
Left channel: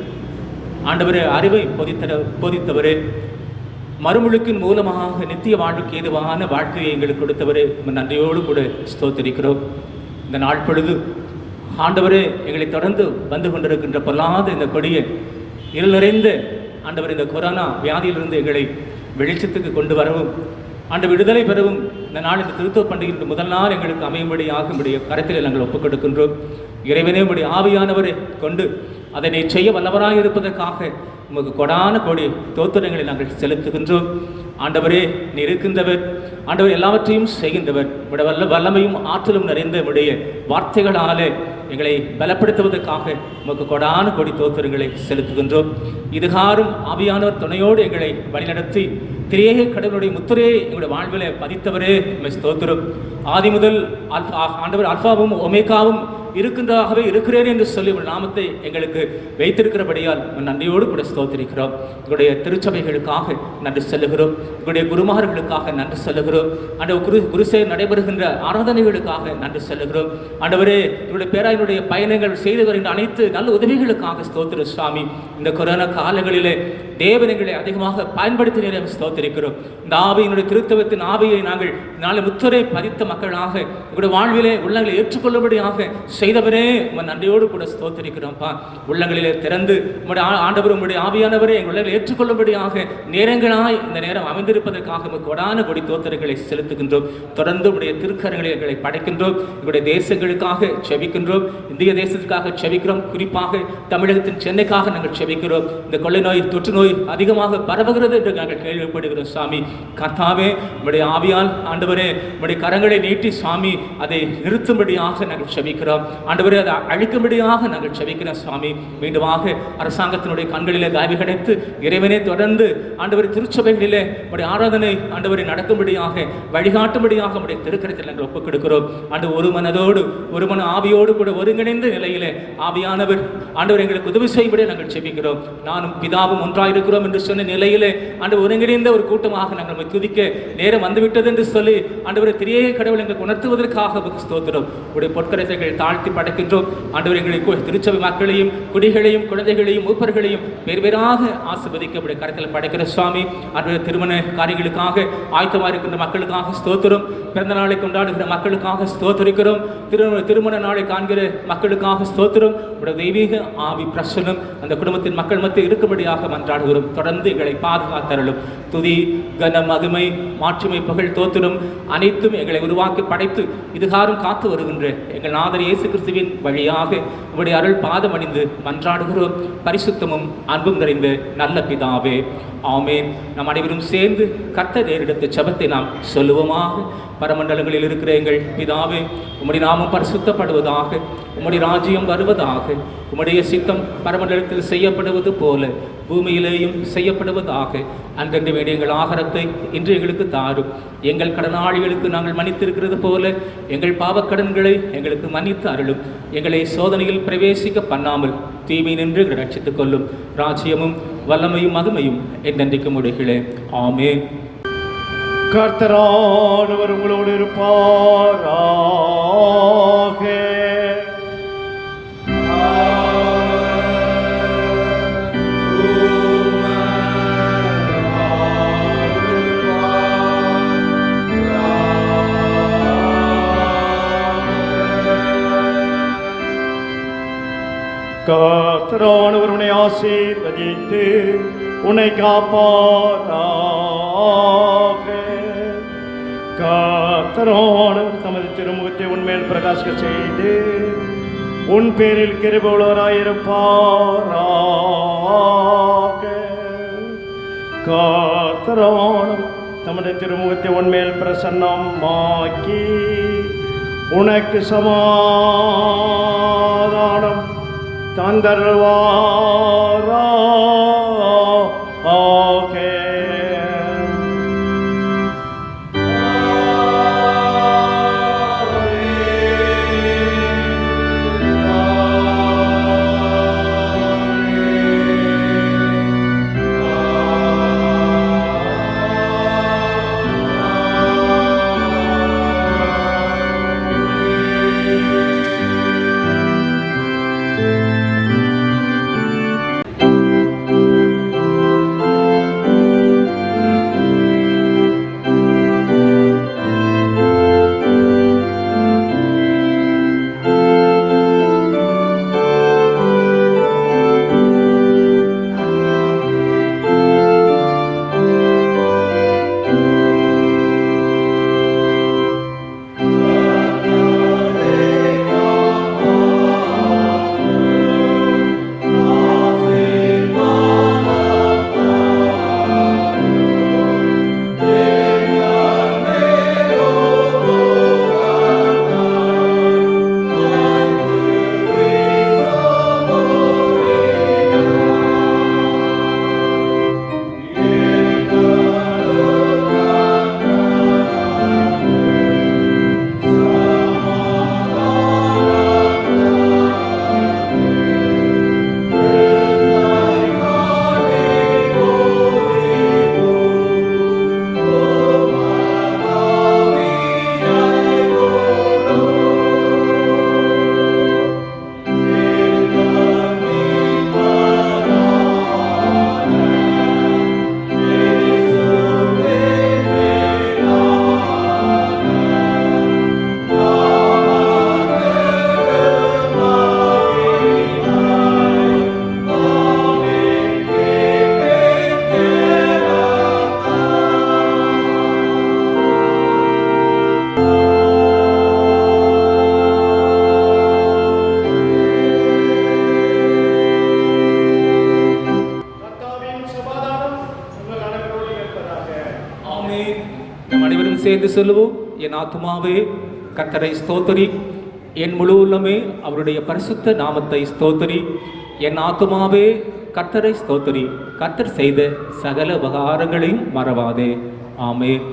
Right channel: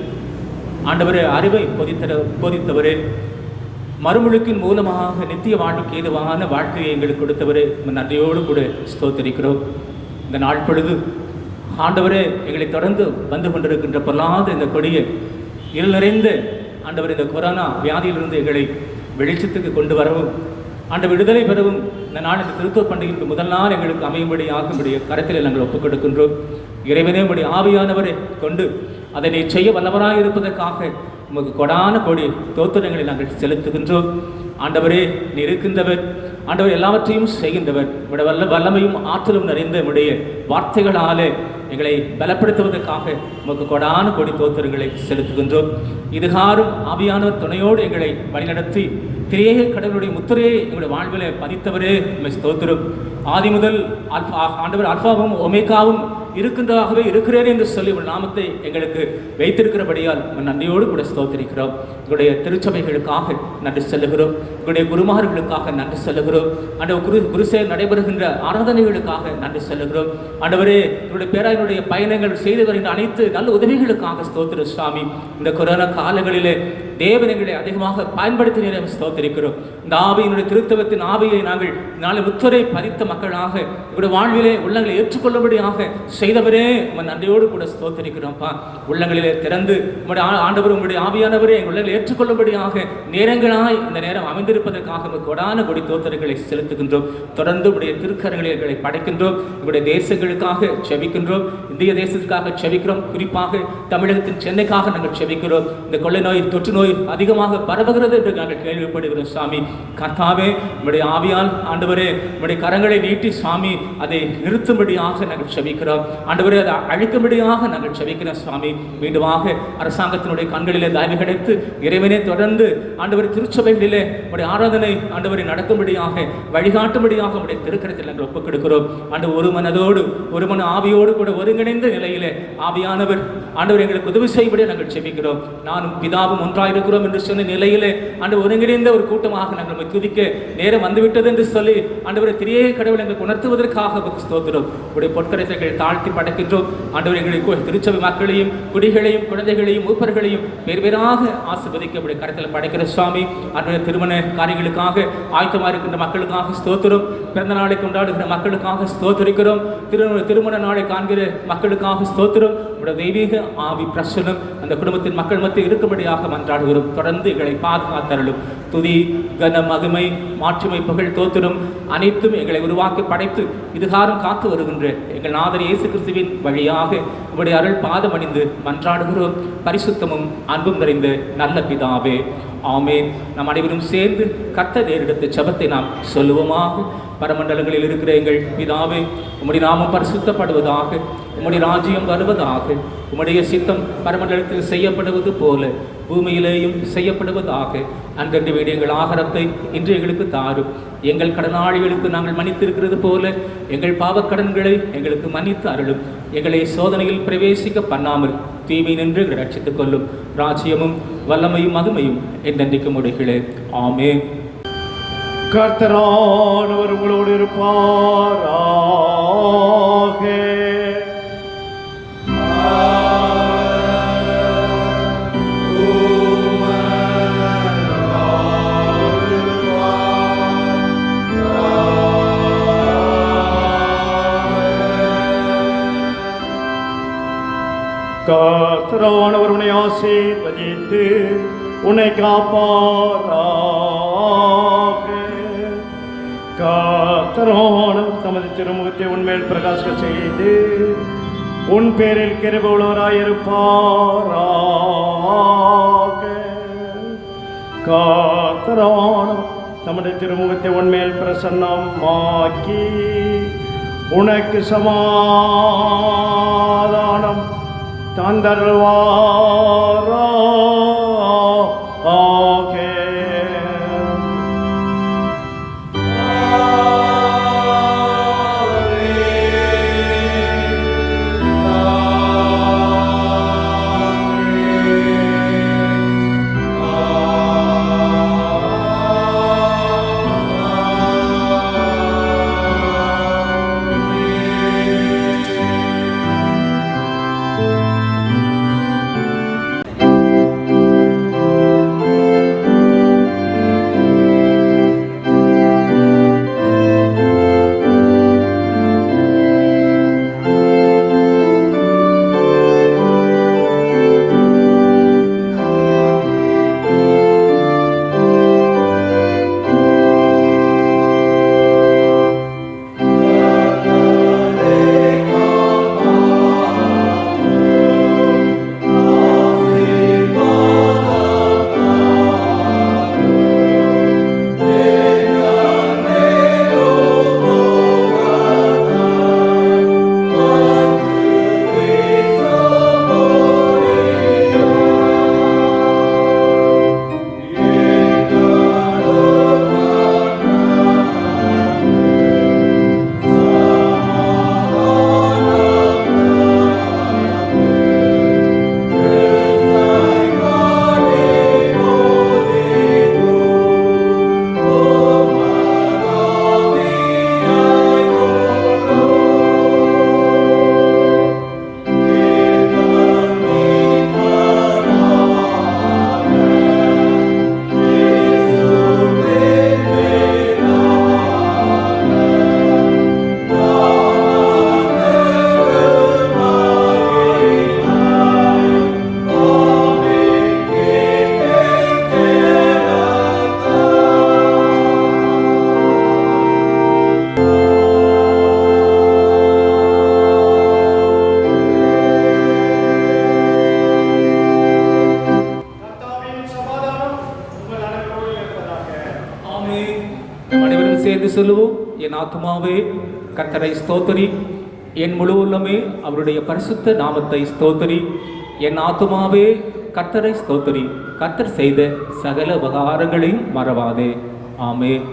ஆண்டவரே அறிவை போதித்தவரே, மறுமுழுக்கின் மூலமாக நித்திய வாழ்க்கைக்கு ஏதுவான வாழ்க்கையை எங்களுக்கு கொடுத்தவரே, நன்றியோடு கூட ஸ்தோத்திரிக்கிறோம். இந்த நாள் பொழுது ஆண்டவரே, எங்களை தொடர்ந்து வந்து கொண்டிருக்கின்ற பொல்லாத இந்த கொடிய இருள் நிறைந்த ஆண்டவர் இந்த கொரோனா வியாதியிலிருந்து எங்களை வெளிச்சத்துக்கு கொண்டு வரவும், ஆண்டு விடுதலை பெறவும் இந்த நாள் இந்த திருத்துவ பண்டிகைக்கு முதல் நாள் எங்களுக்கு அமையும்படியாகும்படிய கருத்தில் நாங்கள் ஒப்புக் கொடுக்கின்றோம். இறைவனே, உடைய ஆவியானவரை கொண்டு அதனை செய்ய வல்லவராக இருப்பதற்காக உமக்கு கொடான கோடி தோத்திரங்களை நாங்கள் செலுத்துகின்றோம். ஆண்டவரே, நீ இருக்கின்றவர், ஆண்டவர் எல்லாவற்றையும் செய்கின்றவர், உடைய வல்லமையும் ஆற்றலும் நிறைந்த உடைய வார்த்தைகளாலே எங்களை பலப்படுத்துவதற்காக உமக்கு கொடான கோடி தோத்திரங்களை செலுத்துகின்றோம். இதுகாரும் ஆவியானவர் துணையோடு எங்களை வழிநடத்தி திரியேக கடவுளுடைய முத்திரையை எங்களுடைய வாழ்விலே பதித்தவரே, உம்மை ஸ்தோத்திரம். ஆதி முதல் ஆண்டவர் அல்பாவும் ஒமேகாவும் இருக்கின்றதாகவே இருக்கிறேன் என்று சொல்லி உங்கள் நாமத்தை எங்களுக்கு வைத்திருக்கிறபடியால் நன்றியோடு கூட ஸ்தோத்திரிக்கிறோம். எங்களுடைய திருச்சபைகளுக்காக நன்றி செல்லுகிறோம், எங்களுடைய குருமார்களுக்காக நன்றி செல்லுகிறோம், ஆண்டவர் குருசேர் நடைபெறுகின்ற ஆராதனைகளுக்காக நன்றி செல்லுகிறோம். ஆண்டவரே, எங்களுடைய பேராயனுடைய பயணங்கள் செய்து வருகின்ற அனைத்து நல்ல உதவிகளுக்காக ஸ்தோத்திர சுவாமி. இந்த கொரோனா காலங்களிலே தேவனைகளை அதிகமாக பயன்படுத்தினீர்கள் ஸ்தோத்திரிக்கிறோம். இந்த ஆவியினுடைய திருத்தவத்தின் ஆவியை நாங்கள் நாளை முத்துரை பதித்த மக்களாக எங்களுடைய வாழ்விலே உள்ளங்களை ஏற்றுக்கொள்ளும்படியாக செய்தவரே உங்கள் நன்றியோடு கூட ஸ்தோத்திரிக்கிறோம்ப்பா. உள்ளங்களிலே திறந்து உங்களுடைய ஆண்டவர் உங்களுடைய ஆவியானவரே எங்கள் உள்ளங்களை ஏற்றுக்கொள்ளும்படியாக நேரங்களாய் இந்த நேரம் அமைந்திருப்பதற்காக கொடான கொடி தோத்திரங்களை செலுத்துகின்றோம். தொடர்ந்து உடைய திருக்கரங்களை எங்களை படைக்கின்றோம். எங்களுடைய தேசங்களுக்காக செபிக்கின்றோம். இந்திய தேசத்துக்காக செபிக்கிறோம். குறிப்பாக தமிழகத்தின் சென்னைக்காக நாங்கள் செபிக்கிறோம். இந்த கொள்ளை நோய் தொற்று நோய் அதிகமாக பரவுகிறது என்று நாங்கள் கேள்விப்படுகிறோம். சாமி கர்த்தாவே உங்களுடைய ஆவியால் ஆண்டவரே உங்களுடைய கரங்களை நீட்டி சாமி அதை நிறுத்தும்படியாக நாங்கள் செபிக்கிறோம். ஆண்டவரே அதை அழிக்கும்படியாக நாங்கள் செபிக்கிறோம். சுவாமி மீண்டுமாக அரசாங்கத்தினுடைய கண்களிலே தயவு கிடைத்து இறைவனை தொடர்ந்து ஆண்டவரை திருச்சபைகளிலே உடைய ஆராதனை ஆண்டவரை நடக்கும்படியாக வழிகாட்டும்படியாக உடைய திருக்கரத்தில் நாங்கள் ஒப்புக் கொடுக்கிறோம். ஆண்டவர் ஒரு மனதோடு ஒரு மன ஆவியோடு கூட ஒருங்கிணைந்த நிலையிலே ஆவியானவர் ஆண்டவர் எங்களுக்கு உதவி செய்வதை நாங்கள் செபிக்கிறோம். நானும் பிதாவும் ஒன்றாயிருக்கிறோம் என்று சொன்ன நிலையிலே ஆண்டவர் ஒருங்கிணைந்த ஒரு கூட்டமாக நாங்கள் துதிக்க நேரம் வந்துவிட்டது என்று சொல்லி ஆண்டவரை திரியே கடவுள் எங்களுக்கு உணர்த்துவதற்காக ஸ்தோத்திரம். உடைய பொற்கரத்தை தாழ்த்தி படைக்கின்றோம். ஆண்டவர் எங்களுக்கு திருச்சபை மக்களையும் குடிகளையும் குழந்தைகளையும் மூப்பர்களையும் வேறாக ஆசீர்வதிக்க உடைய கரத்தில் படைக்கிற சுவாமி. ஆண்டவர் திருமண காரியங்களுக்காக ஆயத்தமாக இருக்கின்ற மக்களுக்காக ஸ்தோத்திரம். பிறந்த நாளை கொண்டாடுகிற மக்களுக்காக ஸ்தோத்திரிக்கிறோம். திருமண நாளை காண்கிற மக்களுக்காக ஸ்தோத்திரம். உடைய தெய்வீக ஆவி பிரசனம் அந்த குடும்பத்தின் மக்கள் மத்தியில் இருக்கும்படியாக மன்றாடுகிறோம். தொடர்ந்து எங்களை பாதுகாத்தருளும். துதி கன மகிமை மாற்றுமை புகழ் தோத்திரம் அனைத்தும் எங்களை உருவாக்கி படைத்து இதுகாரம் காத்து வருகின்ற எங்கள் நாதர் இயேசு கிறிஸ்துவின் வழியாக உங்களுடைய அருள் பாதம் அணிந்து மன்றாடுகிறோம். பரிசுத்தமும் அன்பும் நிறைந்த நல்ல பிதாவே ஆமேன். நாம் அனைவரும் சேர்ந்து கர்த்தர் நேரிடத்த ஜெபத்தை நாம் சொல்லுவோமாக. பரமண்டலங்களில் இருக்கிற எங்கள் பிதாவே உம்முடைய நாமம் பரிசுத்தப்படுவதாக, உம்முடைய ராஜ்யம் வருவதாக, உம்முடைய சித்தம் பரமண்டலத்தில் செய்யப்படுவது போல பூமியிலேயும் செய்யப்படுவதாக. அன்றென்று வேண்டிய எங்கள் ஆகாரத்தை இன்று எங்களுக்கு தாரும். எங்கள் கடனாளிகளுக்கு நாங்கள் மன்னித்திருக்கிறது போல எங்கள் பாவக்கடன்களை எங்களுக்கு மன்னித்து அருளும். எங்களை சோதனையில் பிரவேசிக்க பண்ணாமல் தீமை நின்று எங்களை ரட்சித்துக் கொள்ளும். ராஜ்யமும் வல்லமையும் மகிமையும் என்றென்றைக்கும் உடைகளே ஆமென். கர்த்தரானவர் உங்களோடு இருப்பாராக. கர்த்தரானவர் உன்னை ஆசீர்வதித்து உன்னை காப்பாராக. கர்த்தரானவர் தமது திருமுகத்தை உன்மேல் பிரகாசிக்க செய்து உன் பேரில் கிருபையுள்ளவராயிருப்பாராக. கர்த்தரானவர் தமது திருமுகத்தை உன்மேல் பிரசன்னமாக்கி உனக்கு சமாதானம் தந்தருள்வாராக. சேர்ந்து சொல்லுவோம். என் ஆத்துமாவே கர்த்தரை ஸ்தோத்திரி, என் முழு உள்ளமே அவருடைய பரிசுத்த நாமத்தை ஸ்தோத்திரி. என் ஆத்துமாவே கர்த்தரை ஸ்தோத்திரி, கர்த்தர் செய்த சகல உபகாரங்களையும் மறவாதே. ஆமென்.